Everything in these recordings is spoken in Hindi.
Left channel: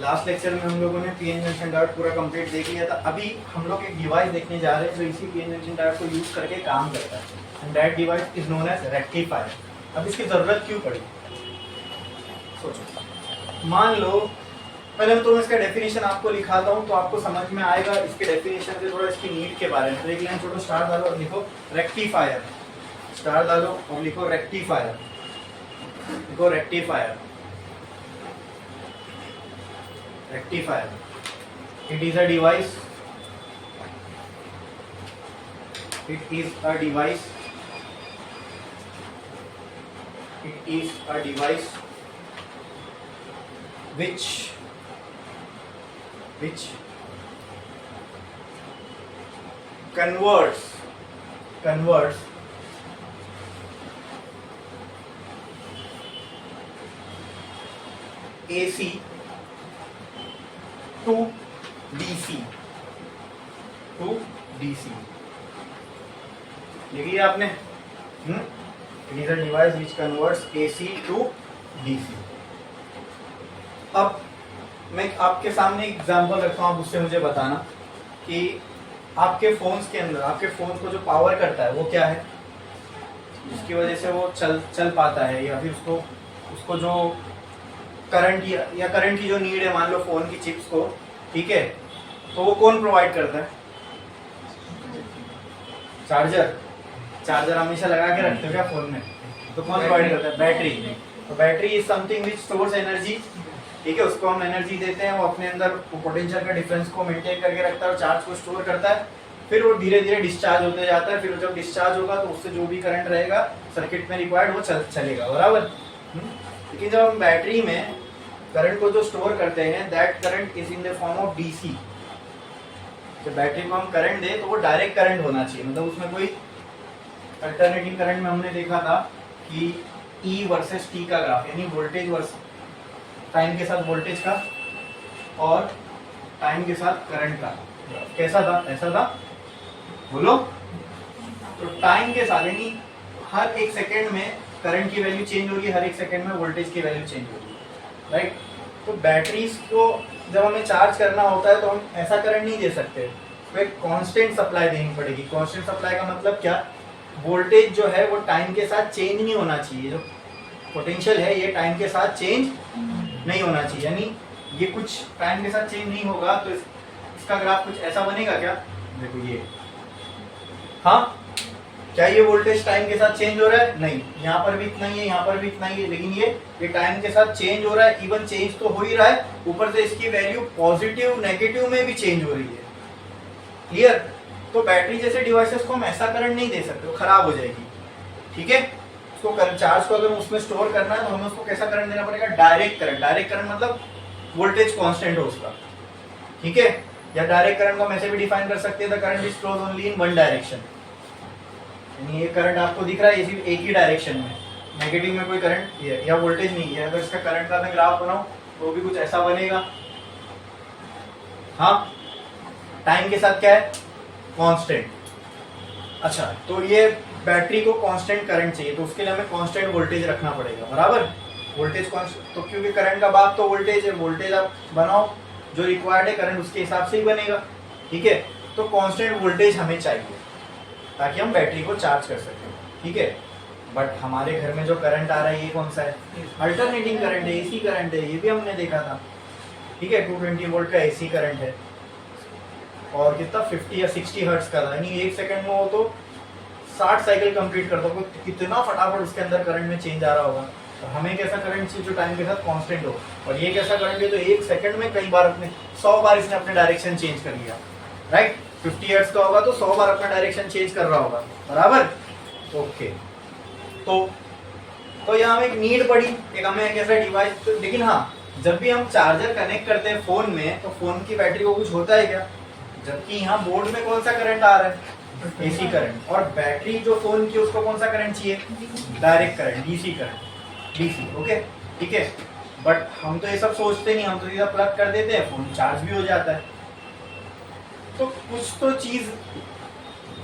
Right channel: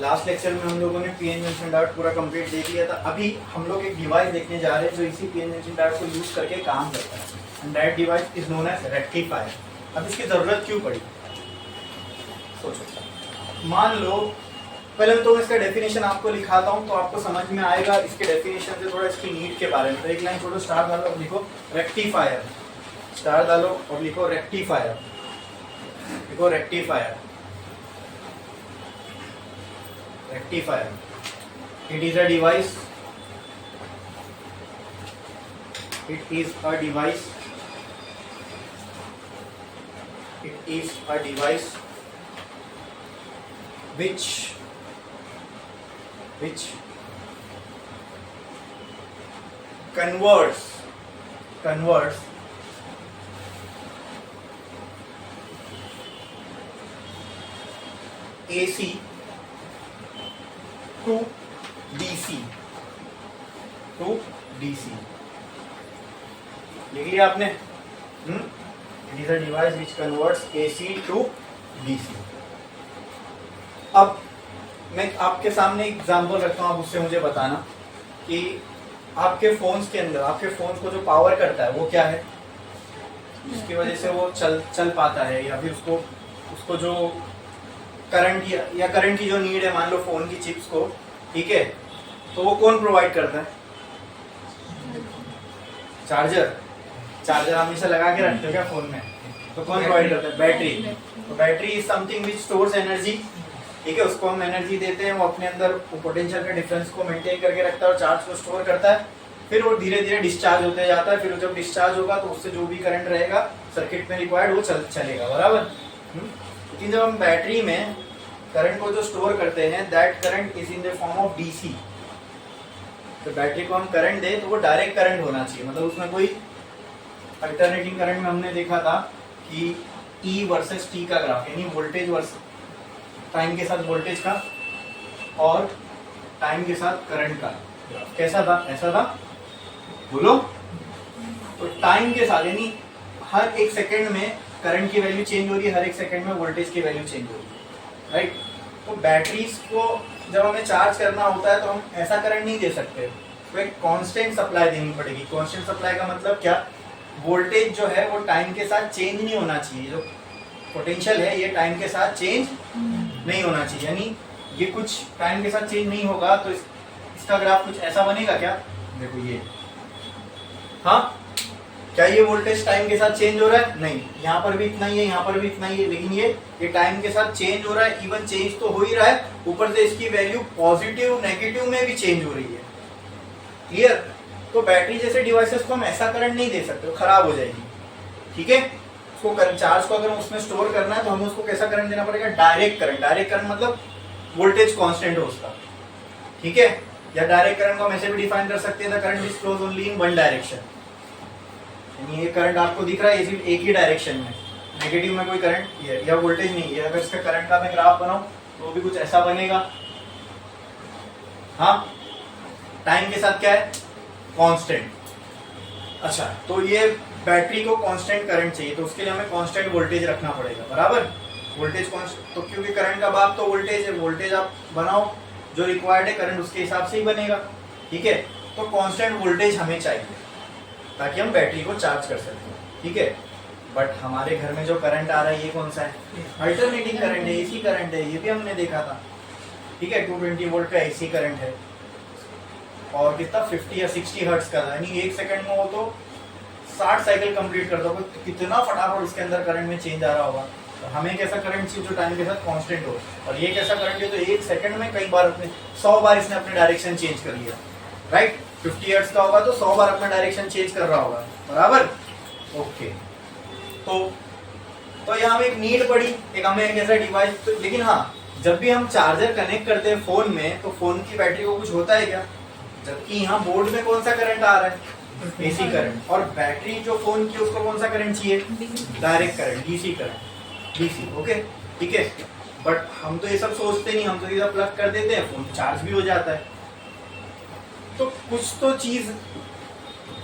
लास्ट लेक्चर में हम लोगों ने पीएन जंक्शन डायोड पूरा कंप्लीट देख लिया था। अभी हम लोग एक डिवाइस देखने जा रहे हैं जो इसी पीएन जंक्शन डायोड को यूज करके काम करता है, and that device is known as rectifier. अब इसकी जरूरत क्यों पड़ी, सोचो। मान लो पहले तो मैं इसका डेफिनेशन आपको लिखाता हूँ तो आपको समझ में आएगा इसके डेफिनेशन से थोड़ा इसकी नीड के बारे में। तो एक लाइन छोड़ो, स्टार डालो और लिखो रेक्टिफायर, स्टार डालो और लिखो रेक्टिफायर, लिखो rectifier. Rectifier. It is a device. It is a device. It is a device which converts AC to DC, लिख लिया आपने? It is a device which converts AC to DC. अब मैं आपके सामने एक एग्जांपल रखता हूँ, आप उससे मुझे बताना कि आपके फोन्स के अंदर, आपके फोन्स को जो पावर करता है वो क्या है, जिसकी वजह से वो चल पाता है, या फिर उसको जो करंट या करंट की जो नीड है, मान लो फोन की चिप्स को, ठीक है, तो वो कौन प्रोवाइड करता है? चार्जर हमेशा लगा के रखते हो क्या फोन में? तो कौन प्रोवाइड करता है? बैटरी। तो battery is something which stores energy, ठीक है, उसको हम एनर्जी देते हैं, वो अपने अंदर पोटेंशियल का डिफरेंस को मेंटेन करके रखता है और चार्ज को स्टोर करता है। फिर वो धीरे धीरे डिस्चार्ज होते जाता है, फिर जब डिस्चार्ज होगा तो उससे जो भी करंट रहेगा सर्किट में रिक्वायर्ड वो चलेगा, बराबर। लेकिन जब हम बैटरी में करंट को जो स्टोर करते हैं, that current is in the form of DC. तो बैटरी को हम करंट दें तो वो डायरेक्ट करंट होना चाहिए, मतलब उसमें कोई अल्टरनेटिंग करंट में हमने देखा था कि E वर्सेस T का ग्राफ, यानी वोल्टेज वर्सेस टाइम के साथ वोल्टेज का और टाइम के साथ करंट का ग्राफ कैसा था? ऐसा था, बोलो। तो टाइम के साथ यानी हर एक सेकेंड में करंट की वैल्यू चेंज हो रही है, हर एक सेकेंड में वोल्टेज की वैल्यू चेंज हो रही है, राइट। तो बैटरीज को जब हमें चार्ज करना होता है तो हम ऐसा करंट नहीं दे सकते, तो एक कांस्टेंट सप्लाई देनी पड़ेगी। कांस्टेंट सप्लाई का मतलब क्या? वोल्टेज जो है वो टाइम के साथ चेंज नहीं होना चाहिए, जो पोटेंशियल है ये टाइम के साथ चेंज नहीं होना चाहिए, यानी ये कुछ टाइम के साथ चेंज नहीं होगा तो इसका ग्राफ कुछ ऐसा बनेगा क्या? देखो ये, हाँ, क्या ये वोल्टेज टाइम के साथ चेंज हो रहा है? नहीं, यहाँ पर भी इतना ही है, यहाँ पर भी इतना ही है, लेकिन ये टाइम के साथ चेंज हो रहा है। इवन चेंज तो हो ही रहा है, ऊपर से इसकी वैल्यू पॉजिटिव नेगेटिव में भी चेंज हो रही है। क्लियर? तो बैटरी जैसे डिवाइसेस को हम ऐसा करंट नहीं दे सकते, वो खराब हो जाएगी, ठीक है। उसको चार्ज को अगर उसमें स्टोर करना है तो हमें उसको कैसा करंट देना पड़ेगा? Direct current. डायरेक्ट करंट मतलब वोल्टेज कांस्टेंट हो उसका, ठीक है। या डायरेक्ट करंट को हम ऐसे भी डिफाइन कर सकते हैं, the current is flows only in one direction, यानी ये करंट आपको दिख रहा है सिर्फ एक ही डायरेक्शन में, नेगेटिव में कोई करंट या वोल्टेज नहीं है। अगर इसका करंट का मैं ग्राफ बनाऊं तो भी कुछ ऐसा बनेगा, हाँ। टाइम के साथ क्या है? कांस्टेंट। अच्छा, तो ये बैटरी को कांस्टेंट करंट चाहिए, तो उसके लिए हमें कांस्टेंट वोल्टेज रखना पड़ेगा, बराबर। वोल्टेज कांस्टेंट, तो क्योंकि करंट का बाप तो वोल्टेज है, वोल्टेज आप बनाओ जो रिक्वायर्ड है, करंट उसके हिसाब से ही बनेगा, ठीक है। तो कांस्टेंट वोल्टेज हमें चाहिए ताकि हम बैटरी को चार्ज कर सकें, ठीक है। बट हमारे घर में जो करंट आ रहा है ये कौन सा है? अल्टरनेटिंग करंट है, एसी करंट है, ये भी हमने देखा था, ठीक है। 220 वोल्ट का एसी करंट है और कितना 50 या 60 हर्ट्ज का था, यानी एक सेकंड में वो तो 60 साइकिल कंप्लीट करता होगा। कितना फटाफट उसके अंदर करंट में चेंज आ रहा होगा। तो हमें कैसा करंट चाहिए जो टाइम के साथ कांस्टेंट हो, और ये कैसा करंट है तो एक सेकंड में कई बार 100 बार इसने अपने डायरेक्शन चेंज कर लिया, राइट। 50 हर्ट्ज का होगा तो 100 बार अपना डायरेक्शन चेंज कर रहा होगा, बराबर। ओके, तो यहाँ हमें एक नीड पड़ी, एक हमें एक ऐसा डिवाइस। तो लेकिन हाँ, जब भी हम चार्जर कनेक्ट करते हैं फोन में तो फोन की बैटरी को कुछ होता है क्या? जबकि यहाँ बोर्ड में कौन सा करंट आ रहा है? AC current. और बैटरी जो फोन की उसको कौन सा करंट चाहिए? Direct current, DC current, DC. Okay, ठीक है। बट हम तो ये सब सोचते नहीं, हम तो सीधा प्लग कर देते हैं, फोन चार्ज भी हो जाता है। तो कुछ तो चीज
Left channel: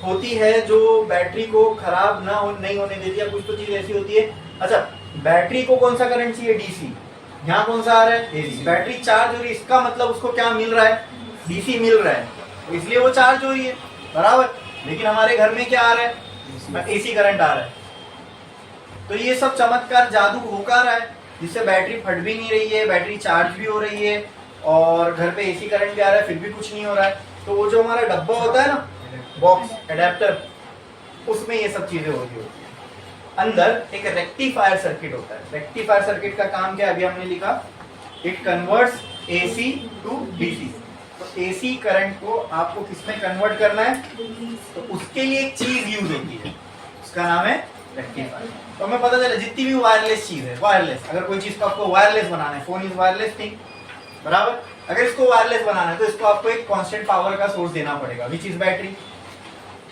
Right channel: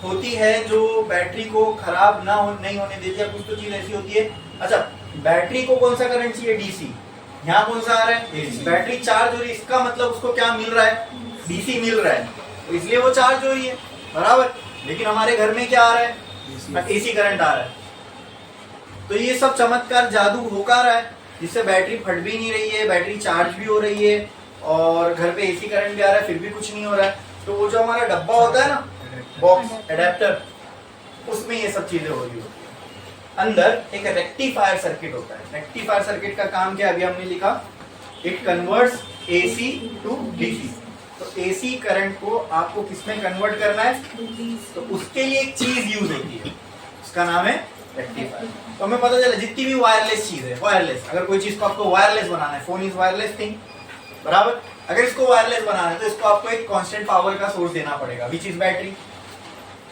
होती है जो बैटरी को खराब नहीं होने देती है, कुछ तो चीज ऐसी होती है। अच्छा, बैटरी को कौन सा करंट चाहिए? डीसी। यहाँ कौन सा आ रहा है, एसी। बैटरी चार्ज हो रही है, इसका मतलब उसको क्या मिल रहा है, डीसी मिल रहा है, तो इसलिए वो चार्ज हो रही है, बराबर। लेकिन हमारे घर में क्या आ रहा है, एसी करंट आ रहा है। तो ये सब चमत्कार जादू हो का रहा है, जिससे बैटरी फट भी नहीं रही है, बैटरी चार्ज भी हो रही है, और घर पे एसी करंट भी आ रहा है, फिर भी कुछ नहीं हो रहा है। तो वो जो हमारा डब्बा होता है ना, बॉक्स एडेप्टर, उसमें ये सब चीजें हो रही होती है। अंदर एक रेक्टिफायर सर्किट होता है। रेक्टिफायर सर्किट का काम क्या, अभी हमने लिखा, it converts AC to DC. तो एसी करंट को आपको किसमें कन्वर्ट करना है, तो उसके लिए एक चीज यूज होती है, उसका नाम है रेक्टिफायर। तो हमें पता चला जितनी भी वायरलेस चीज है, वायरलेस, अगर कोई चीज को आपको वायरलेस बनाना है, फोन इज वायरलेस थिंग, बराबर। अगर इसको वायरलेस बनाना है तो इसको आपको एक कांस्टेंट पावर का सोर्स देना पड़ेगा, विच इज बैटरी,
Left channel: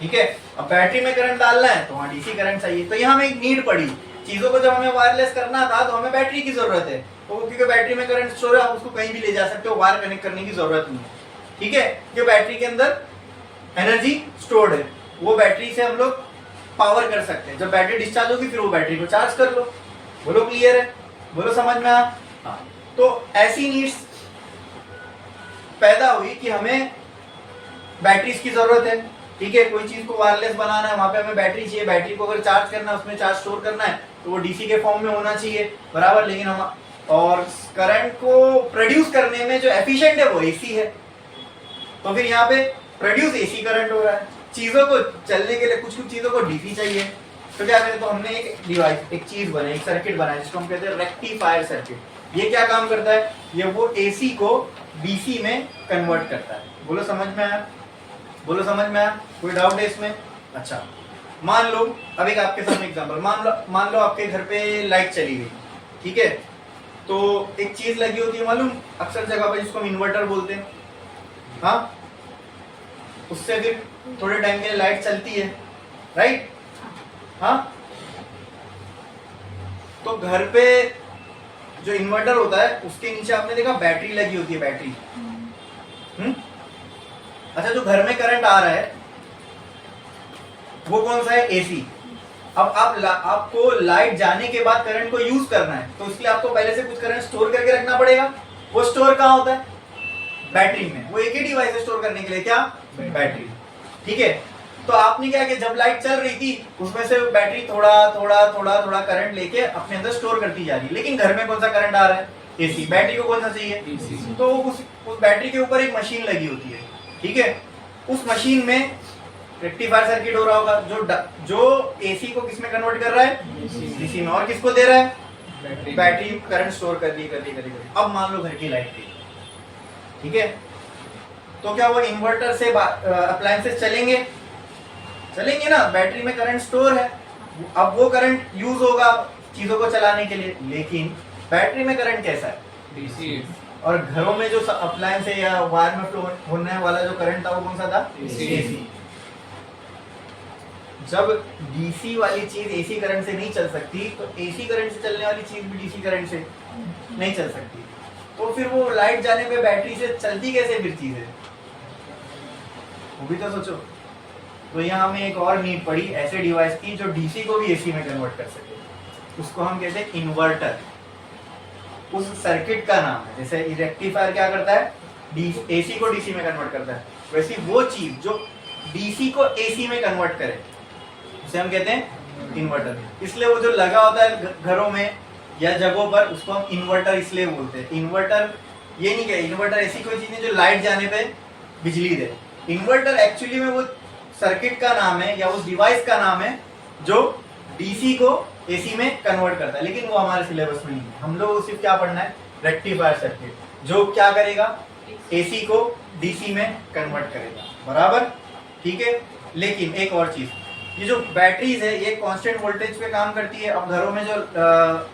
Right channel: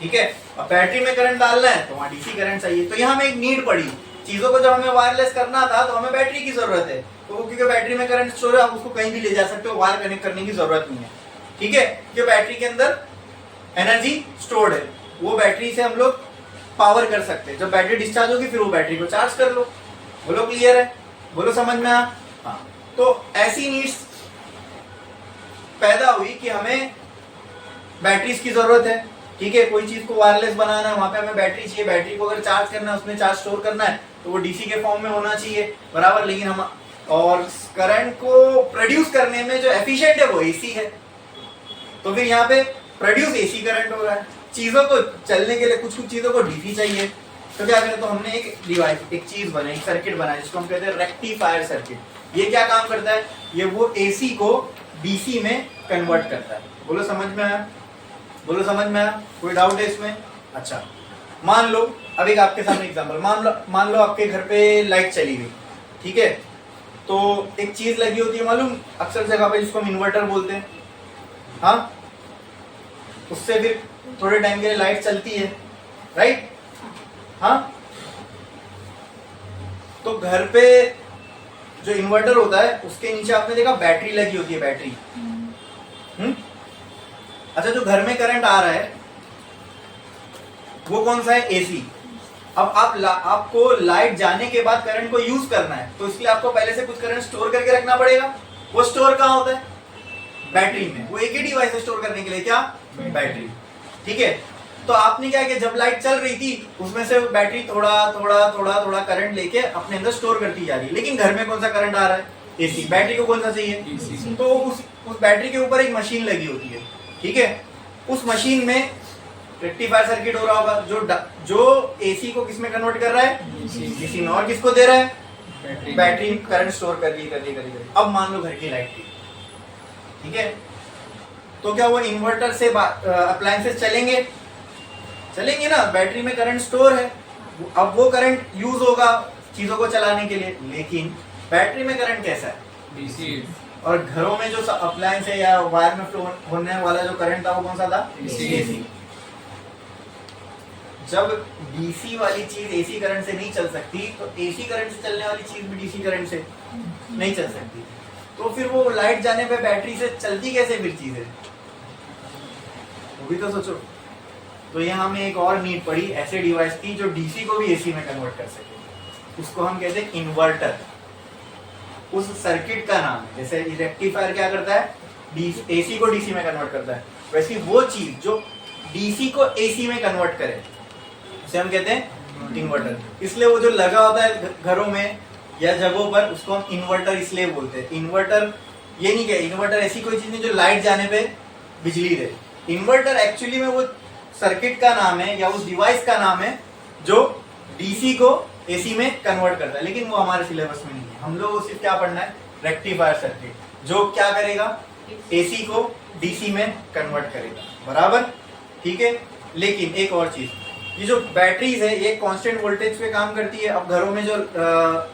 ठीक है। अब बैटरी में करंट डालना है तो वहां डीसी करंट चाहिए। तो यहाँ हमें एक नीड पड़ी, चीजों को जब हमें वायरलेस करना था तो हमें बैटरी की जरूरत है। तो क्योंकि बैटरी में करंट स्टोर है, आप उसको कहीं भी ले जा सकते हो, वायर कनेक्ट करने की जरूरत नहीं है, ठीक है। क्योंकि बैटरी के अंदर एनर्जी स्टोर्ड है, वो बैटरी से हम लोग पावर कर सकते हैं। जब बैटरी डिस्चार्ज होगी फिर वो बैटरी को चार्ज कर लो। बोलो क्लियर है, बोलो समझ में आ। हाँ, तो ऐसी नीड्स पैदा हुई कि हमें बैटरीज की जरूरत है, ठीक है। कोई चीज को वायरलेस बनाना है, वहां पे हमें बैटरी चाहिए। बैटरी को अगर चार्ज करना है, उसमें चार्ज स्टोर करना है, तो वो डीसी के फॉर्म में होना चाहिए, बराबर। लेकिन हम और करंट को प्रोड्यूस करने में जो एफिशिएंट है वो एसी है। तो फिर यहाँ पे प्रोड्यूस एसी करंट हो रहा है। चीजों को चलने के लिए कुछ कुछ चीजों को डीसी चाहिए, तो क्या करें, तो हमने एक डिवाइस, एक चीज बनाई, एक सर्किट बनाया, जिसको हम कहते हैं रेक्टिफायर सर्किट। ये क्या काम करता है, ये वो एसी को डीसी में कन्वर्ट करता है। बोलो समझ में आया, बोलो समझ में आया, कोई डाउट है इसमें। अच्छा, मान लो, अब एक आपके सामने एग्जांपल, मान लो आपके घर पे लाइट चली गई, ठीक है। तो एक चीज लगी होती है मालूम, अक्सर जगह पे, जिसको हम इन्वर्टर बोलते हैं, हाँ। उससे फिर थोड़े टाइम के लिए लाइट चलती है, राइट, हाँ। तो घर पे जो इन्वर्टर होता है उसके नीचे आपने देखा बैटरी लगी होती है, बैटरी। अच्छा, जो घर में करंट आ रहा है वो कौन सा है, एसी। अब आपको लाइट जाने के बाद करंट को यूज करना है, तो इसलिए आपको पहले से कुछ करंट स्टोर करके रखना पड़ेगा। वो स्टोर कहाँ होता है, बैटरी में। वो एक ही डिवाइस है स्टोर करने के लिए, क्या, बैटरी, ठीक है। तो आपने क्या किया, जब लाइट चल रही थी उसमें से बैटरी थोड़ा थोड़ा थोड़ा थोड़ा करंट लेके अपने अंदर स्टोर करती जा रही है। लेकिन घर में कौन सा करंट आ रहा है, एसी। बैटरी को कौन सा चाहिए, तो उस बैटरी के ऊपर एक मशीन लगी होती है, ठीक है। उस मशीन में रेक्टिफायर सर्किट हो रहा होगा, जो एसी को किसमें कन्वर्ट कर रहा है, डीसी में। और किसको दे रहा है, बैटरी करंट स्टोर कर रही है। अब मान लो घर की लाइट थी, ठीक है। तो क्या वो इन्वर्टर से अप्लायंसेस चलेंगे ना, बैटरी में करंट स्टोर है। अब वो करंट यूज होगा चीजों को चलाने के लिए। लेकिन बैटरी में करंट कैसा है, डीसी। और घरों में जो अप्लायंस है या वायर में फ्लो होने वाला जो करंट था वो कौन सा था, एसी। जब डीसी वाली चीज एसी करंट से नहीं चल सकती, तो एसी करंट से चलने वाली चीज भी डीसी करंट से नहीं चल सकती। तो फिर वो लाइट जाने पे बैटरी से चलती कैसे फिर चीजें, वो भी तो सोचो। तो यहाँ हमें एक और नीड पड़ी, ऐसे डिवाइस की जो डीसी को भी एसी में कन्वर्ट कर सके। उसको हम कहते हैं इन्वर्टर। उस सर्किट का नाम है, जैसे रेक्टिफायर क्या करता है, एसी को डीसी में कन्वर्ट करता है, वैसी वो चीज जो डीसी को एसी में कन्वर्ट करे उसे हम कहते हैं इन्वर्टर। इसलिए वो जो लगा होता है घरों में या जगहों पर, उसको हम इन्वर्टर इसलिए बोलते हैं। इन्वर्टर ये नहीं, क्या इन्वर्टर ऐसी कोई चीज नहीं जो लाइट जाने पे बिजली दे। इन्वर्टर एक्चुअली में वो सर्किट का नाम है या उस डिवाइस का नाम है जो डीसी को एसी में कन्वर्ट करता है। लेकिन वो हमारे सिलेबस में नहीं है। हम लोग सिर्फ क्या पढ़ना है, रेक्टिफायर सर्किट, जो क्या करेगा, एसी को डीसी में कन्वर्ट करेगा, बराबर, ठीक है। लेकिन एक और चीज, ये जो बैटरीज है ये कांस्टेंट वोल्टेज पे काम करती है। अब घरों में जो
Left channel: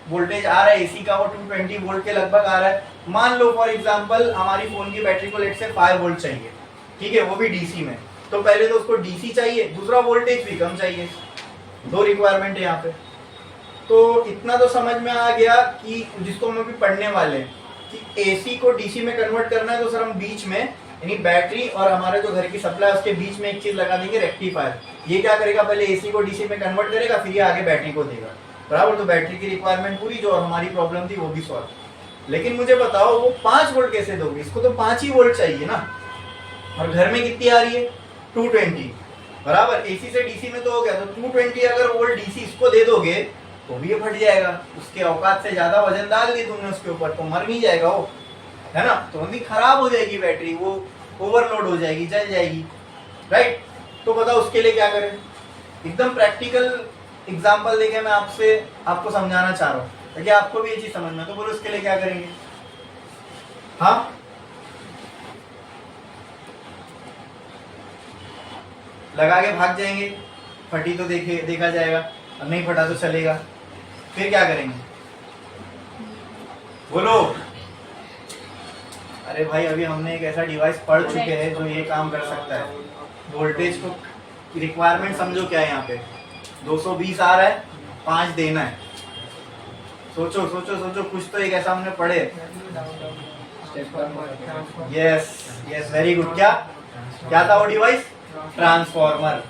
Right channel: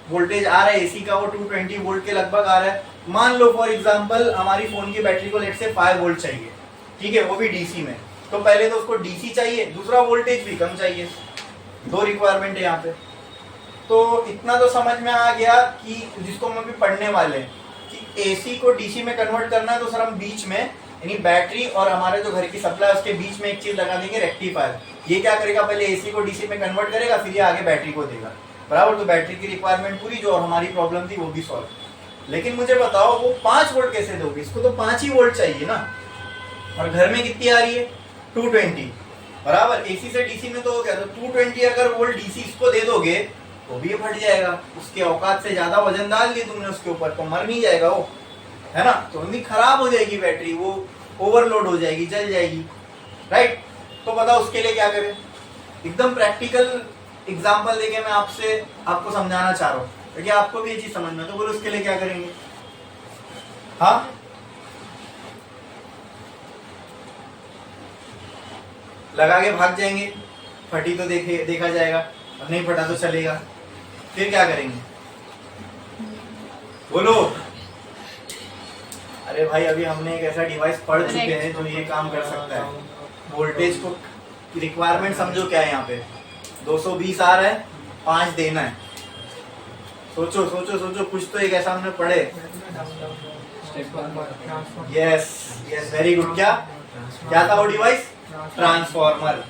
वोल्टेज आ रहा है एसी का वो 220 वोल्ट के लगभग आ रहा है। मान लो फॉर एग्जांपल हमारी फोन की बैटरी को लेट से 5 वोल्ट चाहिए, ठीक है, वो भी डीसी में। तो पहले तो उसको डीसी चाहिए, दूसरा वोल्टेज भी कम चाहिए। दो रिक्वायरमेंट है यहाँ पे। तो इतना तो समझ में आ गया कि जिसको हम अभी पढ़ने वाले हैं कि एसी को डीसी में कन्वर्ट करना है, तो सर हम बीच में यानी बैटरी और हमारे जो घर की सप्लाई उसके बीच में एक चीज लगा देंगे, रेक्टिफायर। ये क्या करेगा, पहले एसी को डीसी में कन्वर्ट करेगा, फिर ये आगे बैटरी को देगा, बराबर। तो बैटरी की रिक्वायरमेंट पूरी, जो और हमारी प्रॉब्लम थी वो भी सॉल्व। लेकिन मुझे बताओ वो 5 वोल्ट कैसे दोगे, इसको तो 5 ही वोल्ट चाहिए ना, और घर में कितनी आ रही है 220 बराबर। एसी से डीसी में तो हो गया, तो 220 अगर वोल्ट डीसी इसको दे दोगे तो भी ये फट जाएगा, उसके औकात से ज्यादा वजन डाल दी तुमने उसके ऊपर तो मर नहीं जाएगा वो, है ना। तो भी खराब हो जाएगी बैटरी, वो ओवरलोड हो जाएगी, जल जाएगी, राइट। तो बताओ उसके लिए क्या करें। एकदम प्रैक्टिकल एग्जांपल देके मैं आपको समझाना चाह रहा हूँ ताकि आपको भी ये चीज समझ में, तो बोलो उसके लिए क्या करेंगे। हाँ, लगा के भाग जाएंगे, फटी तो देखा जाएगा, और नहीं फटा तो चलेगा। फिर क्या करेंगे बोलो। अरे भाई अभी हमने एक ऐसा डिवाइस पढ़ चुके हैं जो ये काम कर सकता है। वोल्टेज को रिक्वायरमेंट समझो क्या है, यहाँ पे 220 आ रहा है, 5 देना है। सोचो सोचो सोचो, कुछ तो एक ऐसा हमने पढ़े। Yes yes, very good. क्या था वो डिवाइस, ट्रांसफॉर्मर।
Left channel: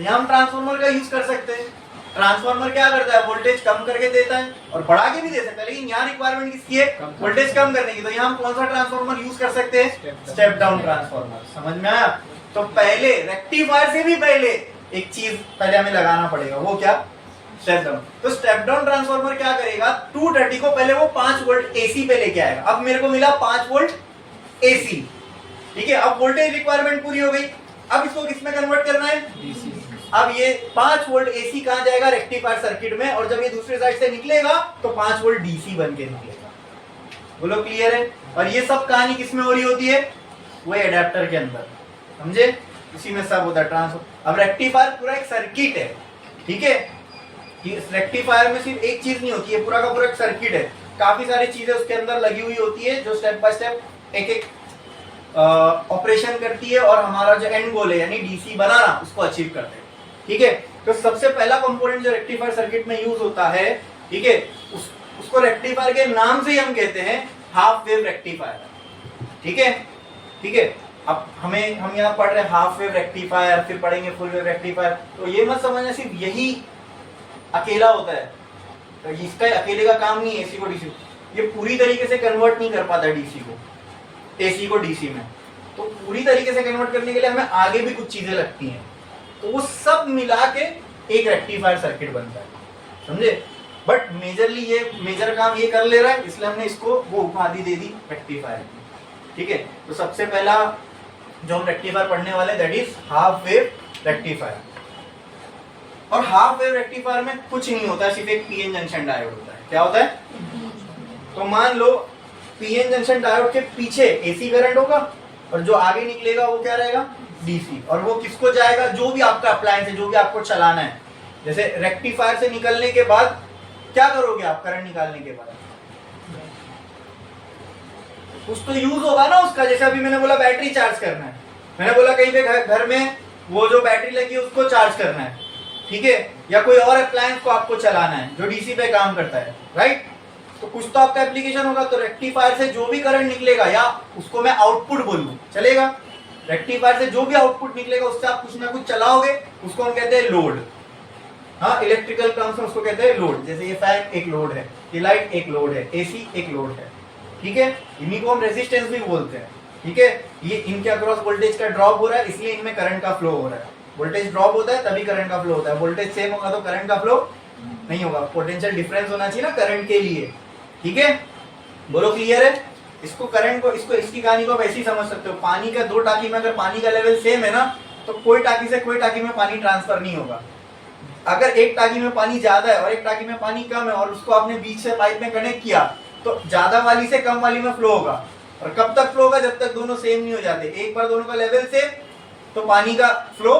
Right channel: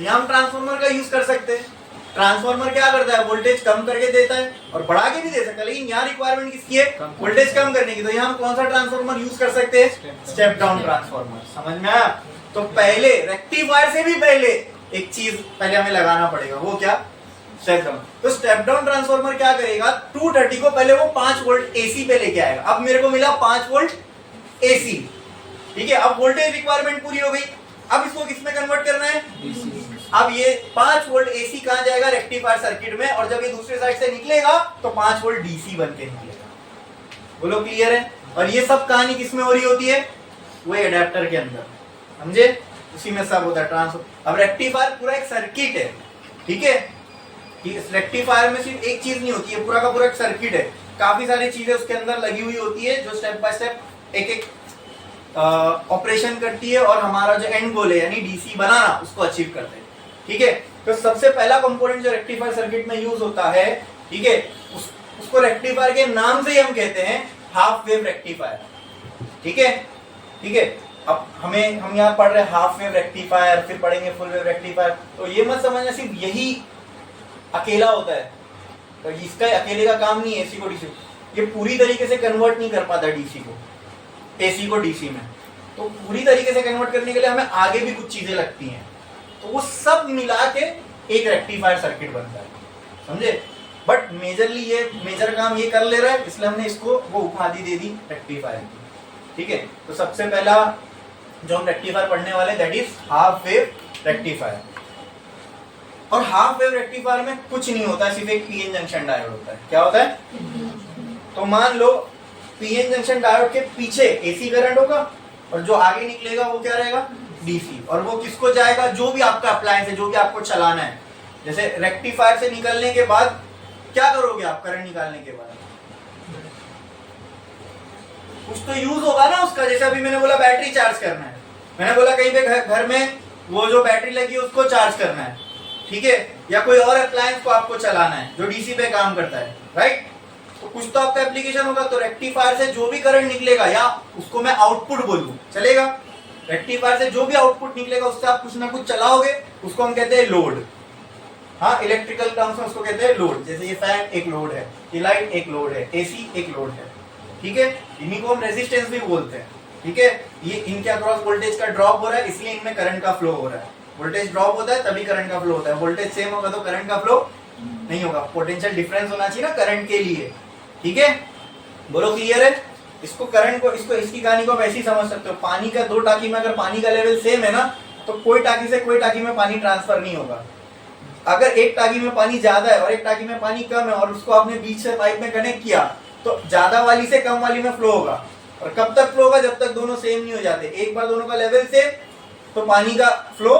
यहाँ हम ट्रांसफॉर्मर का यूज कर सकते हैं। ट्रांसफॉर्मर क्या करता है, वोल्टेज कम करके देता है और बढ़ा के भी दे सकता है, लेकिन यहाँ रिक्वायरमेंट किसकी है, वोल्टेज कम करने की। तो यहाँ हम कौन सा ट्रांसफॉर्मर यूज कर सकते हैं, स्टेप डाउन ट्रांसफॉर्मर। समझ में आया। तो पहले रेक्टिफायर से भी पहले एक चीज पहले हमें लगाना पड़ेगा, वो क्या, स्टेप डाउन। तो स्टेप डाउन ट्रांसफॉर्मर क्या करेगा, 230 को पहले वो 5 वोल्ट एसी पे लेके आएगा। अब मेरे को मिला 5 वोल्ट एसी, ठीक है। अब वोल्टेज रिक्वायरमेंट पूरी हो गई। अब इसको किसमें कन्वर्ट करना है, अब ये 5 वोल्ट एसी कहां जाएगा, रेक्टिफायर सर्किट में, और जब ये दूसरे साइड से निकलेगा तो 5 वोल्ट डीसी बन के निकलेगा। बोलो क्लियर है। और ये सब कहानी किसमें हो रही होती है, वो एडेप्टर के अंदर, समझे, उसी में सब होता है ट्रांसफर। अब रेक्टिफायर पूरा एक सर्किट है, ठीक है। इस रेक्टिफायर में सिर्फ एक चीज नहीं होती है, पूरा का पूरा एक सर्किट है, काफी सारी चीजें उसके अंदर लगी हुई होती है जो स्टेप बाय स्टेप एक एक ऑपरेशन करती है, और हमारा जो एंड गोल है यानी डीसी बनाना, उसको अचीव करते हैं, ठीक है। तो सबसे पहला कंपोनेंट जो रेक्टिफायर सर्किट में यूज होता है, ठीक है, उसको रेक्टिफायर के नाम से ही हम कहते हैं हाफ वेव रेक्टिफायर, ठीक है, ठीक है। अब हम यहाँ पढ़ रहे हैं हाफ वेव रेक्टिफायर, फिर पढ़ेंगे फुल वेव रेक्टिफायर। तो ये मत समझना सिर्फ यही अकेला होता है, तो इसका अकेले का काम नहीं है एसी को डीसी, ये पूरी तरीके से कन्वर्ट नहीं कर पाता डीसी को, एसी को डीसी में। तो पूरी तरीके से कन्वर्ट करने के लिए हमें आगे भी कुछ चीजें लगती हैं, तो वो सब मिला के एक रेक्टिफायर सर्किट बनता है, समझे। बट मेजरली ये मेजर काम ये कर ले रहा है, इसलिए हमने इसको वो उपाधि दे दी रेक्टिफायर, ठीक है। तो सबसे पहला जो हम रेक्टिफायर पढ़ने वाले that is half wave rectifier. और हाफ वेव रेक्टिफायर में कुछ नहीं होता, सिर्फ एक पीएन जंक्शन डायोड होता है। क्या होता है, तो मान लो पीएन जंक्शन डायोड के पीछे एसी करंट होगा, और जो आगे निकलेगा वो क्या रहेगा, डीसी। और वो किसको जाएगा, जो भी आपका अप्लायंस है, जो भी आपको चलाना है। जैसे रेक्टिफायर से निकलने के बाद क्या करोगे आप, करंट निकालने के बाद कुछ तो यूज होगा ना उसका। जैसे अभी मैंने बोला बैटरी चार्ज करना है, मैंने बोला कहीं पे घर में वो जो बैटरी लगी है उसको चार्ज करना है, ठीक है, या कोई और अप्लायंस को आपको चलाना है जो डीसी पे काम करता है, राइट। तो कुछ तो आपका एप्लीकेशन होगा। तो रेक्टिफायर से जो भी करंट निकलेगा, या उसको मैं आउटपुट बोलूं चलेगा, रेक्टिफायर से जो भी आउटपुट निकलेगा उससे आप कुछ ना कुछ चलाओगे, उसको हम कहते हैं लोड। हाँ, इलेक्ट्रिकल टर्म्स में उसको कहते हैं लोड। जैसे ये फैन एक लोड है, ये लाइट एक लोड है, एसी एक लोड है, ठीक है। इन्हीं को हम रेजिस्टेंस भी बोलते हैं, ठीक है। ये इनके अक्रॉस वोल्टेज का ड्रॉप हो रहा है, इसलिए इनमें करंट का फ्लो हो रहा है। वोल्टेज ड्रॉप होता है तभी करंट का फ्लो होता है, वोल्टेज सेम होगा तो करंट का फ्लो नहीं होगा। पोटेंशियल डिफरेंस होना चाहिए ना करंट के लिए, ठीक है। बोलो क्लियर है। इसको करंट को इसकी कहानी को वैसे ही समझ सकते हो। पानी का 2 टाकी में अगर पानी का लेवल सेम है ना, तो कोई टाकी से कोई टाकी में पानी ट्रांसफर नहीं होगा। अगर एक टाकी में पानी ज्यादा है और एक टाकी में पानी कम है, और उसको आपने बीच से पाइप में कनेक्ट किया, तो ज्यादा वाली से कम वाली में फ्लो होगा। और कब तक फ्लो होगा, जब तक दोनों सेम नहीं हो जाते। एक बार दोनों का लेवल सेम तो पानी का फ्लो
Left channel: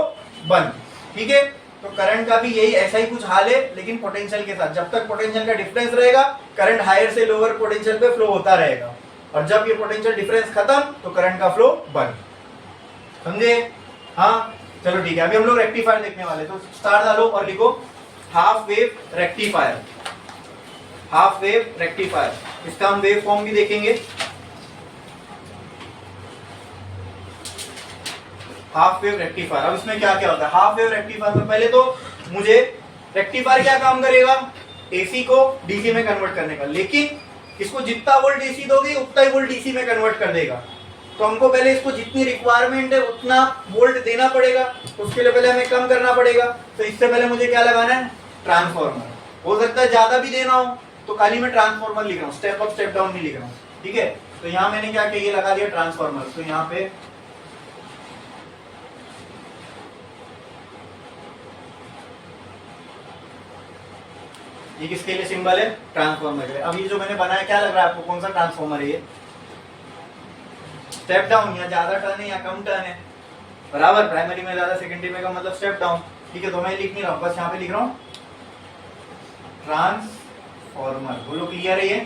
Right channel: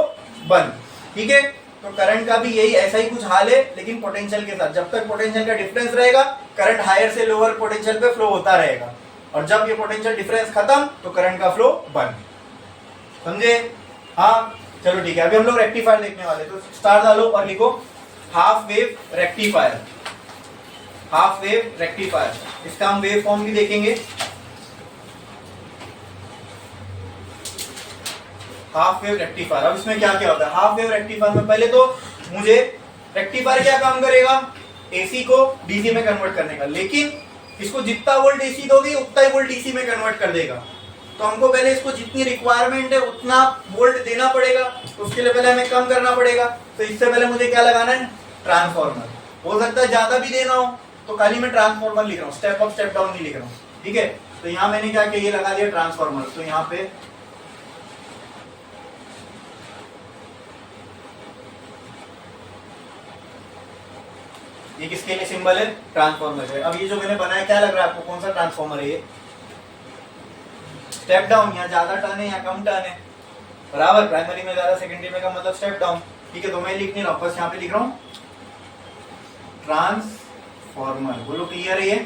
बंद, ठीक है। तो करंट का भी यही ऐसा ही कुछ हाल है, लेकिन पोटेंशियल के साथ। जब तक पोटेंशियल का डिफरेंस रहेगा, करंट हायर से लोअर पोटेंशियल पे फ्लो होता रहेगा, और जब ये पोटेंशियल डिफरेंस खत्म तो करंट का फ्लो बंद, समझे। हाँ चलो ठीक है। अभी हम लोग रेक्टिफायर देखने वाले, तो स्टार डालो और लिखो half wave rectifier. Half wave rectifier, इसका हम वेव फॉर्म भी देखेंगे। हाफ वेव रेक्टिफायर, अब इसमें क्या क्या होता है हाफ वेव रेक्टिफायर में। पहले तो मुझे रेक्टिफायर क्या काम करेगा, एसी को डीसी में कन्वर्ट करने का। लेकिन इसको जितना वोल्ट एसी दोगे उतना ही वोल्ट डीसी में कन्वर्ट कर देगा। तो हमको पहले इसको जितनी रिक्वायरमेंट है उतना वोल्ट देना पड़ेगा, तो उसके लिए पहले हमें कम करना पड़ेगा। तो इससे पहले मुझे क्या लगाना है, ट्रांसफॉर्मर। हो सकता है ज्यादा भी देना हो तो खाली मैं ट्रांसफॉर्मर लिख रहा हूँ, स्टेप अप स्टेप डाउन नहीं लिख रहा हूँ, ठीक है। तो यहाँ मैंने क्या किया, ये लगा दिया ट्रांसफॉर्मर। तो यहाँ पे ये किसके लिए सिंबल है, ट्रांसफॉर्मर है। अब ये जो मैंने बनाया क्या लग रहा है आपको, कौन सा ट्रांसफॉर्मर है ये, स्टेप डाउन, या ज्यादा टर्न है या कम टर्न है, बराबर। प्राइमरी में ज्यादा, सेकेंडरी में कम, मतलब स्टेप डाउन, ठीक है। तो मैं लिख नहीं रहा हूं, बस यहाँ पे लिख रहा हूँ ट्रांसफॉर्मर। बोलो क्लियर है ये,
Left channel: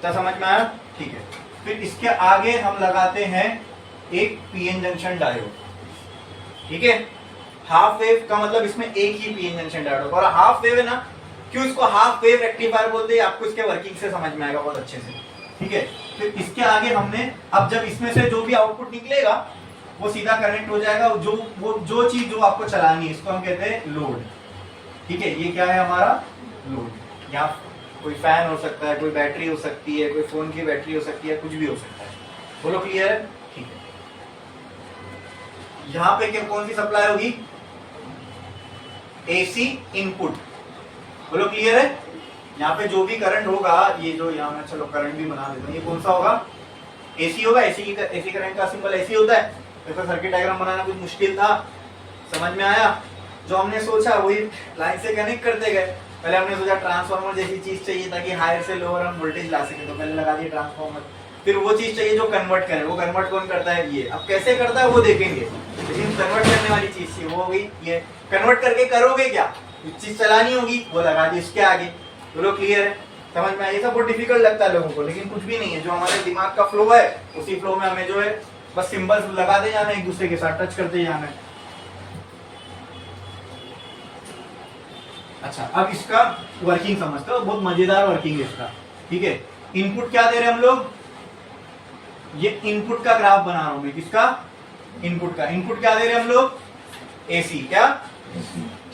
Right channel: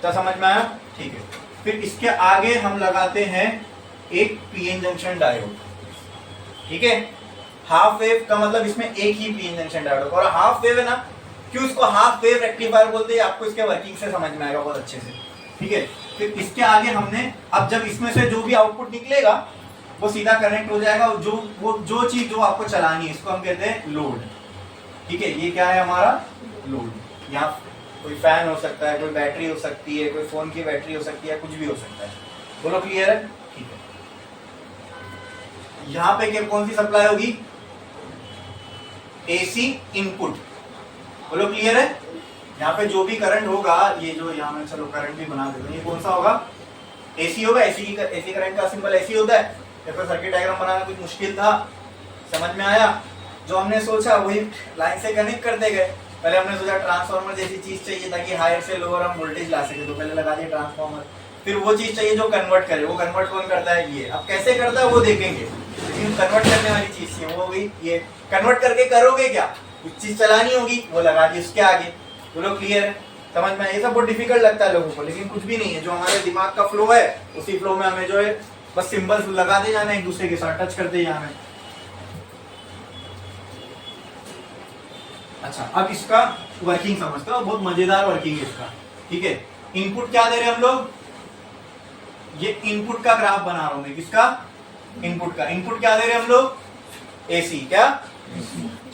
क्या समझ में आया, ठीक है। फिर इसके आगे हम लगाते हैं एक पीएन जंक्शन डायोड, ठीक है। हाफ वेव का मतलब इसमें एक ही पीएन जंक्शन डायोड, और हाफ वेव है ना, क्यों इसको हाफ वेव रेक्टिफायर बोलते हैं, आपको इसके वर्किंग से समझ में आएगा बहुत अच्छे से, ठीक है। फिर इसके आगे हमने, अब जब इसमें से जो भी आउटपुट निकलेगा वो सीधा कनेक्ट हो जाएगा, जो चीज जो आपको चलानी है, इसको हम कहते हैं लोड, ठीक है। ये क्या है हमारा लोड। यहाँ कोई फैन हो सकता है, कोई बैटरी हो सकती है, कोई फोन की बैटरी हो सकती है, कुछ भी हो सकता है। बोलो क्लियर है, ठीक है। यहाँ पे क्या, कौन सी सप्लाई होगी, एसी इनपुट। बोलो क्लियर है। यहाँ पे जो भी करंट होगा, ये जो यहाँ मैं चलो करंट भी बना देता हूँ, ये कौन सा होगा, एसी होगा। एसी करंट का सिंबल एसी होता है। ऐसा सर्किट डायग्राम बनाना कुछ मुश्किल था, समझ में आया। जो हमने सोचा वही लाइन से कनेक्ट करते गए। पहले हमने सोचा ट्रांसफार्मर जैसी चीज चाहिए ताकि हायर से लोअर हम वोल्टेज ला सके, तो पहले लगा दिया ट्रांसफार्मर। फिर वो चीज चाहिए जो कन्वर्ट करे, वो कन्वर्ट कौन करता है, ये। अब कैसे करता है वो देखेंगे, लेकिन कन्वर्ट करने वाली चीज थी वो हो गई ये। कन्वर्ट करके करोगे क्या, कुछ चीज चलानी होगी, वो लगा दी उसके आगे। बोलो क्लियर है, समझ में आया। ये सब बहुत डिफिकल्ट लगता है लोगों को, लेकिन कुछ भी नहीं है। जो हमारे दिमाग का फ्लो है उसी फ्लो में हमें जो है बस सिंबल्स लगाते जाना है, एक दूसरे के साथ टच करते जाना है। अच्छा, अब इसका वर्किंग समझते हो, बहुत मजेदार वर्किंग है इसका, ठीक है। इनपुट क्या दे रहे हैं हम लोग, ये इनपुट का ग्राफ बना रहा हूं मैं, किसका, इनपुट का। इनपुट क्या दे रहे हैं हम लोग, एसी, क्या,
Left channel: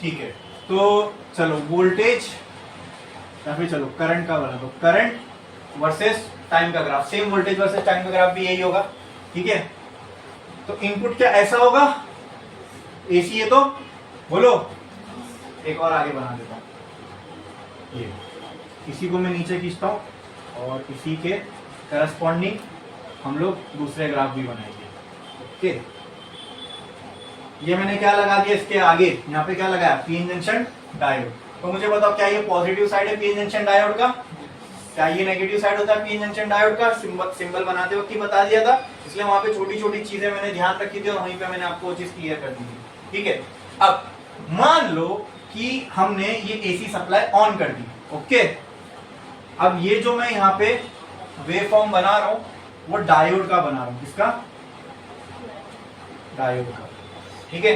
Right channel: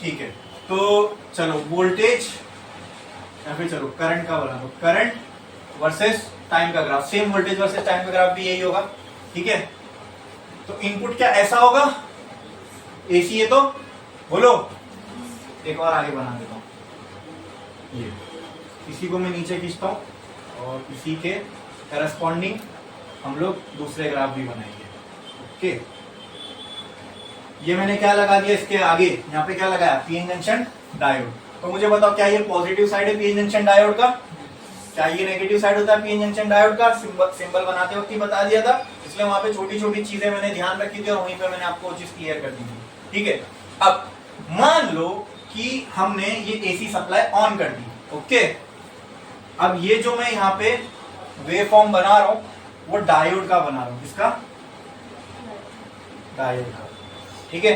ठीक है। तो चलो वोल्टेज या फिर चलो करंट का बना दो, करंट वर्सेस टाइम का graph. Same voltage versus time का ग्राफ भी यही होगा, ठीक है। तो इनपुट क्या ऐसा होगा, एसी है तो बोलो, एक और आगे बना देता हूं, ये इसी को मैं नीचे खींचता हूं और इसी के करस्पॉन्डिंग हम लोग दूसरे ग्राफ भी बनाएंगे, ओके। ये मैंने क्या लगा दिया इसके आगे, यहाँ पे क्या लगाया, पीएन जंक्शन डायोड। तो मुझे बताओ क्या ये पॉजिटिव साइड है पीएन जंक्शन डायोड का, क्या ये नेगेटिव साइड होता है पीएन जंक्शन डायोड का। सिंबल बनाते वक्त ही बता दिया था, इसलिए वहां पे छोटी छोटी चीजें मैंने ध्यान रखी थी और वहीं पे मैंने आपको वो चीज क्लियर कर दी थी, ठीक है। अब मान लो कि हमने ये एसी सप्लाई ऑन कर दी, ओके। अब ये जो मैं यहाँ पे वेव फॉर्म बना रहा हूं वो डायोड का बना रहा हूं, किसका, डायोड का, ठीक है,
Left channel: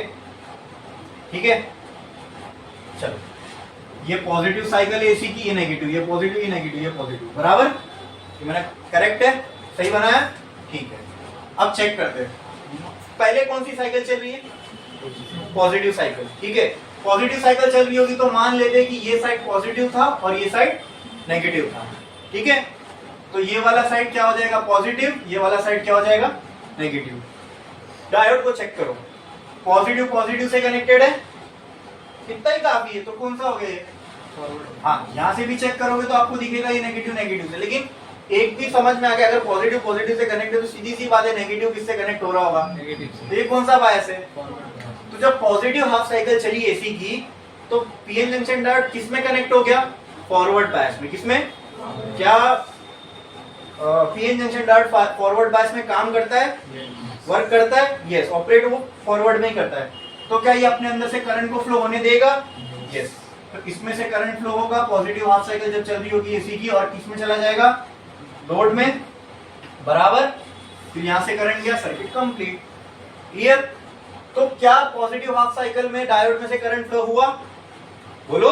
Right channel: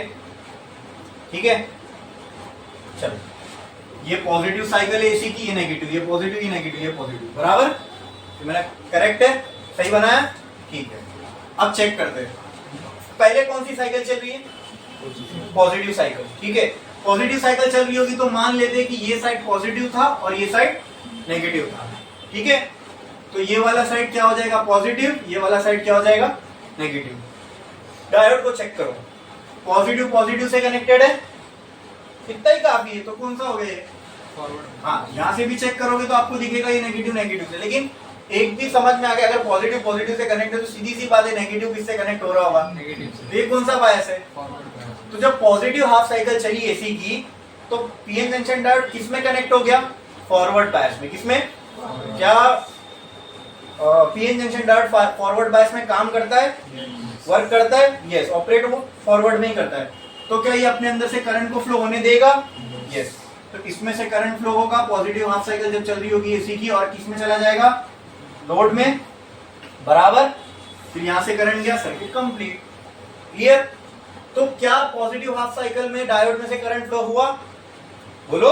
ठीक है। चलो, ये पॉजिटिव साइकिल है एसी की, ये नेगेटिव, ये पॉजिटिव, ये नेगेटिव, ये पॉजिटिव, बराबर। ये मैंने करेक्ट है, सही बनाया, ठीक है। अब चेक करते हैं, पहले कौन सी साइकिल चल रही है, पॉजिटिव साइकिल, ठीक है। पॉजिटिव साइकिल चल रही होगी तो मान लेते हैं कि ये साइड पॉजिटिव था और ये साइड नेगेटिव था, ठीक है। तो ये वाला साइड क्या हो जाएगा, पॉजिटिव, ये वाला साइड क्या हो जाएगा, नेगेटिव। डायोड को चेक करो, पॉजिटिव पॉजिटिव से कनेक्टेड है, इतना ही काफी है। तो कौन सा हो गया, फॉरवर्ड। हाँ, यहां से भी चेक करोगे तो आपको दिखेगा ये नेगेटिव नेगेटिव से, लेकिन एक भी समझ में आ गया, अगर पॉजिटिव पॉजिटिव से कनेक्ट है तो सीधी सी बात है नेगेटिव किससे कनेक्ट हो रहा होगा, नेगेटिव से। ये कौन सा बायस है, फॉरवर्ड बायस। तो जब पॉजिटिव हाफ साइकिल चली एसी की तो पीएन जंक्शन डायोड किस में कनेक्ट हो गया, फॉरवर्ड बायस में। किसमें, क्या PN junction diode forward bias में काम करता है, वर्क करता है, यस। ऑपरेट वो फॉरवर्ड में ही करता है। तो क्या ये अपने अंदर से करंट को फ्लो होने देगा, यस। तो इसमें से करंट फ्लो होगा, पॉजिटिव हाफ साइकिल जब चल रही होगी एसी की, और किसमें चला जाएगा, लोड में, बराबर। फिर यहां से करंट गया, सर्किट कंप्लीट, क्लियर। तो क्या पॉजिटिव हाफ साइकिल में डायोड में से करंट फ्लो हुआ, बोलो,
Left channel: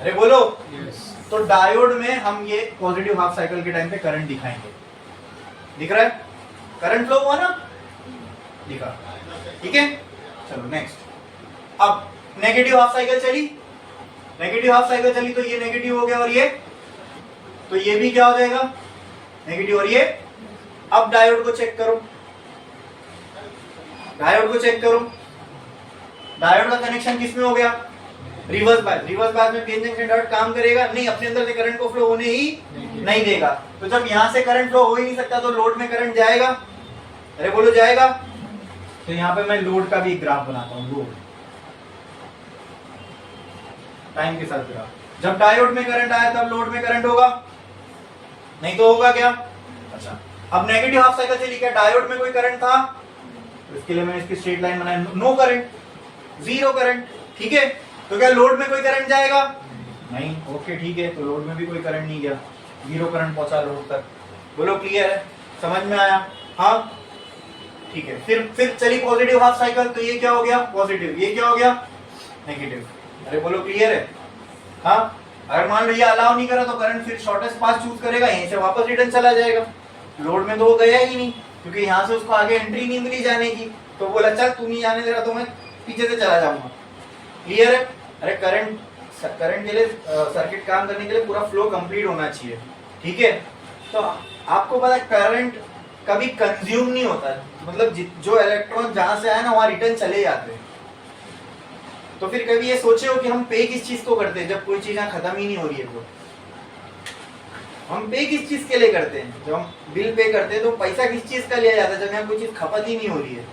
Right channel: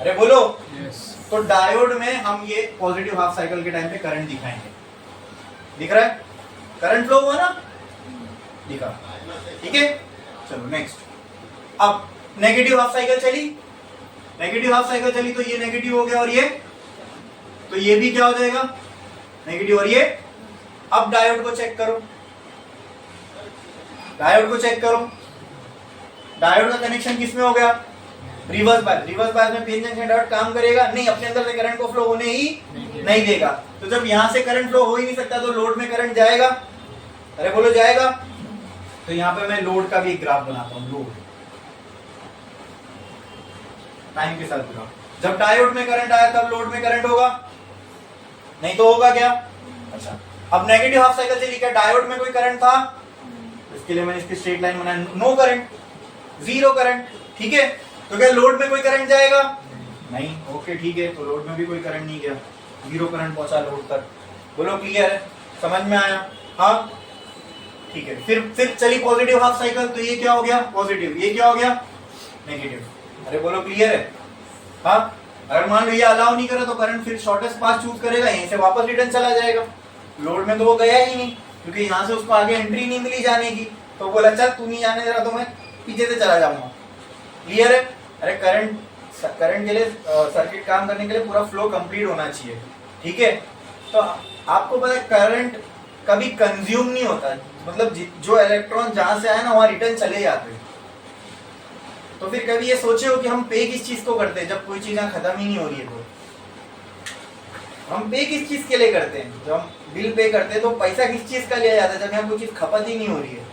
अरे बोलो, yes. तो डायोड में हम ये पॉजिटिव हाफ साइकिल के टाइम पे करंट दिखाएंगे, दिख रहा है, करंट फ्लो हुआ ना, दिखा, ठीक है। चलो नेक्स्ट, अब नेगेटिव हाफ साइकिल चली, नेगेटिव हाफ साइकिल चली तो ये नेगेटिव हो गया और ये तो ये भी क्या हो जाएगा, नेगेटिव। और ये अब डायोड को चेक करो, डायोड को चेक करो, डायोड का कनेक्शन किसमें हो गया, रिवर्स बायस। रिवर्स बायस में पीएन जंक्शन डायोड काम करेगा नहीं, अपने अंदर से करंट को फ्लो होने ही नहीं देगा। तो जब यहां से करंट फ्लो हो ही नहीं सकता तो लोड में करंट जाएगा, अरे बोलो जाएगा। तो यहां पे मैं लोड का भी एक ग्राफ बनाता हूं, लोड टाइम के साथ ग्राफ। जब डायोड में करंट आया तब लोड में करंट होगा, नहीं तो होगा क्या। अच्छा, अब नेगेटिव हाफ साइकिल से लिखा, डायोड में कोई करंट था, इसके लिए मैंने इसकी स्ट्रेट लाइन बनाया, नो करंट, जीरो करंट, ठीक है। तो क्या लोड में कोई करंट जाएगा, नहीं, ओके ठीक है। तो लोड में भी कोई करंट नहीं गया, जीरो करंट पहुंचा लोड तक। बोलो क्लियर है, समझ में आया, हाँ ठीक है। फिर चली पॉजिटिव हाफ साइकिल, तो ये क्या हो गया, पॉजिटिव, ये क्या हो गया, नेगेटिव। अरे बोलो क्लियर है, हाँ। अगर मान लो ये अलाउ नहीं करा तो करंट फिर शॉर्टेस्ट पाथ चूज करेगा, यहीं से वापस रिटर्न चला जाएगा। लोड में तो वो गया ही नहीं, क्योंकि यहाँ से उसको आगे एंट्री नहीं मिली जाने की। तो बोला चल तू नहीं जाने दे रहा तो मैं पीछे से चला जाऊंगा, क्लियर है। अरे करंट के लिए सर्किट काम करने के लिए पूरा फ्लो कंप्लीट होना चाहिए, ठीक है। तो आपको पता है करंट कभी कंज्यूम नहीं होता, मतलब जो इलेक्ट्रॉन जहां से आया ना वहां रिटर्न चले जाते हैं। तो फिर कभी ये सोचे हो कि हम पे किस चीज को करते हैं जब कोई चीज यहाँ खत्म ही नहीं हो रही है। तो हम पे किस चीज के लिए करते हैं, जब हम बिल पे करते हैं तो पैसा किस चीज का लिया जाता है, जब यहाँ कोई चीज खपत ही नहीं हो रही है।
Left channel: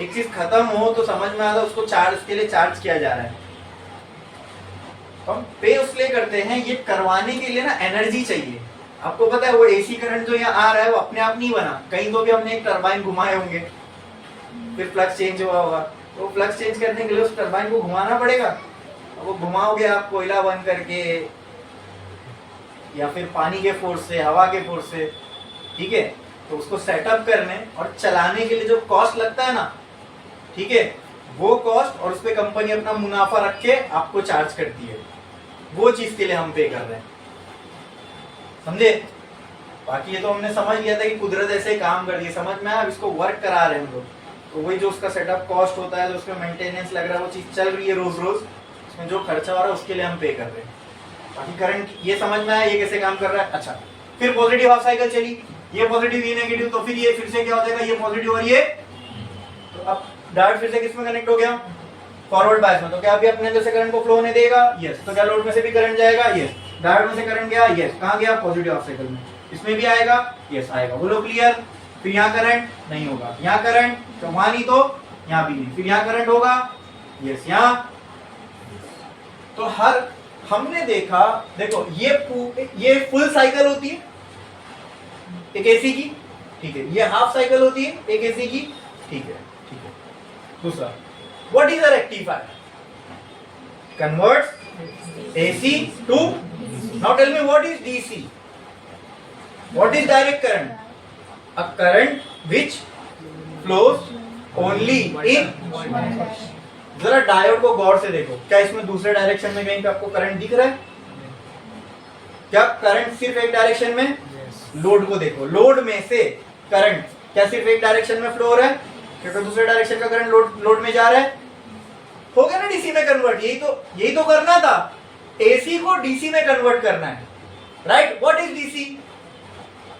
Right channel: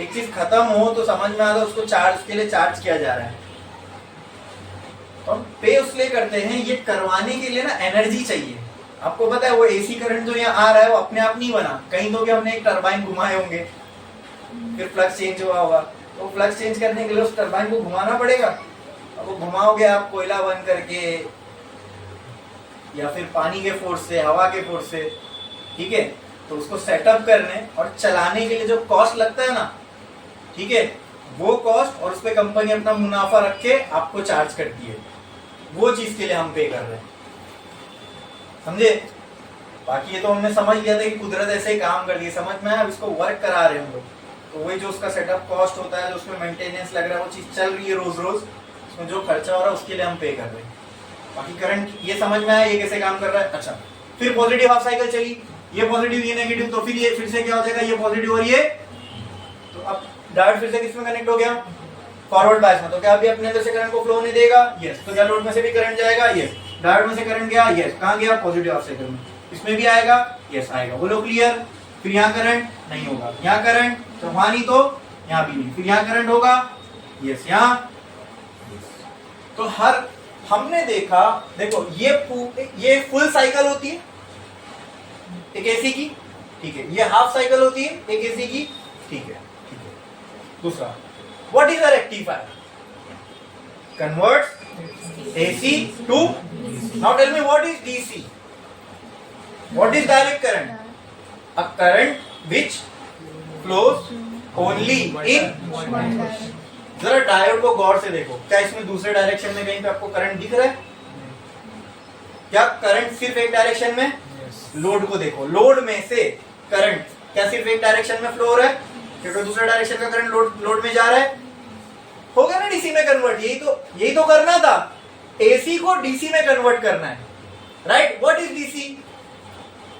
एक चीज खत्म हो तो समझ में आता है उसको चार्ज के लिए चार्ज किया जा रहा है। तो हम पे उसलिए करते हैं, ये करवाने के लिए ना एनर्जी चाहिए। आपको पता है वो एसी करंट जो यहाँ आ रहा है वो अपने आप नहीं बना, कहीं तो भी हमने एक टरबाइन घुमाए होंगे, फिर फ्लक्स चेंज हुआ होगा। तो फ्लक्स चेंज करने के लिए उस टरबाइन को घुमाना पड़ेगा। अब वो घुमाओगे आप कोयला बन करके या फिर पानी के फोर्स से, हवा के फोर्स से, ठीक है। तो उसको सेटअप करने और चलाने के लिए जो कॉस्ट लगता है ना, ठीक है, वो कॉस्ट और उस पे कंपनी अपना मुनाफा रख के आपको चार्ज करती है, वो चीज के लिए हम पे कर रहे हैं, समझे। बाकी ये तो हमने समझ लिया था कि कुदरत ऐसे काम कर रही है, समझ में आया। अब इसको वर्क करा रहे हैं हम लोग, तो वही जो उसका सेटअप कॉस्ट होता है, जो उसमें मेंटेनेंस लग रहा है, वो चीज चल रही है रोज रोज, उसमें जो खर्चा हो रहा है उसके लिए हम पे कर रहे हैं। बाकी करंट ये समझ में आया ये कैसे काम कर रहा है। अच्छा, फिर पॉजिटिव हाफ साइकिल चली, ये पॉजिटिव ये नेगेटिव, तो फिर ये फिर से क्या हो जाएगा, ये पॉजिटिव और ये, तो अब डायोड फिर से किसमें कनेक्ट हो गया, फॉरवर्ड बायस में। तो क्या अभी अपने अंदर से करंट को फ्लो होने देगा, यस। तो क्या लोड में से भी करंट जाएगा, यस। डायोड में से करंट गया, यस। कहां गया, पॉजिटिव हाफ साइकिल में। इसमें भी आएगा, यस आएगा, बोलो क्लियर। फिर यहाँ करंट नहीं होगा, यहाँ करंट तो वहां नहीं तो यहाँ भी नहीं, फिर यहाँ करंट होगा, यस यहाँ। तो हर हमने देखा, देखो ये फुल साइकिल होती है एक एसी की, ठीक है। ये हाफ साइकिल होती है एक एसी की, ठीक है, ठीक है। दूसरा, what is a rectifier, converts AC to, now tell me what is DC, what is direct current, a current which flows only in, जरा डायोड को गौर से देखो, क्या इसमें दूसरे डायरेक्शन में कहीं पे आपको करंट दिख रहा है, क्या करंट सिर्फ एक डायरेक्शन में, लोड को देखो, लोड में से करंट क्या सिर्फ एक डायरेक्शन में फ्लो हो रहा है, क्योंकि दूसरे डायरेक्शन का करंट लोड में जा रहा है, हो गया ना डीसी में कन्वर्ट। यही तो करना था, एसी को डीसी में कन्वर्ट करना है, right. What is DC,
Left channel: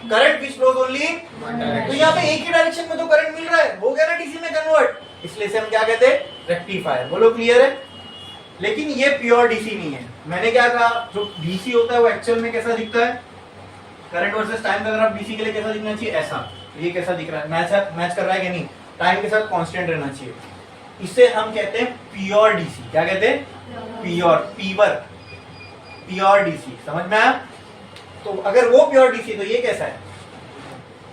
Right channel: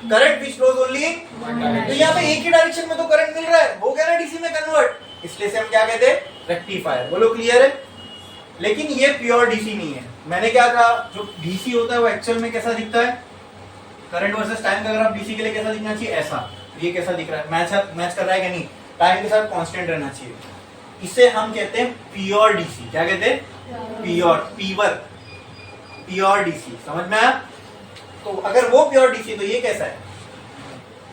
current which flows only, तो यहाँ पे एक ही डायरेक्शन में तो करंट मिल रहा है, हो गया ना डीसी में कन्वर्ट, इसलिए से हम क्या कहते हैं, रेक्टिफायर। बोलो क्लियर है। लेकिन ये प्योर डीसी नहीं है। मैंने क्या कहा, जो डीसी होता है वो एक्चुअल में कैसा दिखता है, करंट वर्सेस टाइम का ग्राफ डीसी के लिए कैसा दिखना चाहिए, ऐसा। ये कैसा दिख रहा है, मैच कर रहा है कि नहीं, टाइम के साथ कांस्टेंट रहना चाहिए। इसे हम कहते हैं प्योर डीसी। क्या कहते हैं, प्योर डीसी, समझ में आया। तो अगर वो प्योर डीसी तो ये कैसा है,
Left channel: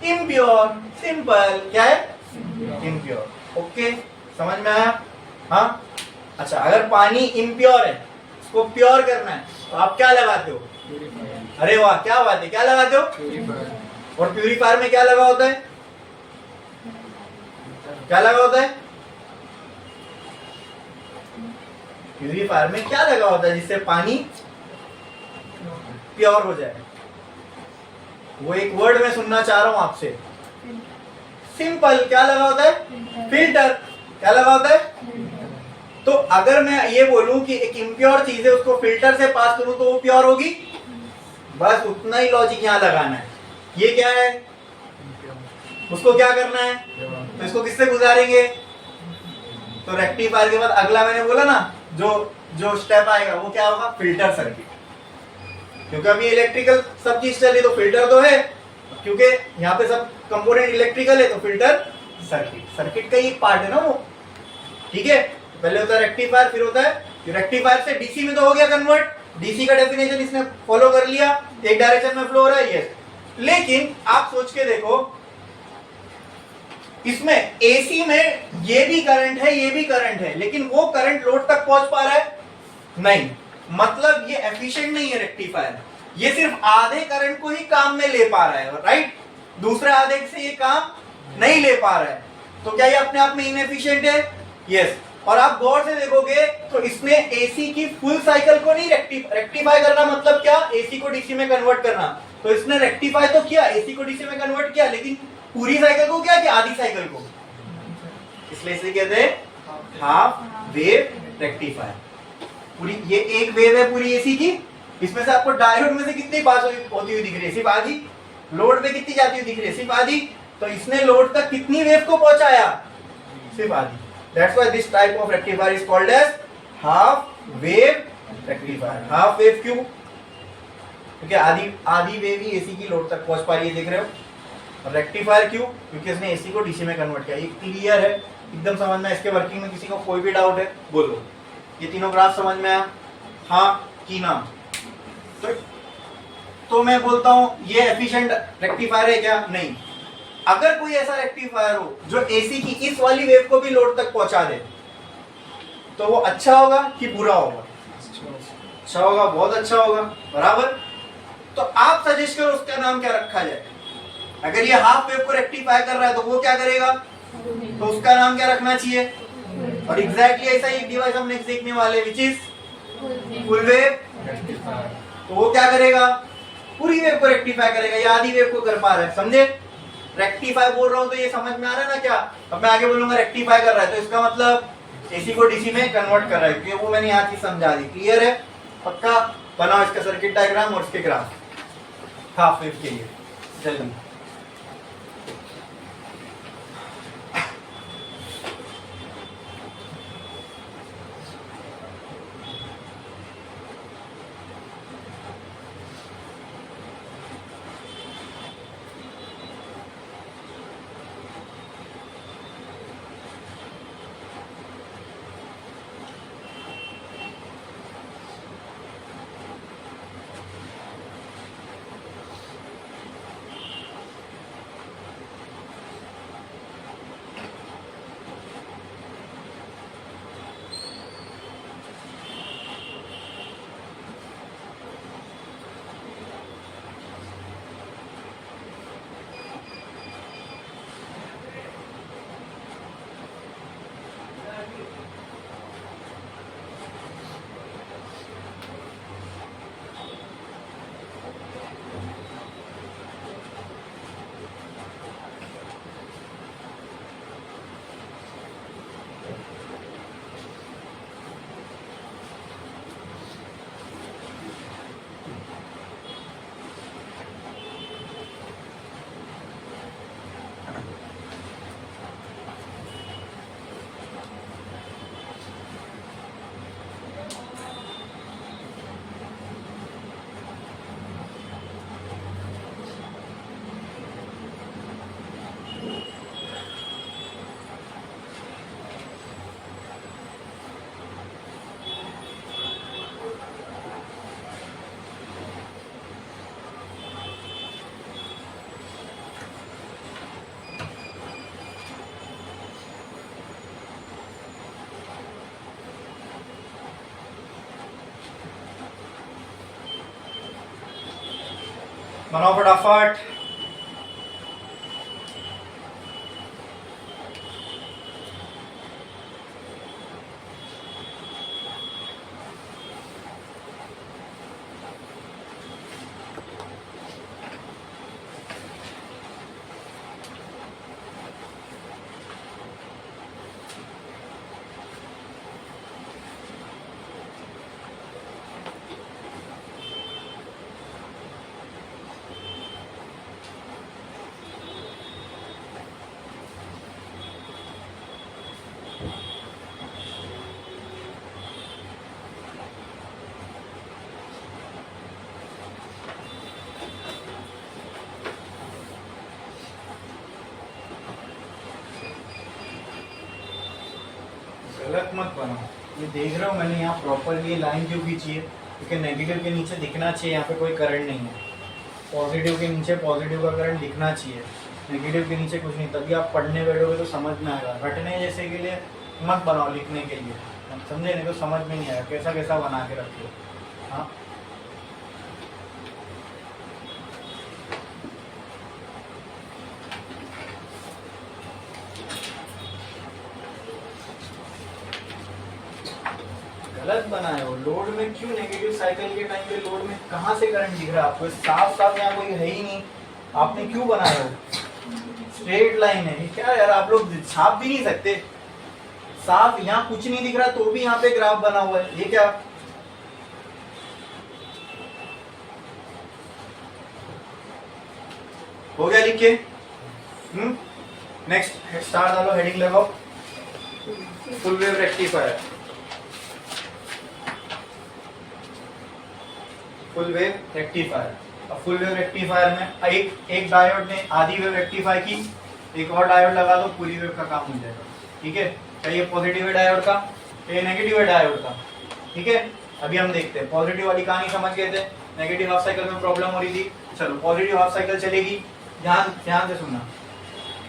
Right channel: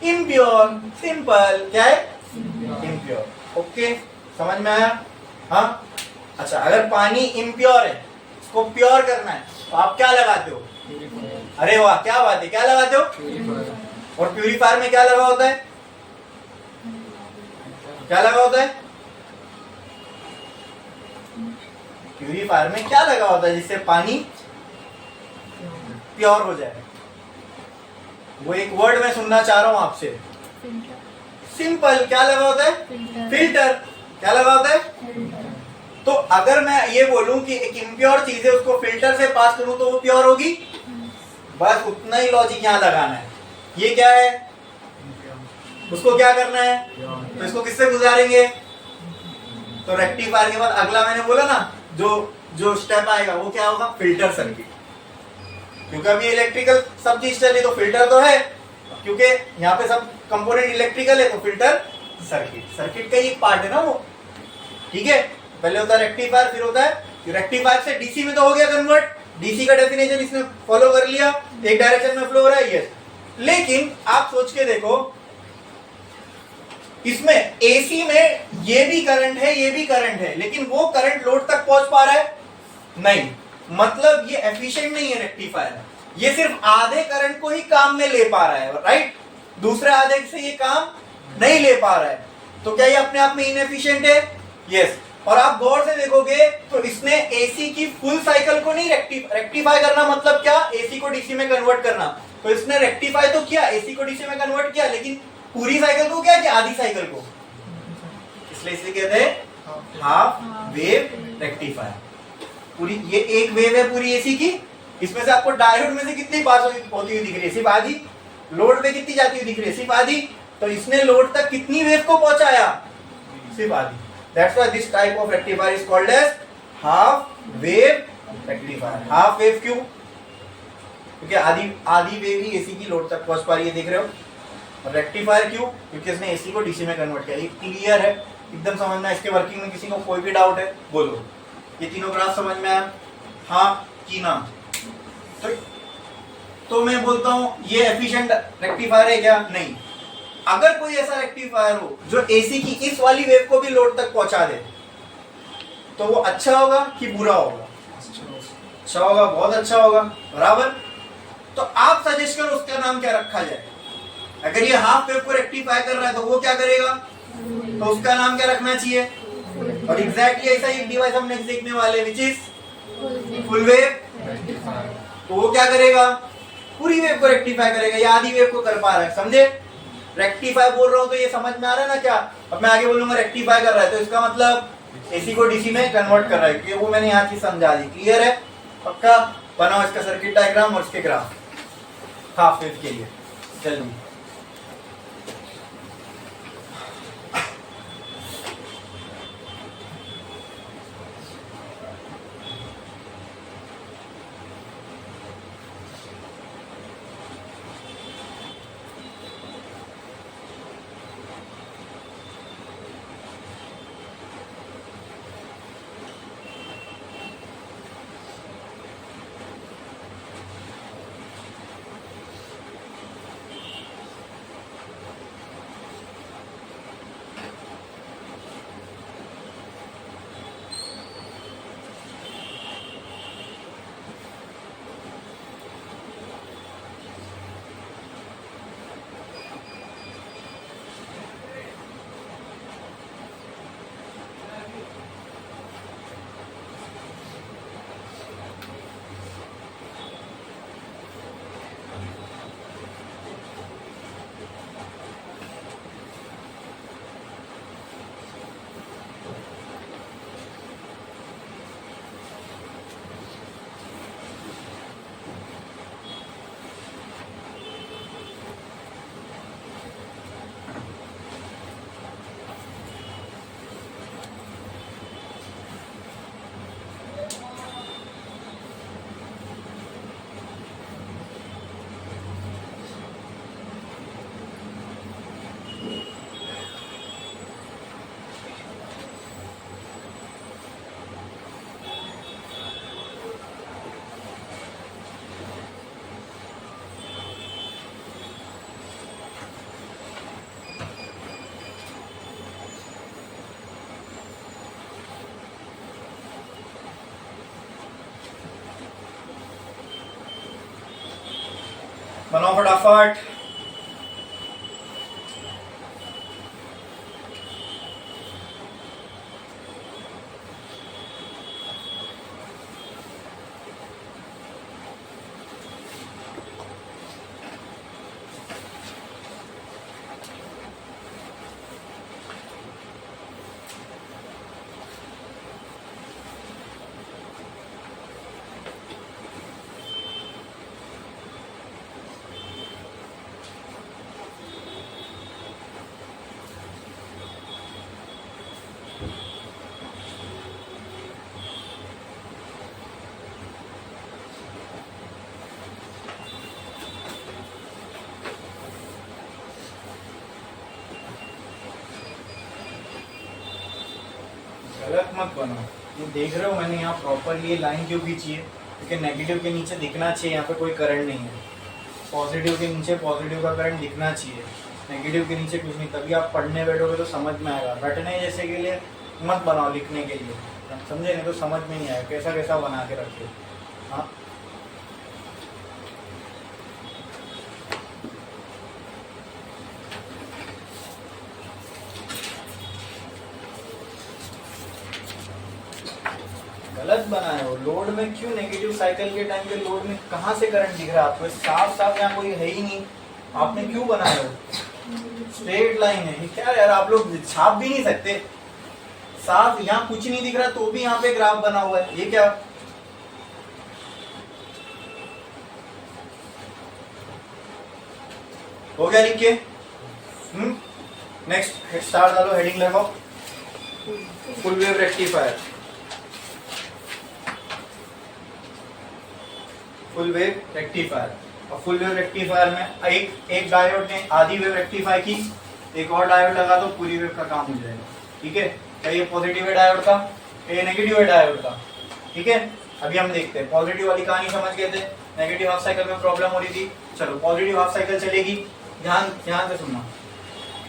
इम्प्योर, सिंपल, क्या है, इम्प्योर। ओके, समझ में आया, हाँ। अच्छा, अगर पानी इम्प्योर है, इसको प्योर करना है, तो आप क्या लगाते हो, अरे वाह क्या बात है, क्या लगाते हो, और प्यूरिफायर में क्या लगा होता है, क्या लगा होता है, प्यूरिफायर में क्या लगा होता है जिससे पानी प्योर हो जाए। वो एक वर्ड मैं सुनना चाह रहा हूं आपसे, सिंपल। क्या लगा होता है, फिल्टर। क्या लगा होता है, तो अगर मैं ये बोलूं कि एक इम्प्योर चीज है उसको फिल्टर से पास करूं तो वो प्योर होगी, बस उतना ही लॉजिक यहाँ लगाना है। ये क्या है, उसको क्या करना है, तो इसको किससे गुजारेंगे, तो रेक्टिफायर के बाद अगला मैंने बोला ना जो जो स्टेप आएगा वो क्या होगा, फिल्टर सर्किट। क्योंकि अभी इलेक्ट्रिकल सब चीज चली तो फिल्टर तो है, क्योंकि यहाँ पे सब कंपोनेंट इलेक्ट्रिकल है तो फिल्टर सर्किट, सर्किट का ही एक पार्ट है ना वो, ठीक है। पहले होता है रेक्टिफायर, फिर होता है रेक्टिफायर से डीसी में तो हो गया कन्वर्ट, डीसी का डेफिनेशन इसने फॉलो कर लिया, एक डायरेक्शन में फ्लो हो रहा है, यस। लेकिन आप सोच के देखो, इसमें एसी में ये भी करंट है ये भी करंट है, लेकिन वो करंट लोड तक पहुंच पा रहा है नहीं, मतलब ये एफिशिएंट नहीं है रेक्टिफायर, ये सिर्फ आधे करंट को ही काम में ले पा रहा है, राइट, दूसरे आधे से ये काम नहीं ले पा रहा है, तो क्या ये अपने आप में इनएफिशिएंट है, यस। और आप गौर से देखोगे तो इसने एसी की फुल साइकिल को नहीं रेक्टिफाई करना, मतलब क्या, एसी को डीसी में कन्वर्ट करना, तो इसने रेक्टिफाई तो किया, एसी को डीसी में कन्वर्ट किया, लेकिन पूरी साइकिल को क्या किया, आधी साइकिल को, इसलिए इसे कहते हैं हाफ वेव रेक्टिफायर। पूरी ये एक वेव है पूरी एसी की, इसमें से आपको डायोड में से कितनी पास होती हुई दिख रही है, सिर्फ आधी, लोड पे कितनी जाती हुई दिख रही है, सिर्फ आधी, तो इसने लोड तक कितनी वेव को पहुंचाया, सिर्फ आधी। That's why this type of rectifier is called as half wave rectifier. Half wave क्यों, क्योंकि आधी वेव ही एसी की लोड तक पहुंच पा रही है, देख रहे हो। और रेक्टिफायर क्यों, क्योंकि इसने एसी को डीसी में कन्वर्ट किया। ये क्लियर है, एकदम समझना, इसके वर्किंग में किसी को कोई भी डाउट है बोलो। ये तीनों ग्राफ समझ में आया, हाँ कि ना, तो मैं बोलता हूं ये एफिशिएंट रेक्टिफायर है क्या, नहीं। अगर कोई ऐसा रेक्टिफायर हो जो एसी की इस वाली वेव को भी लोड तक पहुंचा दे, तो वो अच्छा होगा कि बुरा होगा, अच्छा होगा, बहुत अच्छा होगा, बराबर। तो आप सजेस्ट करो उसका नाम क्या रखा जाए। अगर ये हाफ वेव को रेक्टिफाई कर रहा है तो वो क्या करेगा, तो उसका नाम क्या रखना चाहिए, और एग्जैक्टली ऐसा एक डिवाइस हम नेक्स्ट देखने वाले विच इज फुल वेव, तो वो क्या करेगा, पूरी वेव को रेक्टिफाई करेगा, या आधी वेव को कर पा रहा है, समझे। रेक्टिफाई बोल रहा हूं तो ये समझ में आ रहा है ना क्या, अब मैं आगे बोलूंगा रेक्टिफाई कर रहा है तो इसका मतलब एसी को डीसी में कन्वर्ट कर रहा है, क्योंकि वो मैंने यहाँ चीज समझा दी, क्लियर है, पक्का। बनाओ इसका सर्किट डायग्राम और इसके ग्राफ हाफ वेव के लिए जल्दी। बनाओ फटाफट। गलत मत बनाओ। ये देख रहे हो मैंने यहाँ प्रॉपरली लाइन क्यों खींची है, क्योंकि नेगेटिव के नीचे दिखना चाहिए यहाँ पे कोई करंट नहीं है। पॉजिटिव के नीचे पॉजिटिव का करंट दिखना चाहिए, नेगेटिव के नीचे कुछ नहीं। तभी आप पढ़ने बैठोगे तो समझ में आएगा। रटने जैसे के लिए मत बनाओ, लिखने के लिए हम समझे, नहीं तो समझ में नहीं आएगा। कैसा कैसा बना के रखिए। हाँ गलत बनाए हो। लोड में क्यों नेगेटिव साइकिल के टाइम पे लोड में कहाँ से करंट दिख रहा है आपको? साफ साफ यहाँ कोई है ही नहीं, आपने क्यों बनाए हो? स्ट्रेट लाइन है ये। क्या यार आप लोग छाप भी नहीं सकते? साफ यहाँ कुछ नहीं दिख रहा तो भी यहाँ पे ग्राफ बना हुआ है, ये क्या? हो गया लिख के? नेक्स्ट स्टार डालो, हेडिंग लगाओ, full wave rectifier. Full wave rectifier. अब फुल वेव रेक्टिफायर में एक डायोड ने आधी वेव रेक्टिफाई की, एक और डायोड लगा दो, पूरी वेव का काम हो जाएगा। ठीक है, क्या ये पॉजिटिव है डायोड का, ये नेगेटिव है डायोड का? ठीक है, अभी हम देखते हैं। पॉजिटिव वाली कहानी समझ गए थे, नेगेटिव हाफ साइकिल में प्रॉब्लम हो रही थी। चलो पॉजिटिव हाफ साइकिल चलेगी, ध्यान से सुनना।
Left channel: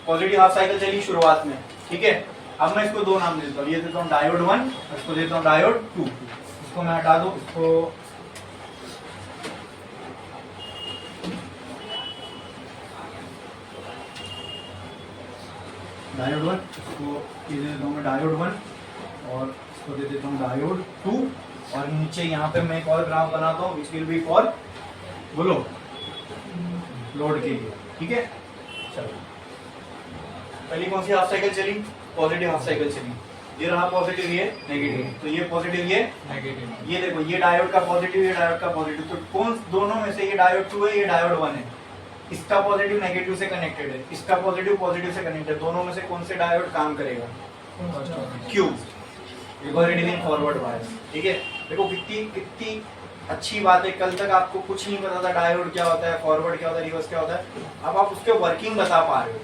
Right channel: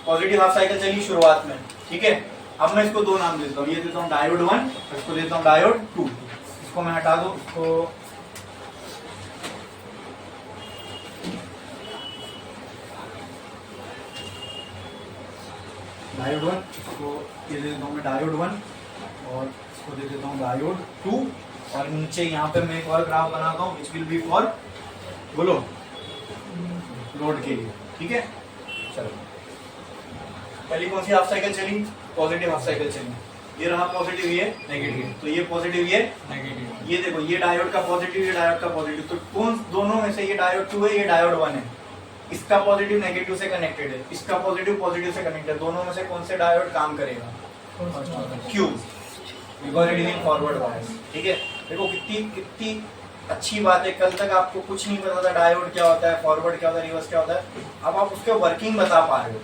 पॉजिटिव हाफ साइकिल चली शुरुआत में, ठीक है। अब मैं इसको दो नाम देता हूँ, ये देता हूँ डायोड 1, इसको देता हूँ डायोड 2। इसको मैं हटा दूं, इसको डायोड 1, इसको ये दे देता हूँ मैं डायोड 1, और इसको दे देता हूँ डायोड 2। और नीचे यहाँ पे मैं एक और ग्राफ बनाता हूँ विच विल बी फॉर, बोलो, लोड के लिए। ठीक है, चलो पहली कौन सी हाफ साइकिल चली? पॉजिटिव हाफ साइकिल चली। ये रहा पॉजिटिव, ये नेगेटिव, तो ये पॉजिटिव, ये नेगेटिव। ये देखो, ये डायोड का पॉजिटिव, ये डायोड का पॉजिटिव। तो कौन दोनों में से, ये डायोड 2 है, ये डायोड 1 है। इसका पॉजिटिव नेगेटिव से कनेक्टेड है, इसका पॉजिटिव पॉजिटिव से कनेक्टेड। दोनों में से कौन से डायोड काम करेगा? Q, forward bias. ठीक है, देखो कितनी अच्छी बात है। कल तक आपको कुछ नहीं पता था डायोड क्या होता है, फॉरवर्ड क्या होता है, रिवर्स क्या होता है। अब आप उसके वर्किंग बता पा रहे हो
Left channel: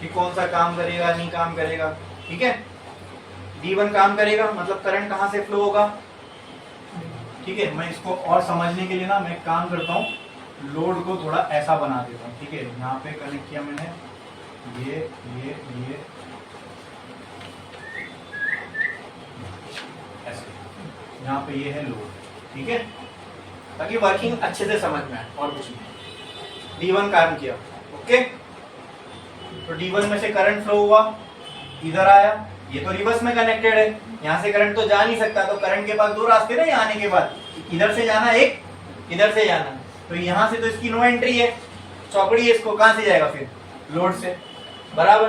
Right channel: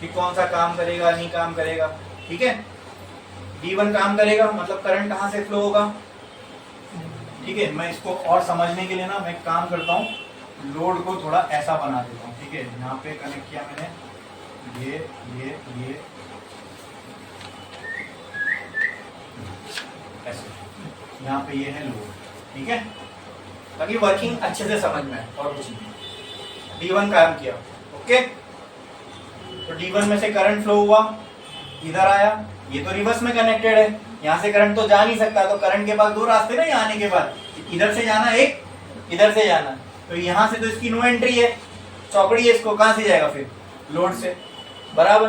कि कौन सा काम करेगा, नहीं काम करेगा। ठीक है, D1 काम करेगा, मतलब करंट कहाँ से फ्लो होगा। ठीक है, मैं इसको और समझने के लिए ना मैं काम करता हूँ, लोड को थोड़ा ऐसा बना देता हूँ। ठीक है, यहाँ पे कनेक्ट किया मैंने, ये ऐसे, यहाँ पे ये है लोड। ठीक है, ताकि वर्किंग अच्छे से समझ में आए, और कुछ नहीं। D1 काम किया, ओके। तो D1 में से करंट फ्लो हुआ, इधर आया, ये तो रिवर्स में कनेक्टेड है, यहाँ से करंट तो जा नहीं सकता। तो करंट के पास दो रास्ते ना यहाँ आने के बाद, इधर से जाना एक, इधर से जाना। तो यहाँ से तो इसकी नो एंट्री है, चौकड़ी है, इसको कहाँ से जाएगा फिर? लोड से, बराबर।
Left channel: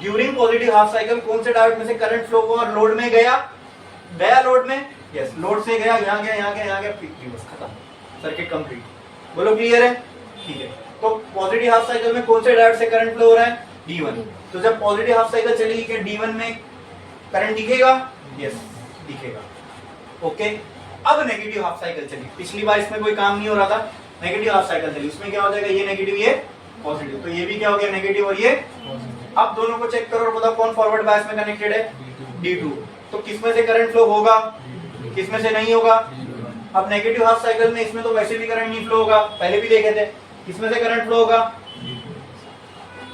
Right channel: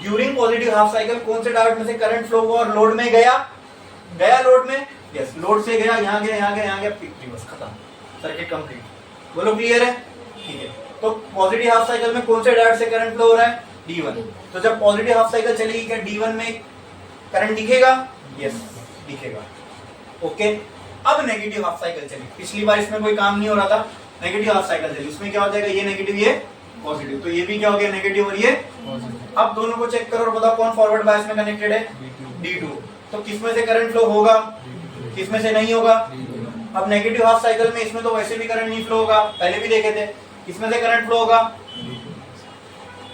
ड्यूरिंग पॉजिटिव हाफ साइकिल कौन से डायोड में से करंट फ्लो हुआ और लोड में गया लोड में, यस, लोड से गया, यहाँ गया, यहाँ गया, यहाँ गया, रिवर्स, खत्म, सर्किट कंप्लीट। बोलो क्लियर है? ठीक है, तो पॉजिटिव हाफ साइकिल में कौन से डायोड से करंट फ्लो हो रहा है? D1। तो जब पॉजिटिव हाफ साइकिल चलेगी, क्या D1 में करंट दिखेगा? यस, दिखेगा, ओके। अब नेगेटिव हाफ साइकिल चली, पिछली बार इसमें कोई काम नहीं हो रहा था, नेगेटिव हाफ साइकिल चली, उसमें क्या हो जाएगा? ये नेगेटिव, ये पॉजिटिव, तो ये भी क्या हो गया? नेगेटिव और ये पॉजिटिव। अब दोनों को चेक करो और बताओ कौन फॉरवर्ड बायस में कनेक्टेड है? D2। तो किसमें से करंट फ्लो होगा, किसमें से नहीं होगा? अब नेगेटिव हाफ साइकिल में इसमें तो वैसे भी करंट नहीं फ्लो होगा, पहले भी देखे थे। किसमें से करंट फ्लो होगा?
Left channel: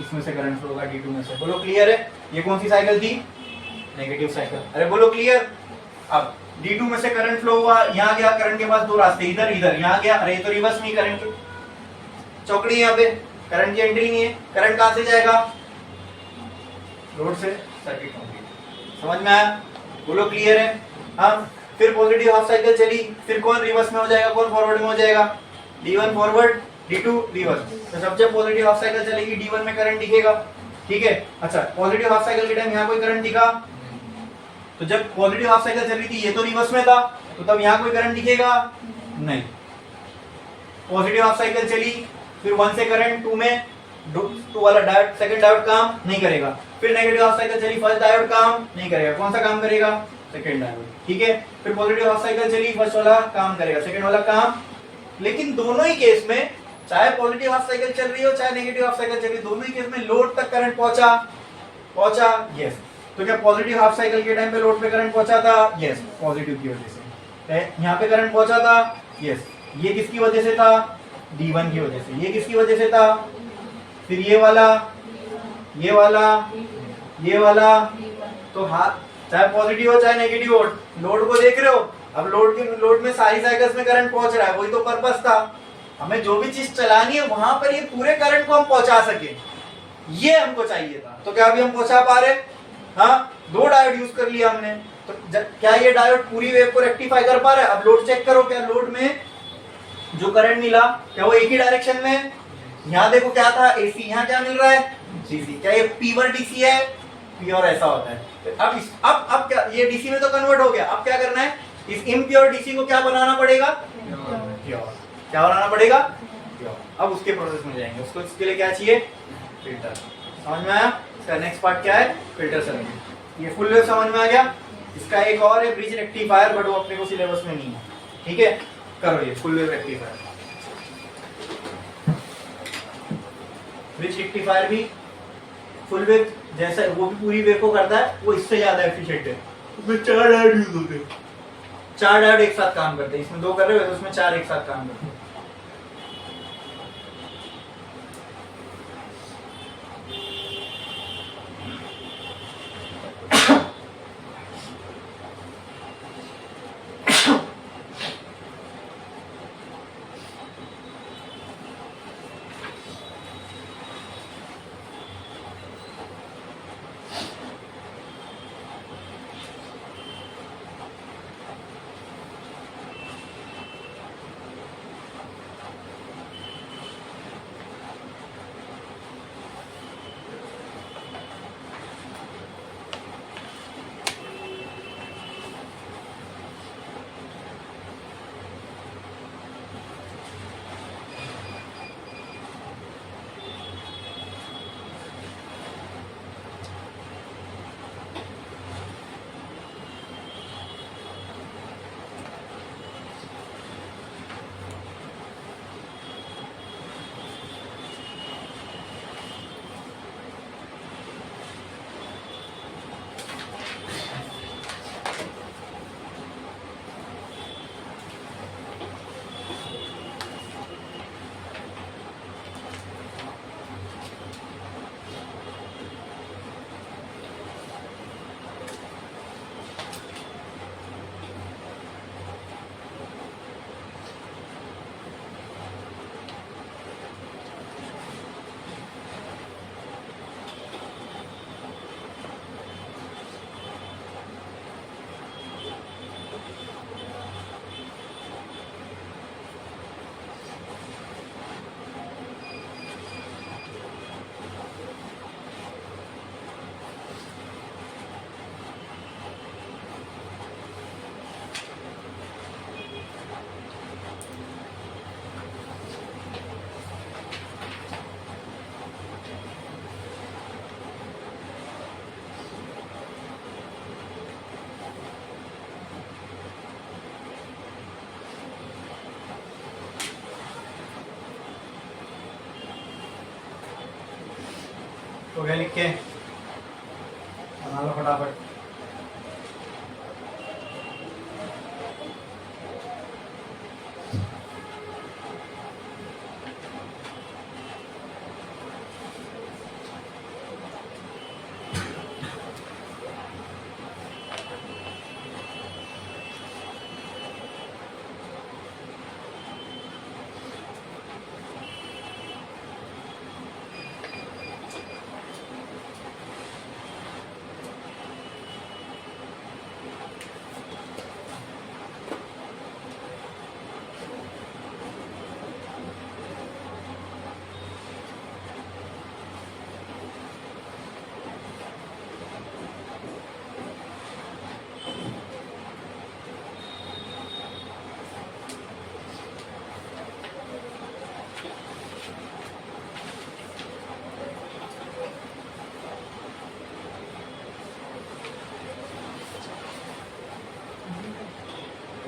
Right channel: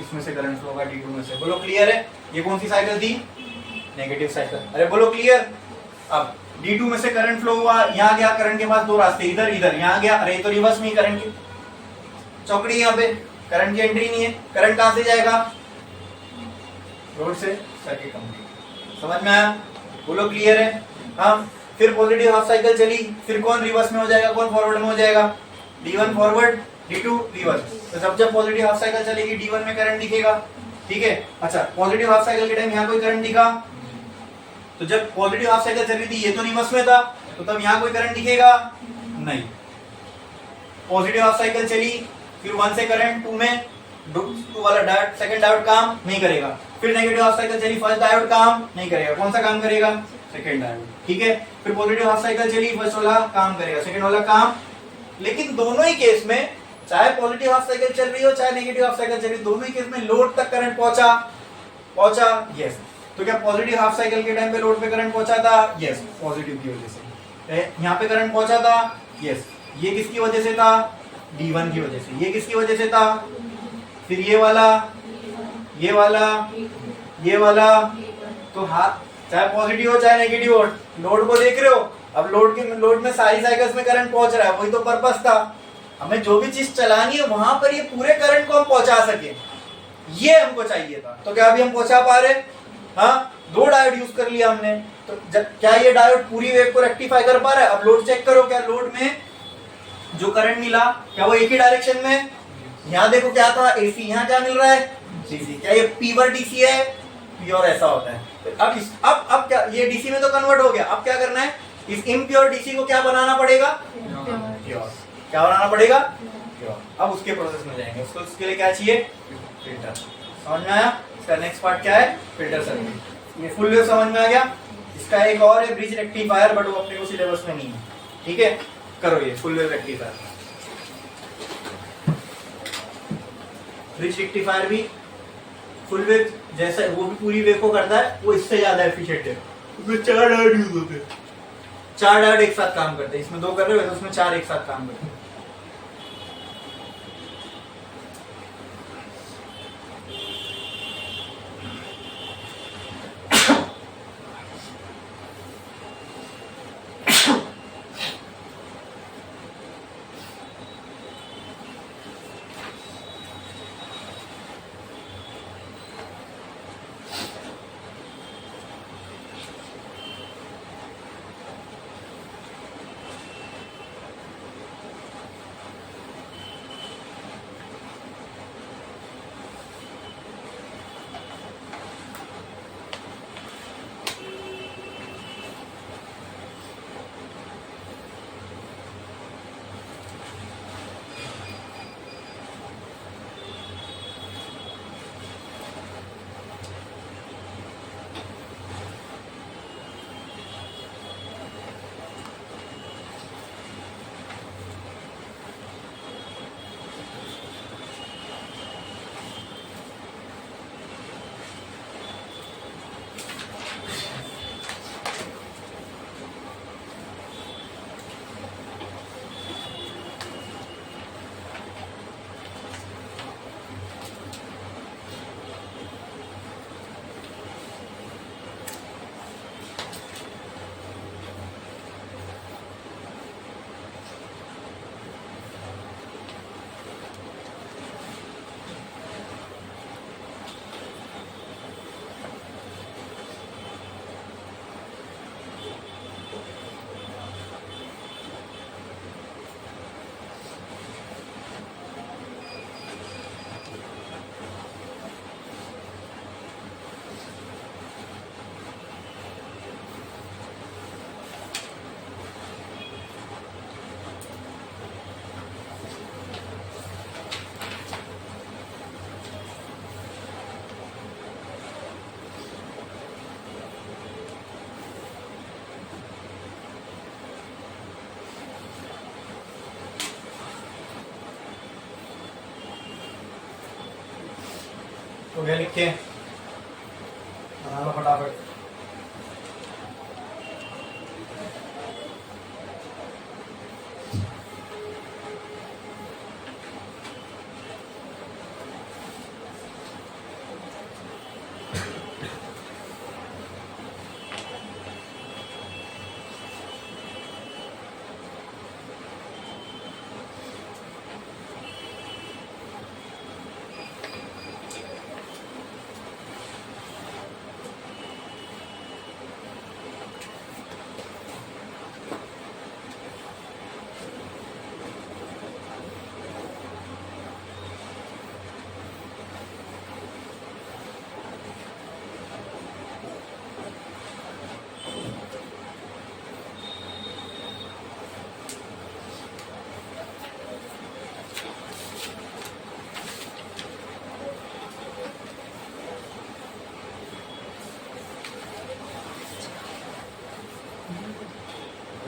इसमें से करंट फ्लो होगा, D2 में से। बोलो क्लियर है? ये कौन सी साइकिल थी? Negative cycle. अरे बोलो क्लियर। अब D2 में से करंट फ्लो हुआ, यहाँ गया, करंट के पास दो रास्ते, इधर इधर, यहाँ गया, अरे तो रिवर्स में ही करंट की चौकड़ी, यहाँ पे करंट की एंट्री नहीं है। करंट कहां से जाएगा? लोड से, सर्किट कंप्लीट। समझ में आया? बोलो क्लियर है? हाँ, फिर पॉजिटिव हाफ साइकिल चली, फिर कौन रिवर्स में हो जाएगा, कौन फॉरवर्ड में हो जाएगा? D1 forward, D2 reverse. तो जब पॉजिटिव हाफ साइकिल चलेगी D1 में करंट दिखेगा। ठीक है, अच्छा, पॉजिटिव हाफ साइकिल के टाइम यहाँ कोई करंट दिखा? तो जब पॉजिटिव हाफ साइकिल चल रही थी, ये तो रिवर्स में था, तो तब यहाँ कोई करंट दिखेगा? नहीं। पॉजिटिव हाफ साइकिल चली, फिर 1 से करंट 2 में, टू वाला डायोड, सेकंड डायोड काम नहीं करेगा। फिर नेगेटिव हाफ साइकिल चली, फर्स्ट डायोड काम नहीं करेगा, कौन सा काम करेगा? सेकंड डायोड, ठीक है। फिर पॉजिटिव हाफ साइकिल चली, फर्स्ट वाला काम करेगा, सेकंड वाला काम। लेकिन दोनों ही केस में, चाहे पॉजिटिव हाफ साइकिल चल रही हो चाहे नेगेटिव हाफ साइकिल चल रही हो, दोनों ही केस में लोड तक करंट पहुंचा, यस। तो क्या पॉजिटिव हाफ साइकिल के टाइम पे लोड पे करंट पहुंचा था? यस, पॉजिटिव की वजह से। यहाँ पे करंट पहुंचा था, यस। ये किसकी वजह से था? D1 की वजह से। ये किसकी वजह से था? फिर ये वाला, ये वाला, ये वाला। तो हाथ चाहे पॉजिटिव हो चाहे नेगेटिव हो, लोड को देख रहे हो। अब लोड में सारी साइकिल्स में करंट पहुंच रहा है, वही तो पर्पस था। हमें जो भी चीज चलानी है वहां पर ये पूरे करंट को हम पहुंचा सके, ये हमको चाहिए था। तो क्या अभी हम पहुंचा पा रहे? हाँ, 2 डायोड यूज कर लिया हमने। तो क्या ये डायोड पूरी वेव को रेक्टिफाई कर पा रहा है? अब लोड चेक करो, क्या लोड में जो करंट मिला क्या वो एक ही डायरेक्शन में? यहाँ देखो क्या था? AC। यहाँ क्या मिल रहा है? DC। क्या ये प्योर DC है? प्योर ऐसा होता है। अब क्या ये DC में तो कन्वर्ट हो गया। अब क्या करना है? इस इम्प्योर DC को क्या बनाना पड़ेगा? प्योर। क्या बनाना पड़ेगा? प्योर। अब उसके प्रोसेस में जाएंगे। उसके लिए क्या चाहिए? फिल्टर। समझ में आया? इसका नेक्स्ट पार्ट क्या है? Filter circuit. ये फुल वेव समझ में आ गया। इसका एक और है ब्रिज रेक्टिफायर, बट वो अपने को सिलेबस में नहीं है, ठीक है। करो ये full wave rectifier. Bridge rectifier भी फुल वेव जैसा, वो भी पूरी वेव को करता है, वो इससे ज्यादा एफिशिएंट है। उसमें 4 डायोड यूज होते हैं। 4 डायोड एक साथ काम करते हैं। इसमें 2 कर रहे हो तो उसमें 4 एक साथ काम करते हैं। तो क्या लिखे? बना लो फटाफट।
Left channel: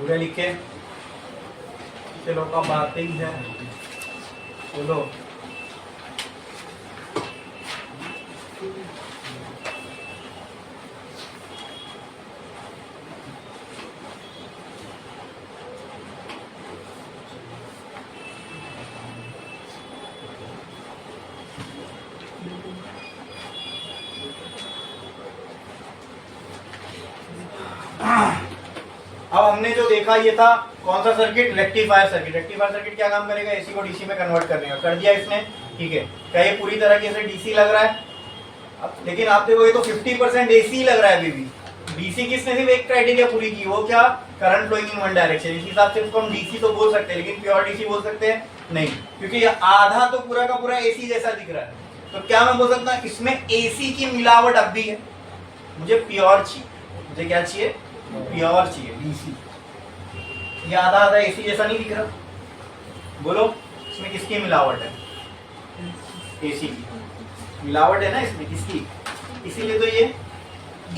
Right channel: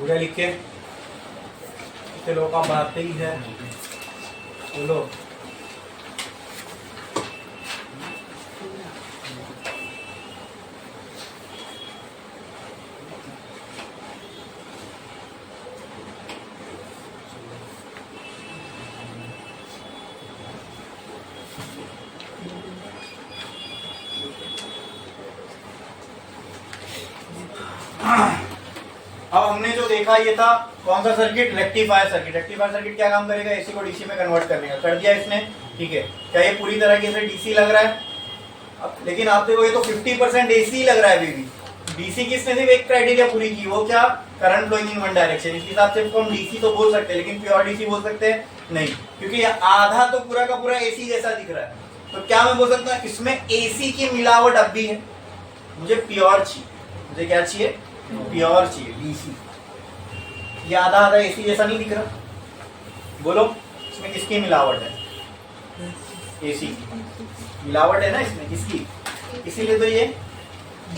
पूरा लिखे, चलो का बात ही है, बोलो। अब हमने जो देखा ये था कौन सा circuit, rectifier circuit. Rectifier circuit क्या काम करेगा, एसी को डीसी में कन्वर्ट करने का, कर दिया इसने, ठीक है। क्या ये पूरी तरीके से डीसी लग रहा है? अब लेकिन आप देखो ये तो 50% एसी लग रहा है अभी भी। डीसी किसने सिर्फ एक क्राइटेरिया पूरी की, वो क्या, current flowing in one direction. इस हिसाब से इसको हम डीसी तो बोल सकते हैं, लेकिन प्योर डीसी बोल सकते हैं नहीं, क्योंकि ये आधा तो पूरा का पूरा एसी जैसा दिख रहा है। तो क्या मैं बोल सकता हूँ इसमें एसी की मिलावट अब भी है, मुझे प्योर चाहिए, मुझे क्या चाहिए, प्योर चाहिए डीसी। ये आधा आधा एसी जैसा नहीं दिख रहा, बोलो इसमें किसकी मिलावट है, एसी की मिलावट है ना इसमें, किसकी, इसीलिए तो ये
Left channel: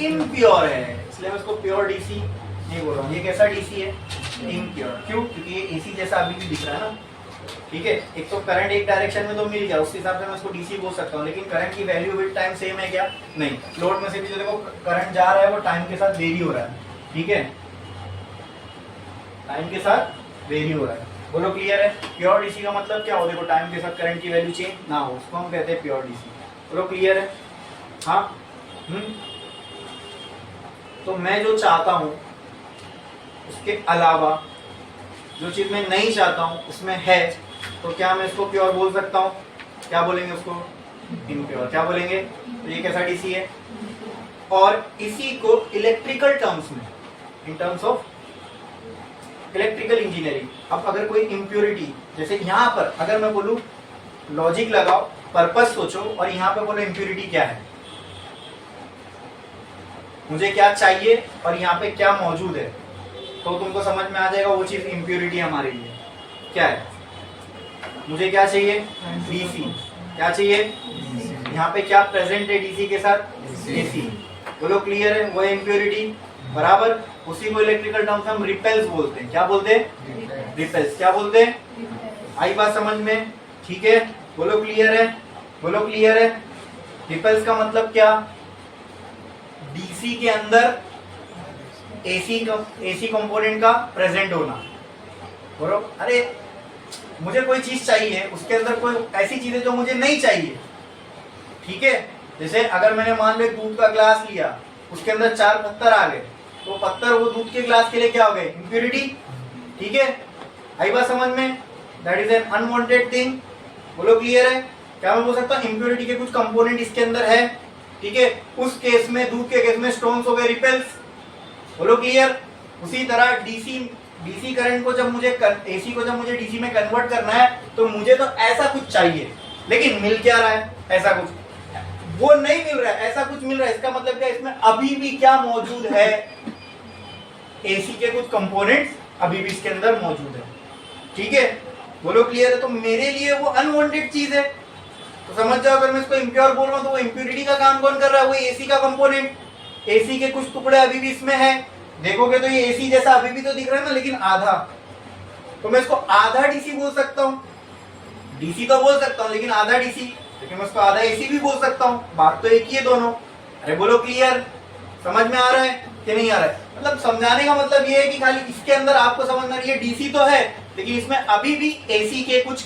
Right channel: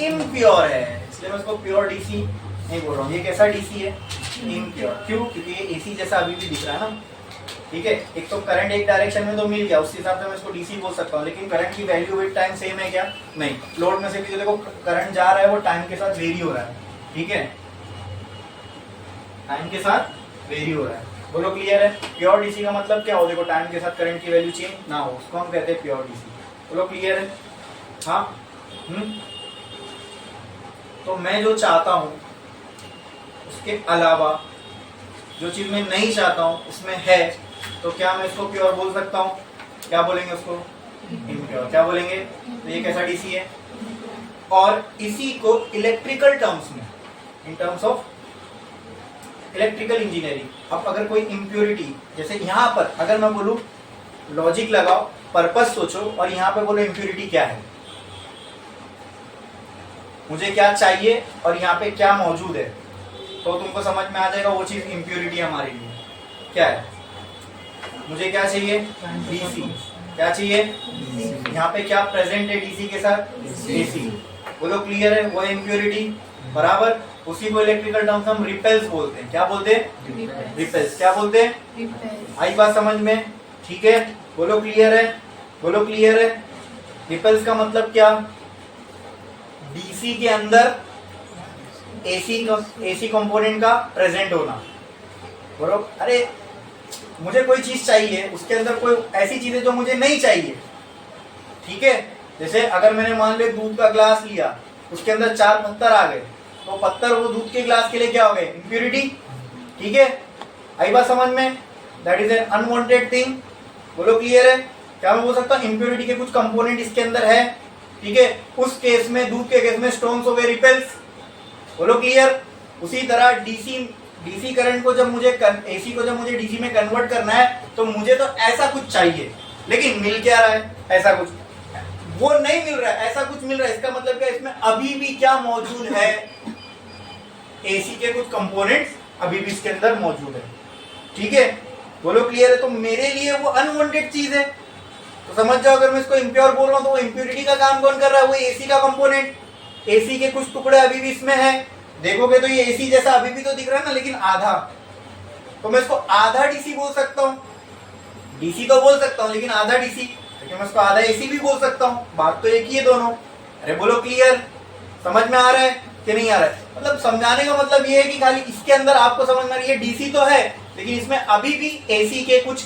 इम्प्योर है, इसलिए मैं इसको प्योर डीसी नहीं बोल रहा हूँ। ये कैसा डीसी है, इम्प्योर। क्यों, क्योंकि ये एसी जैसा अभी भी दिख रहा है ना, ठीक है। एक तो करंट एक डायरेक्शन में तो मिल गया, उस हिसाब से मैं इसको डीसी बोल सकता हूँ, लेकिन करंट की वैल्यू विद टाइम सेम है क्या, नहीं। लोड में से भी जो देखो करंट जा रहा है वो टाइम के साथ वेरी हो रहा है, ठीक है, टाइम के साथ वेरी हो रहा है। बोलो क्लियर है? प्योर डीसी का मतलब क्या हो, देखो टाइम के साथ करंट की वैल्यू चेंज ना हो, उसको हम कहते हैं प्योर डीसी। बोलो क्लियर है? हाँ। तो मैं जो चाहता हूं उसके अलावा जो चीज मैं नहीं चाहता हूं उसमें है, तो क्या मैं इसको प्योर बोल सकता हूं? क्या बोलेंगे उसको, इम्प्योर। क्या बोलेंगे? तो ये कैसा डीसी है, और इसी को इलेक्ट्रिकल टर्म्स में, in terms of electrical engineering, अब अगर कोई इम्प्योरिटी, जैसे यहां पर अगर मैं बोलूं लॉजिक लगाओ, पर्पस सोचो, और यहां पे बोलो इम्प्योरिटी क्या है, मुझे क्या चाहिए और यहाँ पे क्या मौजूद है, तो तुमको समझ में आ जाएगा वो चीज इम्प्योरिटी हमारे लिए क्या है। मुझे क्या चाहिए, डीसी। क्या चाहिए, यहाँ पे क्या प्रेजेंट है डीसी के साथ, एसी। बोलो क्लियर है? वो इम्प्योरिटी बराबर, उसी को इलेक्ट्रिकल टर्म्स हम रिपेल्स बोलते हैं। क्या बोलते हैं, रिपेल्स। क्या बोलते हैं, आई बात समझ में? ठीक है, बोलो क्लियर है? बोलो क्लियर है? रिपेल्स का मतलब क्या, डीसी के अंदर एसी कंपोनेंट का प्रेजेंट होना। बोलो, अरे मुझे कोई चीज चाहिए, उसके अंदर कोई ऐसी चीजें जो मुझे नहीं चाहिए, ठीक है। जैसे अगर मैंने मान लो दूध का ग्लास लिया, उसके अंदर 4 पत्थर आ गए, तो पत्थर वो दूध के ग्लास के लिए क्या हो गए, इम्प्योरिटी, ठीक है। आई बात समझ में? That is an unwanted thing. बोलो क्लियर है? क्या मैं बोल सकता हूँ इम्प्योरिटी के कुछ कंपोनेंट इसके अंदर है, ठीक है। उस केस में, दूध के केस में स्टोन्स हो गए रिपेल्स। बोलो क्लियर? उसी तरह डीसी करंट को जब मुझे, एसी को जब मुझे डीसी में कन्वर्ट करना है, तो मुझे तो ऐसा कुछ चाहिए, लेकिन मिल क्या रहा है, ऐसा कुछ वो नहीं मिल रहा है, ऐसा कुछ मिल रहा है। इसका मतलब क्या, इसमें अभी भी क्या मौजूद है, एसी के कुछ कंपोनेंट्स अभी भी इसके अंदर मौजूद है, ठीक है। बोलो क्लियर है? तो मेरे लिए वो अनवांटेड चीज है, तो समझ जाओ अगर मैं इसको इम्प्योर बोल रहा हूं तो वो इम्प्योरिटी का काम कौन कर रहा है, वो एसी का कंपोनेंट। एसी के कुछ टुकड़े अभी भी इसमें है, देखोगे तो ये एसी जैसा अभी भी तो दिख रहा है ना, लेकिन आधा, तो मैं इसको आधा डीसी बोल सकता हूँ। डीसी तो बोल सकता हूँ, लेकिन आधा डीसी, लेकिन मैं इसको आधा एसी भी बोल सकता हूँ, बात तो एक ही है दोनों। अरे बोलो क्लियर? समझ में आ रहा है कि नहीं आ रहा है? मतलब समझाने का मतलब ये है कि खाली इसके अंदर आपको समझना, ये डीसी तो है, लेकिन इसमें अभी भी एसी के कुछ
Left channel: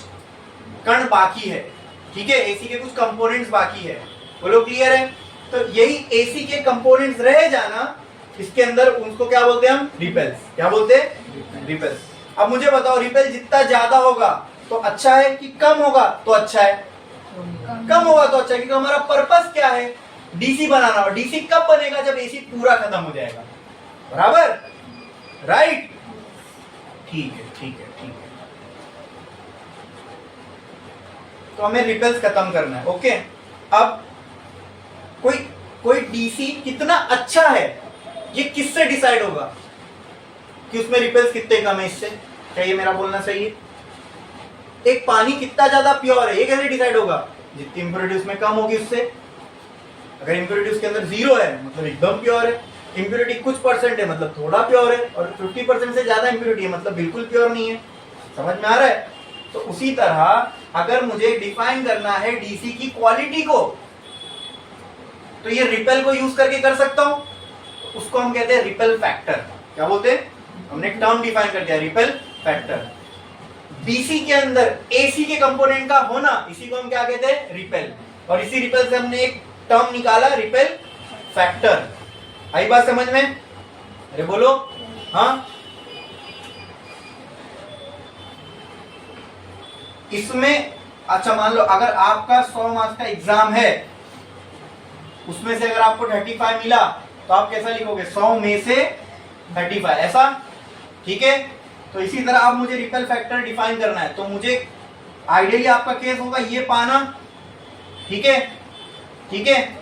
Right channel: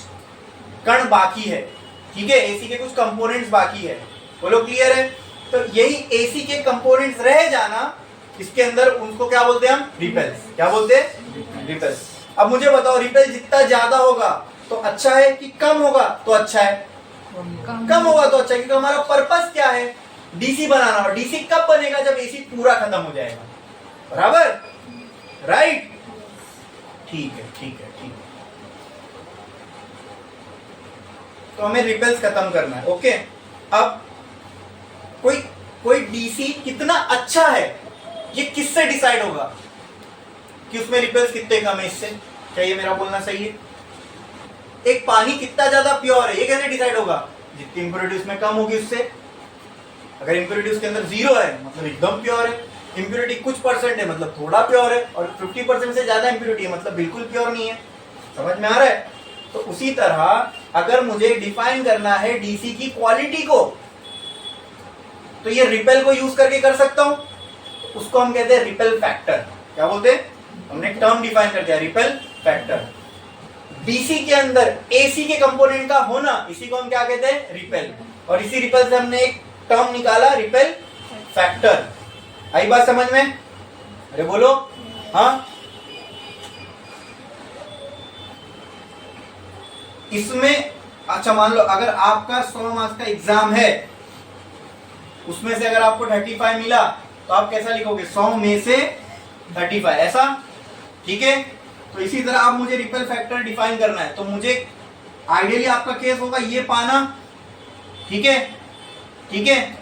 कण बाकी है, ठीक है, एसी के कुछ कंपोनेंट्स बाकी है। बोलो क्लियर है? तो यही एसी के कंपोनेंट्स रह जाना, इसके अंदर उनको क्या बोलते हैं हम, रिपेल्स। क्या बोलते हैं, रिपेल्स। अब मुझे बताओ रिपेल जितना ज्यादा होगा तो अच्छा है कि कम होगा तो अच्छा है? कम होगा तो अच्छा है, क्योंकि हमारा पर्पस क्या है, डीसी बनाना। और डीसी कब बनेगा, जब एसी पूरा खत्म हो जाएगा, बराबर, राइट? ठीक है, ठीक है, ठीक है। तो हमें रिपेल्स खत्म करना है, ओके। अब कोई डीसी कितना अच्छा है, ये किससे डिसाइड होगा कि उसमें रिपेल्स कितने कम है, इससे? क्या ये मेरा बोलना सही है? एक पानी कितना ज्यादा प्योर है, ये कैसे डिसाइड होगा? जितनी इंप्योरिटी उसमें कम होगी उससे। अगर इंप्योरिटी उसके अंदर 0 है मतलब एकदम प्योर है, इम्प्योरिटी कुछ परसेंट है मतलब थोड़ा प्योर है, और 50% से ज्यादा इम्प्योरिटी है मतलब बिल्कुल प्योर नहीं है। समझ में आ रहा है? तो उसी तरह अगर मुझे डिफाइन करना है डीसी की क्वालिटी को, तो ये रिपेल को यूज करके कर सकता हूं, तो उसको हम कहते हैं रिपेल फैक्टर। क्या बोलते हैं? हमने एक टर्म डिफाइन कर दिया, रिपेल फैक्टर। डीसी के अंदर एसी के कंपोनेंट का होना, इसी को हम क्या कहते हैं? रिपेल। और इसी रिपेल से हमने एक टर्म निकाला, रिपेल फैक्टर। आई बात समझ में? अरे बोलो हाँ। इसमें अच्छा मान लो अगर आपका 100 मार्क्स का एग्जाम है, उसमें से अगर आपको 35 मिला तो आप कैसा लिखोगे? 100 में से 35, ऐसा? ठीक है। तो इसी तरह आप मुझे रिपेल फैक्टर डिफाइन करना है, तो मुझे आइडियली आपका केस होगा ये पाना, ठीक है? ठीक है,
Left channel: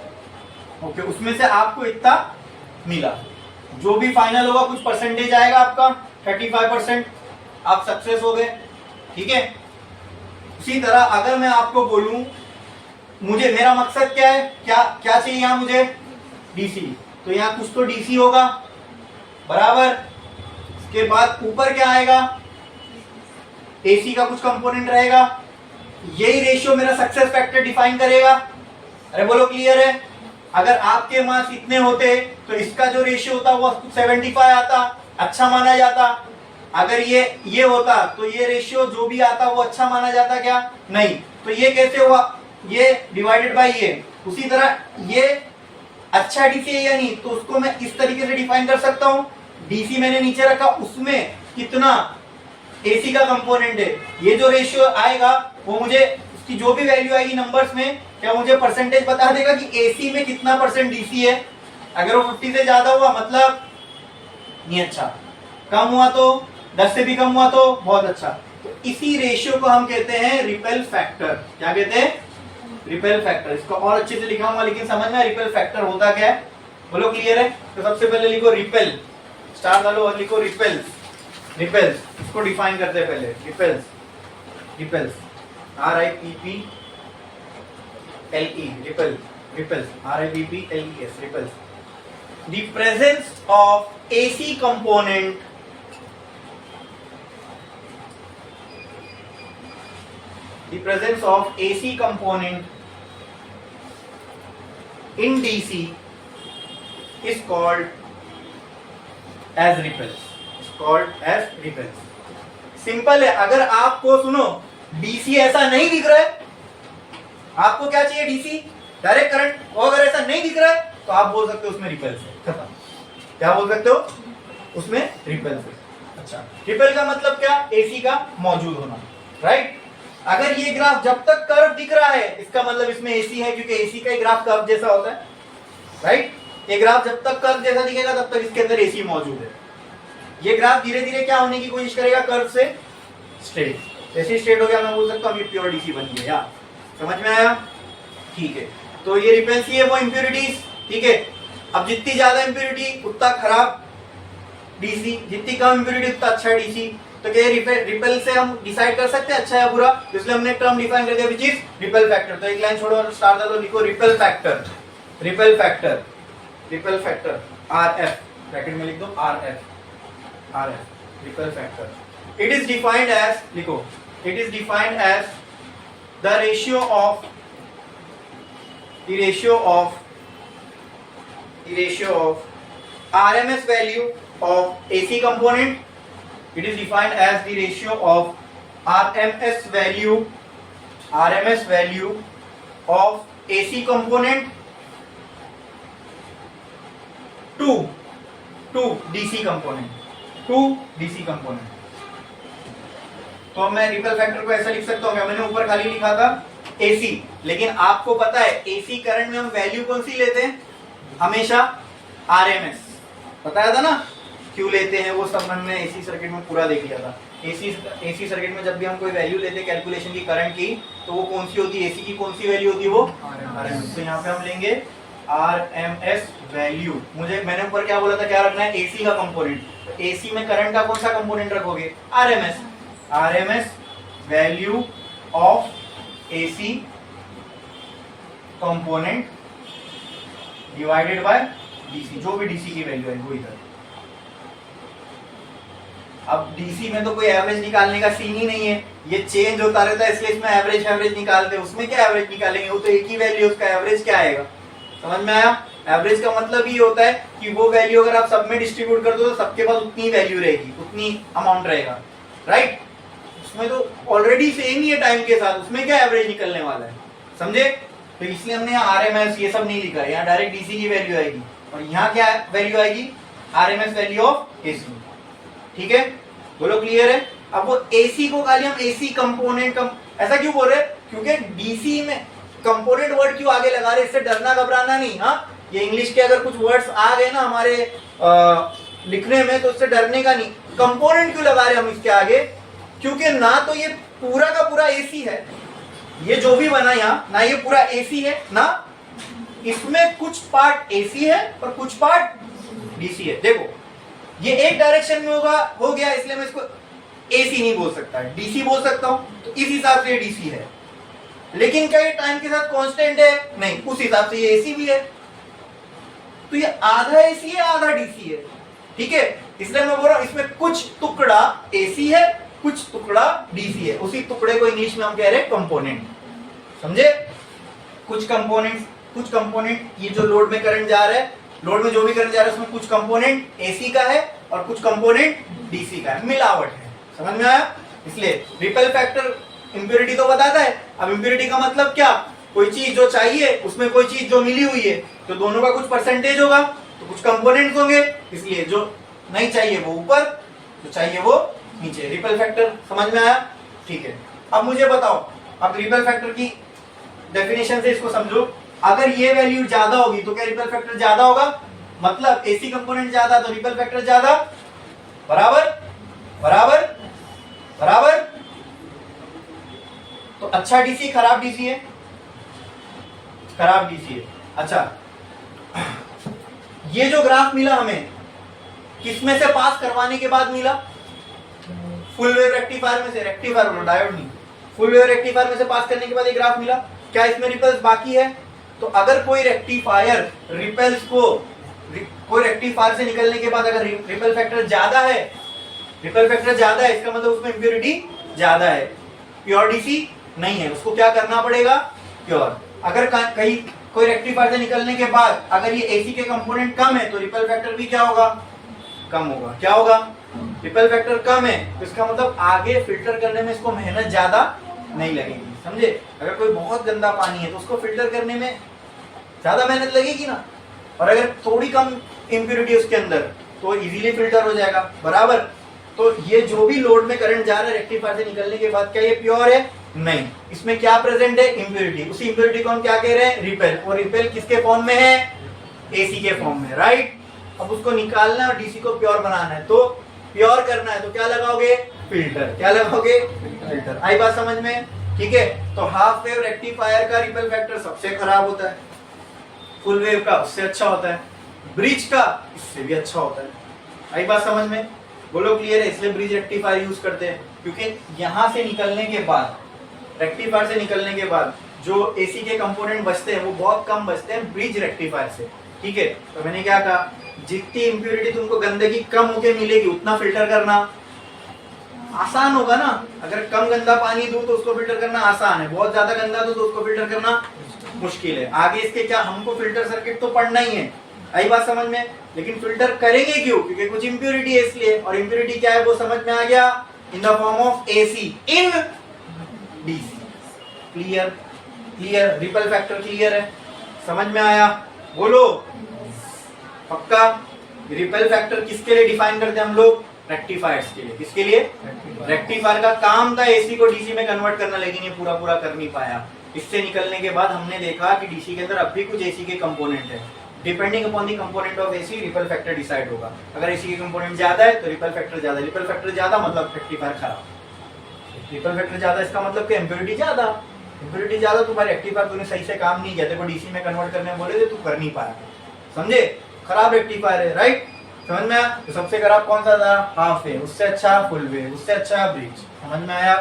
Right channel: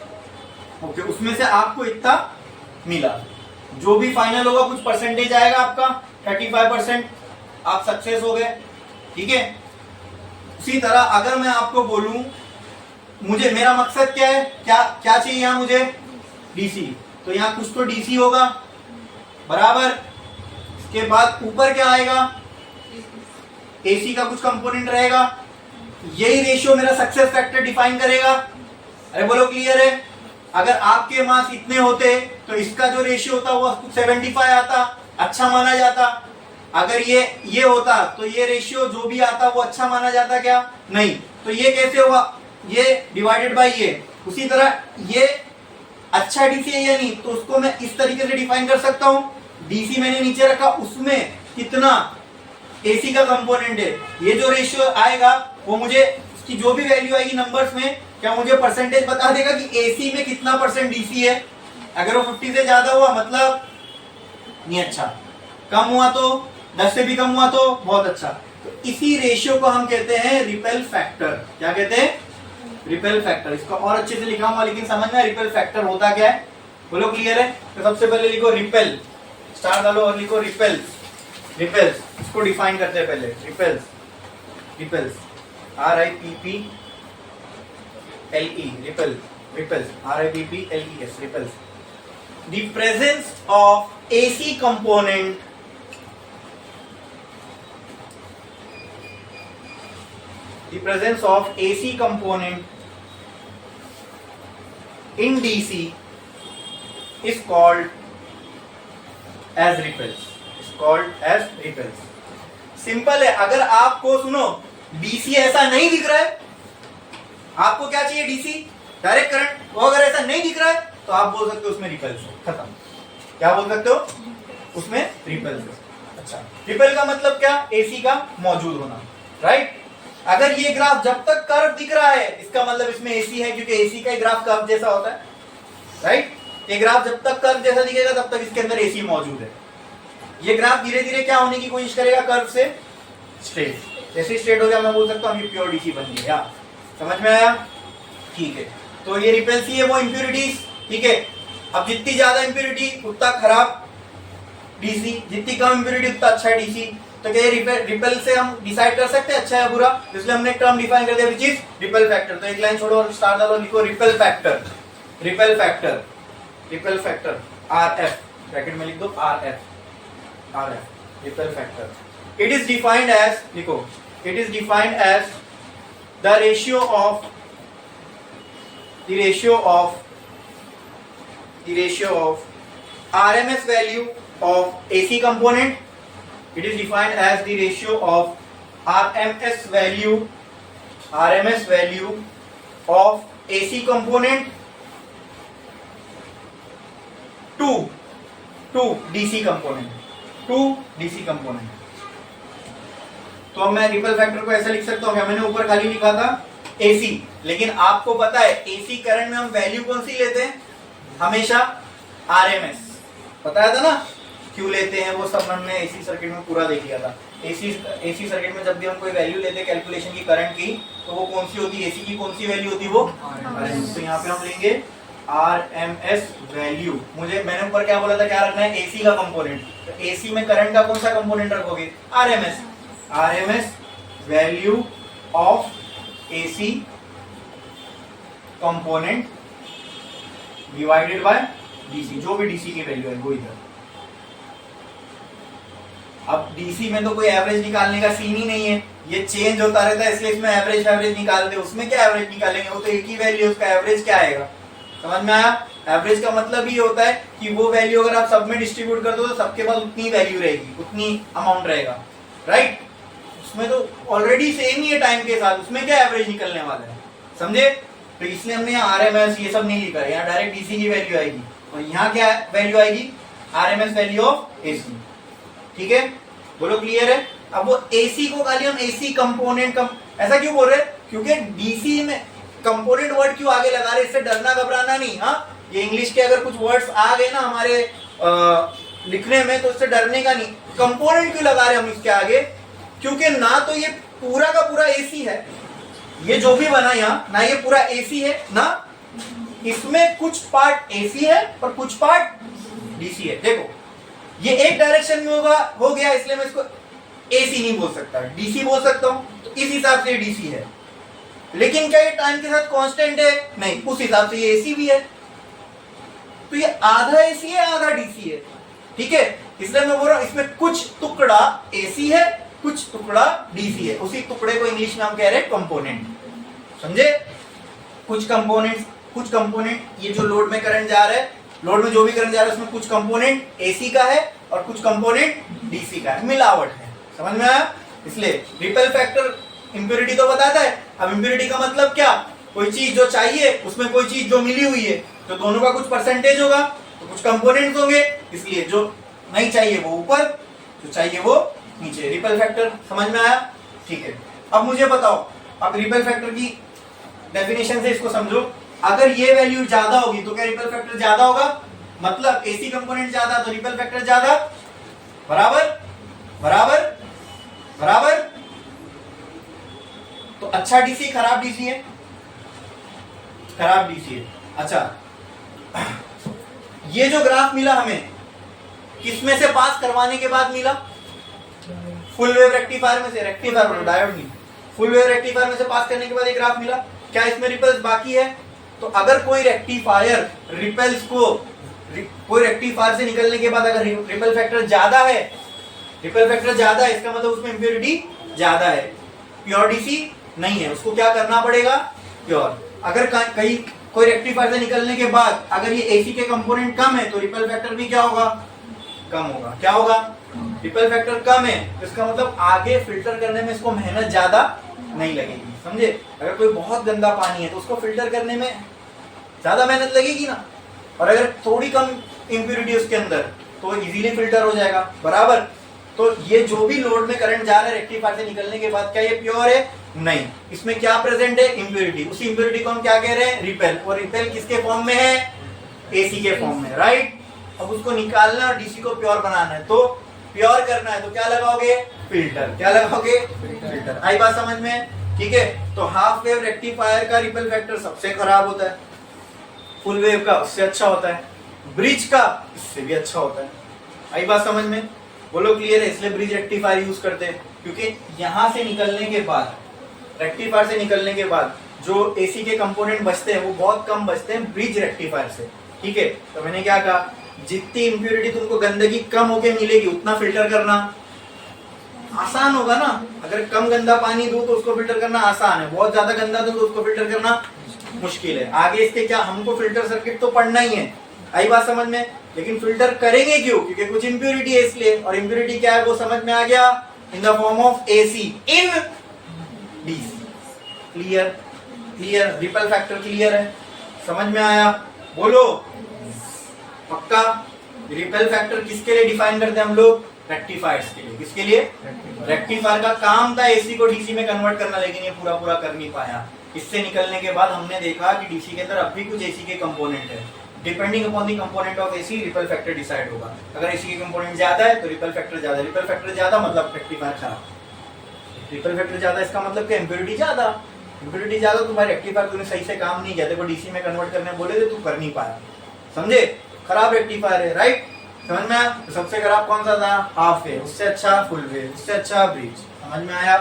ओके। उसमें से आपको इतना मिला, जो भी फाइनल होगा कुछ परसेंटेज आएगा आपका, 35%, आप सक्सेस हो गए, ठीक है। उसी तरह अगर मैं आपको बोलूं मुझे, मेरा मकसद क्या है, क्या क्या चाहिए यहां मुझे? डीसी, तो यहां कुछ तो डीसी होगा, बराबर। इसके बाद ऊपर क्या आएगा? एसी का कुछ कंपोनेंट रहेगा। यही रेशियो मेरा सक्सेस फैक्टर डिफाइन करेगा। अरे बोलो क्लियर है? अगर आपके मार्क्स इतने होते तो इसका जो रेशियो होता वो 75 आता, अच्छा माना जाता। अगर ये होता तो ये रेशियो जो भी आता वो अच्छा माना जाता क्या? नहीं। तो ये कैसे हुआ? ये डिवाइडेड बाय ये। उसी तरह ये अच्छा डीसी है या नहीं, तो उसको मैं इस तरीके से डिफाइन कर सकता हूं। डीसी मैंने नीचे रखा, उसमें कितना एसी का कंपोनेंट है, ये जो रेशियो आएगा वो मुझे उसकी जो भी वैल्यू आएगी नंबर्स में, क्या मुझे परसेंटेज बता देगा कि एसी में कितना परसेंट डीसी है। अगर वो 50 से ज्यादा हुआ मतलब नहीं अच्छा, कम हुआ तो 10 से भी कम हुआ तो बहुत अच्छा। तो इसी रेशियो को हम कहते हैं रिपेल फैक्टर। क्या कहते हैं? Repel factor. इसको और अच्छे से लिखा हुआ लेकिन समझ में रिपेल फैक्टर होता क्या है? बोलो क्लियर है? तो सबसे पहले लिखो रिपेल, स्टार डालो और लिखो रिपेल्स। रिपेल्स इसको डिफाइन करते हैं पहले। Repels, repels, RIPPLE, repel, repels, RIPPLES, repels. The presence of AC component in DC is called as repels. Simple है। अगर आपको सुनो डीसी ऐसा नहीं दिख रहा है, आपको क्या चाहिए? डीसी डायरेक्ट करंट, वो अगर ऐसा नहीं दिख रहा है तो आप बोल सकते हो उसमें रिपेल्स है, खत्म। क्या बोल सकते हो? उसमें रिपेल्स है। अच्छा, रिपेल का मतलब क्या? एसी का मौजूद होना, राइट। अगर ये ग्राफ जब तक कर्व दिख रहा है इसका मतलब इसमें एसी है, क्योंकि एसी का ग्राफ कर्व जैसा होता है, राइट। ये ग्राफ जब तक कर्व जैसा दिखेगा तब तक इसके अंदर एसी मौजूद है। ये ग्राफ धीरे धीरे क्या होने की कोशिश करेगा? कर्व से स्ट्रेट। जैसे स्ट्रेट हो गया मैं बोल सकता हूँ ये प्योर डीसी बन गया। समझ में आया? ठीक है। तो ये रिपेल्सी है वो इंप्योरिटीज, ठीक है। अब जितनी ज्यादा इंप्योरिटी उतना खराब डीसी, जितनी कम इंप्योरिटी उतना अच्छा डीसी। तो क्या रिपेल से हम डिसाइड कर सकते हैं अच्छा है बुरा? इसलिए हमने एक टर्म डिफाइन कर दिया विच इज रिपेल फैक्टर। तो एक लाइन छोड़ो और स्टार डालो, लिखो ripple factor. Ripple factor, ripple factor RF, bracket में लिख दो RF, ripple factor. It is defined as, लिखो, it is defined as the ratio of RMS value of AC component. It is defined as the ratio of RMS value of AC component to DC component, तो अब मैं रिपेल फैक्टर को ऐसा लिख सकता हूँ, क्या मैंने ऊपर खाली लिखा था AC, लेकिन आपको पता है AC करंट में हम वैल्यू कौन सी लेते हैं? हमेशा RMS। बताया था ना क्यों लेते हैं, वो सब हमने एसी सर्किट में पूरा देख लिया था। एसी सर्किट में जब भी हम कोई वैल्यू लेते हैं कैलकुलेशन की करंट की, तो वो कौन सी होती है? एसी की कौन सी वैल्यू होती है? वो RMS। तो यहाँ पे हम लेंगे RMS वैल्यू। मैंने ऊपर क्या बोला था, क्या रखना है? एसी का कंपोनेंट। तो एसी में करंट का कौन सा कंपोनेंट रखोगे? RMS value of AC component divided by DC, जो भी डीसी की वैल्यू है वो इधर। अब डीसी में तो कोई एवरेज निकालने का सीन ही नहीं है, ये चेंज होता रहता है, इसलिए इसमें एवरेज निकालते हैं। उसमें क्या एवरेज निकालेंगे, वो तो एक ही वैल्यू, उसका एवरेज क्या आएगा? समझ में आया? एवरेज का मतलब ही होता है कि वो वैल्यू अगर आप सब में डिस्ट्रीब्यूट कर दो तो सबके पास उतनी वैल्यू रहेगी, उतनी अमाउंट रहेगा, राइट? उसमें तो ऑलरेडी सेम ही है टाइम के साथ, उसमें क्या एवरेज निकलने वाला है, समझे? तो इसलिए हमने यहाँ आरएमएस ये सब नहीं लिखा है, यहाँ डायरेक्ट डीसी की वैल्यू आएगी और यहाँ क्या वैल्यू आएगी? RMS value of AC. ठीक है, बोलो क्लियर है? अब वो एसी को खाली हम एसी कंपोनेंट ऐसा क्यों बोल रहे? क्योंकि डीसी में कंपोनेंट वर्ड क्यों आगे लगा रहे? इससे डरना घबराना नहीं। हाँ, ये इंग्लिश के अगर कुछ वर्ड्स आ गए ना हमारे लिखने में तो इससे डरने का नहीं। कंपोनेंट क्यों लगा रहे हम इसके आगे? क्योंकि ना तो ये पूरा का पूरा एसी है, ये जो भी बना यहाँ, ना ये पूरा एसी है, ना इसमें कुछ पार्ट एसी है और कुछ पार्ट डीसी है। देखो ये एक डायरेक्शन में हो गया, इसलिए मैं इसको एसी नहीं बोल सकता, डीसी बोल सकता हूं, तो इस हिसाब से ये डीसी है। लेकिन क्या ये टाइम के साथ कांस्टेंट है? नहीं, उस हिसाब से ये एसी भी है। तो ये आधा एसी है आधा डीसी है, ठीक है? इसलिए मैं बोल रहा हूं इसमें कुछ टुकड़ा एसी है, कुछ टुकड़ा डीसी है। उसी टुकड़े को इंग्लिश में हम कह रहे हैं कंपोनेंट, समझे? कुछ कंपोनेंट ये जो लोड में करंट जा रहा है, लोड में जो भी करंट जा रहा है उसमें कुछ कंपोनेंट एसी का है और कुछ कंपोनेंट डीसी का है, मिलावट है। समझ में आया? इसलिए रिपेल फैक्टर इंप्योरिटी तो बताता है। अब इंप्योरिटी का मतलब क्या? कोई चीज जो चाहिए उसमें कोई चीज जो मिली हुई है, तो दोनों का कुछ परसेंटेज होगा, तो कुछ कंपोनेंट्स होंगे, इसलिए जो नहीं चाहिए वो ऊपर, जो चाहिए वो नीचे। रिपेल फैक्टर समझ में आया? ठीक है, अब मुझे बताओ, अब रिपेल फैक्टर की डेफिनेशन से इसको समझो। अगर ये वैल्यू ज्यादा होगी तो क्या रिपेल फैक्टर ज्यादा होगा? मतलब एसी कंपोनेंट ज्यादा तो रिपेल फैक्टर ज्यादा, बराबर बराबर बराबर। तो अच्छा डीसी खराब डीसी है? खराब डीसी है। अच्छा, ये जो ग्राफ मिला हमें किसमें से पास करवाने के बाद मिला? फुल वेव रेक्टिफायर में से, रेक्टिफायर डायोड नहीं, फुल वेव रेक्टिफायर में से पास करने के बाद ये ग्राफ मिला। क्या इसमें रिपल्स बाकी है? तो अगर कोई रेक्टिफायर रिपल्स को, कोई रेक्टिफायर से निकलने के बाद अगर रिपल फैक्टर ज्यादा है, रिपल फैक्टर ज्यादा है, इसका मतलब उसमें इंप्योरिटी ज्यादा है। प्योर डीसी नहीं है, उसको क्या करना पड़ेगा? प्योर। अगर कहीं कोई रेक्टिफायर से निकलने के बाद अगर ये एसी के कंपोनेंट कम है तो रिपल फैक्टर भी क्या होगा? कम होगा। क्या होगा? रिपल फैक्टर कम है तो इसका मतलब आगे फिल्टर करने में इसको मेहनत ज्यादा नहीं लगेगी, समझे? अगर कोई बहुत गंदा पानी है तो उसको फिल्टर करने में ज्यादा मेहनत लगेगी ना, और अगर थोड़ी कम इंप्योरिटी उसके अंदर तो इजीली फिल्टर हो जाएगा, बराबर। तो ये जो भी लोड में करंट जा रहा है रेक्टिफायर से निकलने के बाद, क्या ये प्योर है? नहीं, इसमें क्या प्रेजेंट है? इंप्योरिटी। उसी इंप्योरिटी को हम क्या कह रहे हैं? रिपेल। और रिपेल किसके फॉर्म में है? एसी के फॉर्म में, राइट? अब उसको निकालना और डीसी को प्योर बनाना है, तो प्योर करना है तो क्या लगाओगे? फिल्टर। क्या लगाओगे? फिल्टर। आई बात समझ में? ठीक है, तो हाफ वेव रेक्टिफायर का रिपेल फैक्टर सबसे खराब होता है, फुल वेव का उससे अच्छा होता है, ब्रिज का इससे भी अच्छा होता है। आई बात समझ में? बोलो क्लियर है? इसलिए ब्रिज रेक्टिफायर यूज करते हैं, क्योंकि यहां से निकलने के बाद, रेक्टिफायर से निकलने के बाद जो एसी के कंपोनेंट बचते हैं वो बहुत कम बचते हैं ब्रिज रेक्टिफायर से, ठीक है? तो मैंने क्या कहा, जितनी इंप्योरिटी तुमको गंदगी कम होके मिलेगी उतना फिल्टर करना आसान होगा ना। अगर कम गंदा पानी दूं तो उसको फिल्टर करना आसान है, बहुत ज्यादा गंदा दूं तो उसको फिल्टर करना मुश्किल है। आगे इसके क्या, हमको फिल्टर सर्किट तो पढ़ना ही है, आई बात समझ में? लेकिन फिल्टर करेंगे क्यों? क्योंकि कुछ इंप्योरिटी है इसलिए, और इंप्योरिटी क्या है वो समझ में आ गया, in the form of AC in DC. Clear? Clear? Ripple factor clear है? समझ में आया? बोलो पक्का? रिपल फैक्टर किसके लिए डिफाइन करते हैं हम लोग? रेक्टिफायर्स के लिए। किसके लिए? रेक्टिफायर का काम था एसी को डीसी में कन्वर्ट करना, लेकिन ये पूरा पूरा कर नहीं पाया। इससे निकलने के बाद हमने देखा कि डीसी के अंदर अब भी कुछ एसी के कंपोनेंट है। Depending upon the component of AC ripple factor decide होगा। अगर एसी के कंपोनेंट ज्यादा है तो रिपल फैक्टर ज्यादा, रिपल फैक्टर ज्यादा मतलब रेक्टिफायर खराब। रिपल फैक्टर ज्यादा इसका मतलब कि इंप्योरिटी ज्यादा, इंप्योरिटी ज्यादा तो भाई रेक्टिफायर तूने सही से काम नहीं किया, तेरे को डीसी में कन्वर्ट करने बोले थे तू कर नहीं पाया, समझे? खराब रेक्टिफायर है, राइट? समझ में आया? तो सबसे खराब कौन सा था? Half wave. उससे अच्छा फुल वेव, उससे अच्छा ब्रिज। समझ में आया?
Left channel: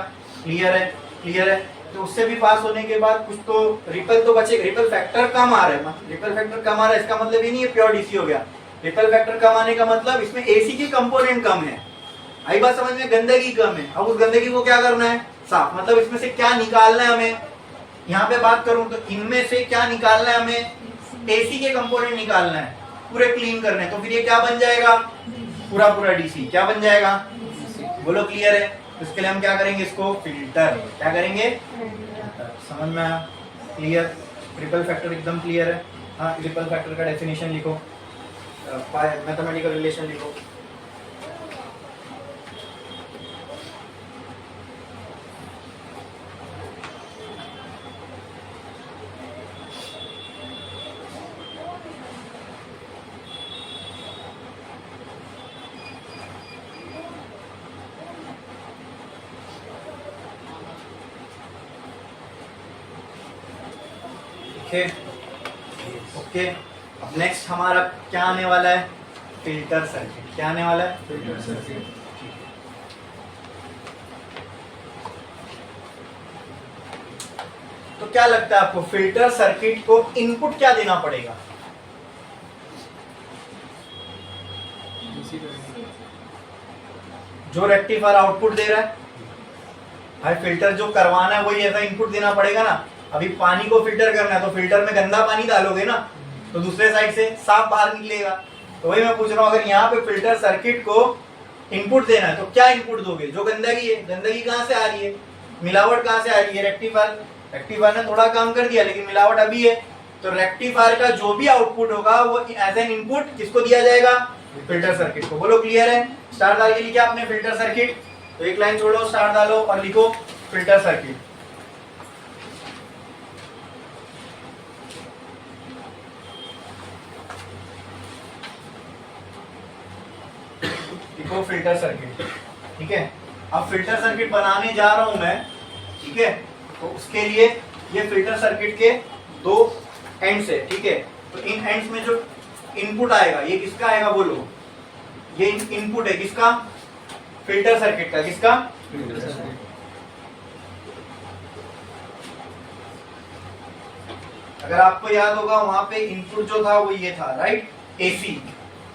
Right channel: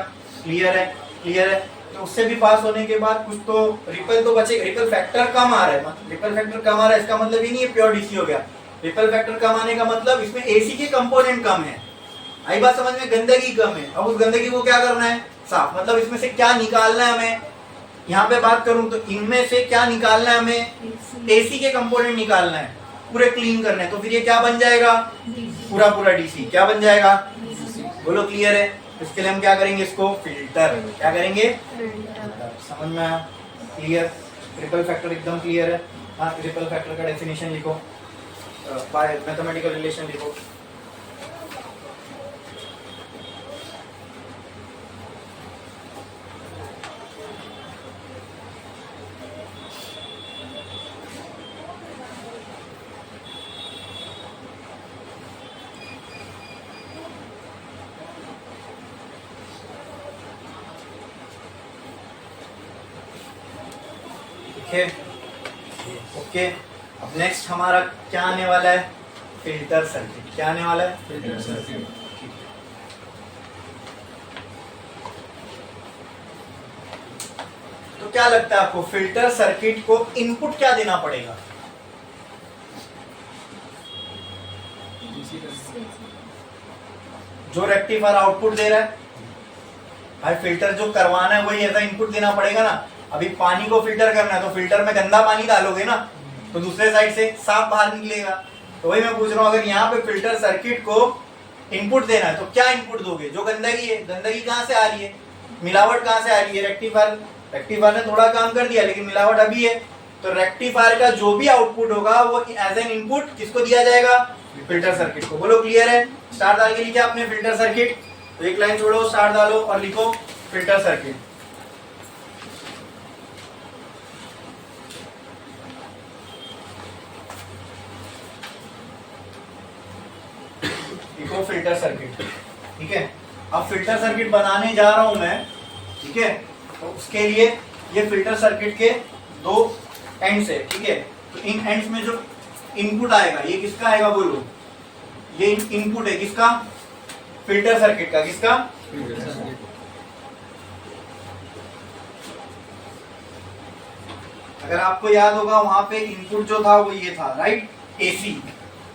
क्लियर है? क्लियर है? तो उससे भी पास होने के बाद कुछ तो रिपल तो बचेगा, रिपल फैक्टर कम आ रहा है, रिपल फैक्टर कम आ रहा है इसका मतलब ही नहीं है प्योर डीसी हो गया। रिपल फैक्टर कम आने का मतलब इसमें एसी के कंपोनेंट कम है, आई बात समझ में, गंदगी कम है। अब उस गंदगी को क्या करना है, साफ, मतलब इसमें से क्या निकालना है हमें, यहाँ पे बात करूं तो इनमें से क्या निकालना है हमें, एसी के कंपोनेंट निकालना है, पूरे क्लीन करने हैं। तो फिर ये क्या बन जाएगा, पूरा पूरा डीसी क्या बन जाएगा, बोलो क्लियर है। इसके लिए हम क्या करेंगे, इसको फिल्टर, क्या करेंगे, समझ में आया, क्लियर। ट्रिपल फैक्टर एकदम क्लियर है। हाँ, ट्रिपल फैक्टर का डेफिनेशन लिखो, मैथमेटिकल रिलेशन लिखो। ओके, अब नेक्स्ट हमारा क्या आने वाला है, फिल्टर सर्किट। क्या आने वाला है, फिल्टर सर्किट। तो क्या लगता है आपको, फिल्टर सर्किट को इनपुट क्या देना पड़ेगा, जो रेक्टिफायर आउटपुट दे रहा है, भाई फिल्टर जो करवाना है वही ऐसा इनपुट देना पड़ेगा ना। अभी पानी को फिल्टर करना है तो फिल्टर में गंदा पानी डालोगे ना, तो दूसरे साइड से साफ बाहर निकलेगा। तो वही मैं पूछ रहा हूँ, अगर यहाँ पे फिल्टर सर्किट को इनपुट देना है तो क्या इनपुट दोगे, जो गंदगी है, गंदगी कहाँ से आ रही है, मिलावट कहाँ से आ रही है, रेक्टिफायर ने थोड़ा काम कर दिया लेकिन मिलावट अभी है। तो रेक्टिफायर का जो भी आउटपुट होगा वो एज एन इनपुट किसको दिया जाएगा, फिल्टर सर्किट को। बोलो क्लियर है। स्टार डाल के लिखे आपने फिल्टर सर्किट, तो एक लाइन छोड़ो, स्टार डालो और लिखो फिल्टर सर्किट। लिखो फिल्टर सर्किट, ठीक है। अब फिल्टर सर्किट बनाने जा रहा हूं मैं, ठीक है। तो उसके लिए ये फिल्टर सर्किट के दो एंड्स है, ठीक है। तो इन एंड्स में जो इनपुट आएगा ये किसका आएगा, बोलो, ये इनपुट है किसका, फिल्टर सर्किट का। किसका, फिल्टर सर्किट। अगर आपको याद होगा वहां पे इनपुट जो था वो ये था, राइट, एसी।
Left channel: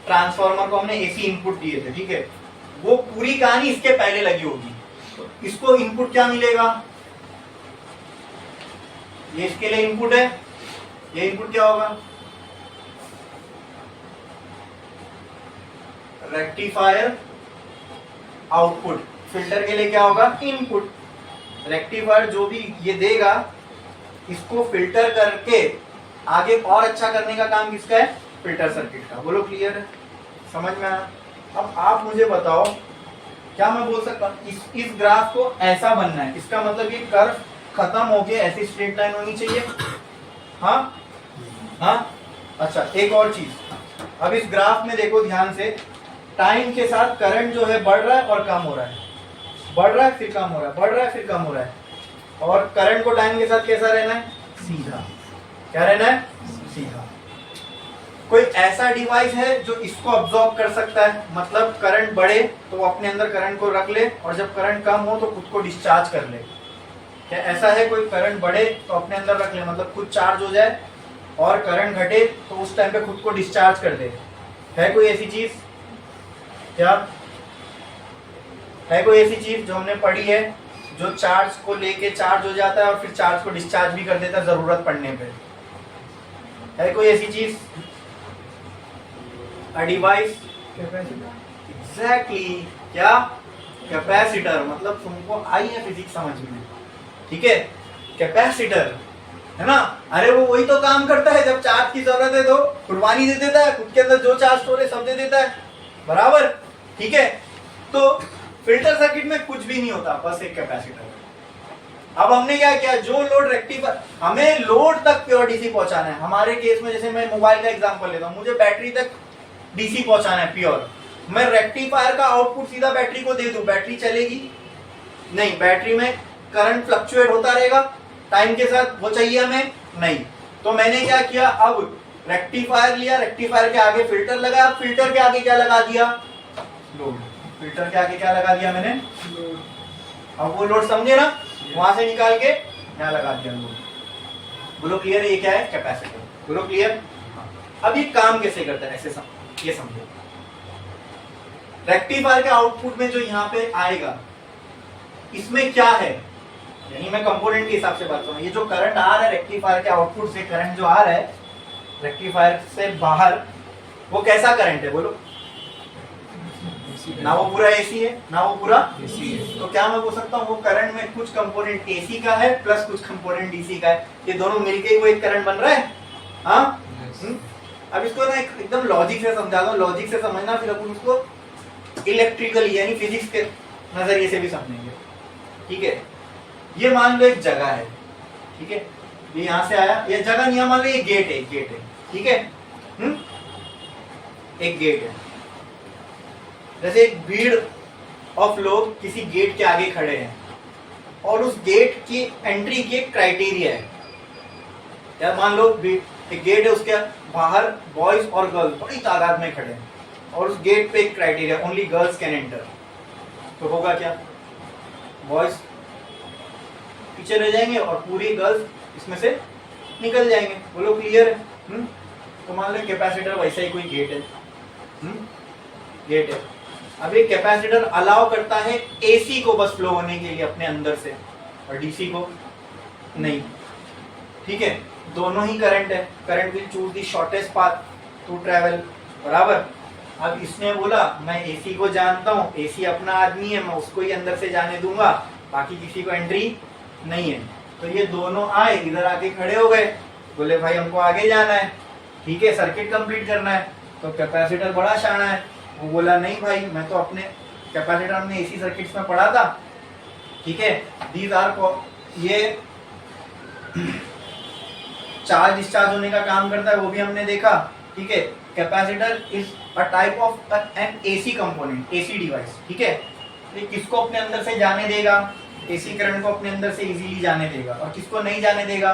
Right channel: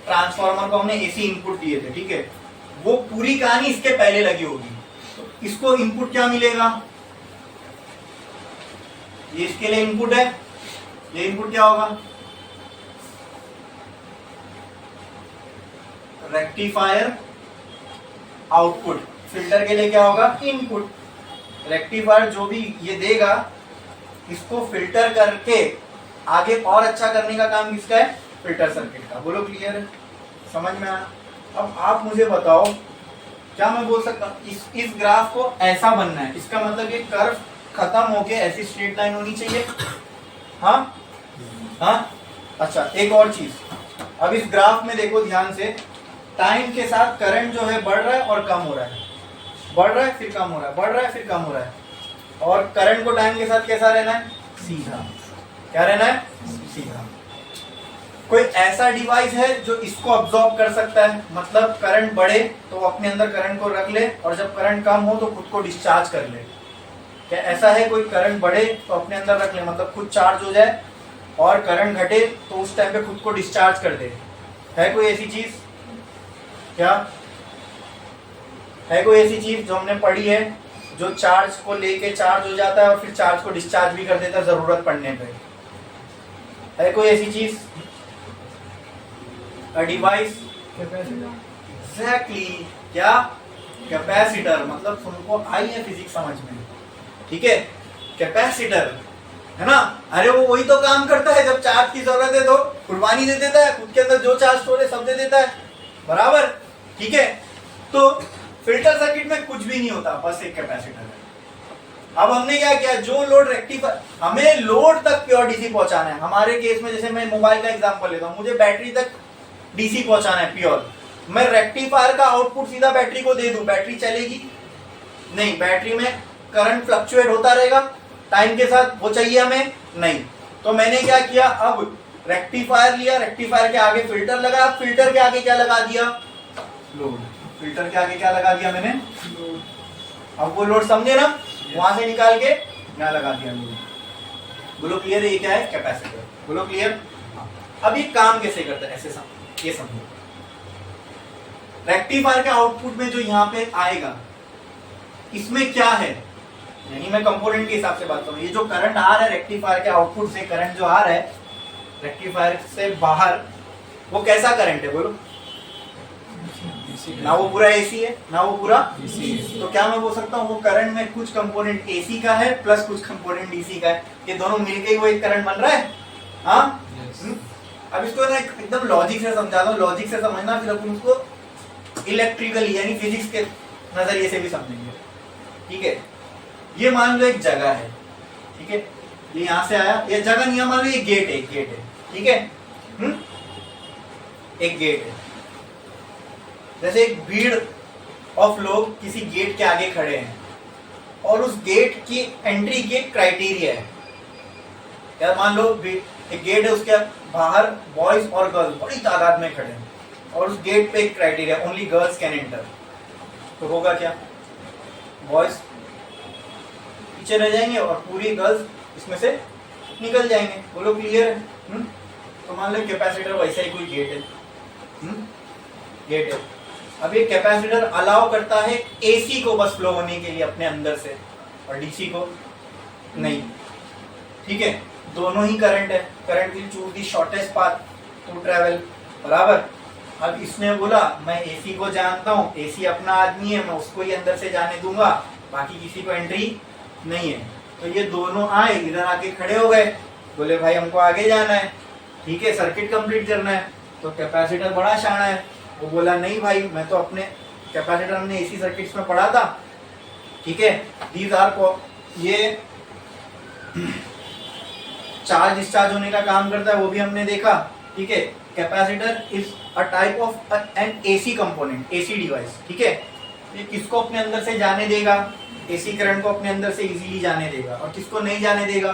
ट्रांसफार्मर को हमने एसी इनपुट दिए थे, ठीक है। वो पूरी कहानी इसके पहले लगी होगी। तो इसको इनपुट क्या मिलेगा, ये इसके लिए इनपुट है, ये इनपुट क्या होगा, रेक्टिफायर आउटपुट। फिल्टर के लिए क्या होगा, इनपुट। रेक्टिफायर जो भी ये देगा इसको फिल्टर करके आगे और अच्छा करने का काम किसका है, फिल्टर सर्किट का। बोलो क्लियर है, समझ में आया। अब आप मुझे बताओ, क्या मैं बोल सकता हूं इस ग्राफ को ऐसा बनना है, इसका मतलब ये कर्व खत्म होके ऐसी स्ट्रेट लाइन होनी चाहिए। हाँ हाँ, अच्छा एक और चीज, अब इस ग्राफ में देखो ध्यान से, टाइम के साथ करंट जो है बढ़ रहा है और कम हो रहा है, बढ़ रहा है फिर कम हो रहा है, बढ़ रहा है फिर कम हो रहा है। और करंट को टाइम के साथ कैसा रहना है, सीधा। क्या रहना है, सीधा। कोई ऐसा डिवाइस है जो इसको अब्सॉर्ब कर सकता है, मतलब करंट बढ़े तो अपने अंदर करंट को रख ले और जब करंट कम हो तो खुद को डिस्चार्ज कर ले। क्या ऐसा है, कोई करंट बढ़े तो अपने अंदर रख ले, मतलब खुद चार्ज हो जाए, और करंट घटे तो उस टाइम पे खुद को डिस्चार्ज कर दे। है कोई ऐसी चीज, क्या है कोई ऐसी चीज जो हमने पढ़ी है, जो चार्ज को लेके चार्ज हो जाता है और फिर चार्ज को डिस्चार्ज भी कर देता है जरूरत पड़ने पे? है कोई ऐसी चीज, अ डिवाइस, एग्जैक्टली, क्या, कैपेसिटर। मतलब तुमको आई है फिजिक्स समझ में, ठीक है। कैपेसिटर है ना, अरे वो वही तो काम करता है, जब चार्ज की जरूरत है तो कुर्बानी दे देता है, खुद के अंदर जो चार्ज स्टोर है सब दे देता है, बराबर, ठीक है। तो फिल्टर सर्किट में कुछ भी नहीं होता, बस एक कैपेसिटर है। अब हमने क्या किया, जो लोड रेक्टिफायर, हमें लोड तक प्योर डीसी पहुंचाना है। हमारे केस में जैसे मैं मोबाइल का एग्जांपल लेता हूं, मुझे बैटरी तक डीसी पहुंचाना है प्योर। मैं रेक्टिफायर का आउटपुट सीधा बैटरी को दे दूं, बैटरी चलेगी नहीं, बैटरी में करंट फ्लक्चुएट होता रहेगा टाइम के साथ, वो चाहिए हमें नहीं। तो मैंने क्या किया, अब रेक्टिफायर लिया, रेक्टिफायर के आगे फिल्टर लगाया, फिल्टर के आगे क्या लगा दिया, लोड। फिल्टर के आगे क्या लगा दिया मैंने, लोड। अब वो लोड समझे ना, वहां से निकाल के यहाँ लगा दिया लोड। बोलो क्लियर है? ये क्या है? कैपेसिटर। बोलो क्लियर? अब ये काम कैसे करता है ऐसे ये समझो। रेक्टिफायर के आउटपुट में जो यहाँ पे आएगा इसमें क्या है, यानी मैं कंपोनेंट के हिसाब से बात करूं, ये जो करंट आ रहा है रेक्टिफायर के आउटपुट से, करंट जो आ रहा है रेक्टिफायर से बाहर, वो कैसा करंट है? बोलो। ना वो पूरा एसी है ना वो पूरा डीसी है। तो क्या मैं बोल सकता हूँ वो करंट में कुछ कंपोनेंट एसी का है प्लस कुछ कंपोनेंट डीसी का है, ये दोनों मिलके ही वो एक करंट बन रहा है। हाँ अब इसको ना एकदम लॉजिक से समझाता हूँ, लॉजिक से समझना, फिर अपन उसको इलेक्ट्रिकली यानी फिजिक्स के नजरिए से भी समझेंगे। ठीक है, ये मान लो एक जगह है, ठीक है, ये यहाँ से आया, ये जगह नहीं मान लो ये गेट है, गेट है, ठीक है, एक गेट है। जैसे एक भीड़ ऑफ लोग किसी गेट के आगे खड़े हैं और उस गेट की एंट्री की एक क्राइटेरिया है। यार मान लो एक गेट है, उसके बाहर बॉयज और गर्ल्स बड़ी तादाद में खड़े हैं और उस गेट पे एक criteria, only girls can enter. तो होगा क्या? बॉयज पीछे रह जाएंगे और पूरी गर्ल्स इसमें से निकल जाएंगे। बोलो क्लियर है? तो मान लो कैपेसिटर वैसा ही कोई गेट है, गेट है। अब ये कैपेसिटर अलाउ करता है एसी को बस फ्लो होने के लिए अपने अंदर से, और डीसी को नहीं। ठीक है, दोनों ही करंट है, current will choose the shortest path to travel, बराबर। अब इसने बोला मैं एसी को जानता हूँ, एसी अपना आदमी है, मैं उसको ही अंदर से जाने दूंगा, बाकी किसी को एंट्री नहीं है। तो ये दोनों आए, इधर आके खड़े हो गए, बोले भाई हमको आगे जाना है, ठीक है, सर्किट कंप्लीट करना है। तो कैपेसिटर बड़ा शाना है, वो बोला नहीं भाई मैं तो अपने, कैपेसिटर हमने एसी सर्किट्स में पढ़ा था, ठीक है, दीज आर, ये चार्ज डिस्चार्ज होने का काम करता है, वो भी हमने देखा। ठीक है, capacitor is a type of N AC component, AC device. ठीक है, ये किसको अपने अंदर से जाने देगा? एसी करंट को अपने अंदर से इजीली जाने देगा, और किसको नहीं जाने देगा?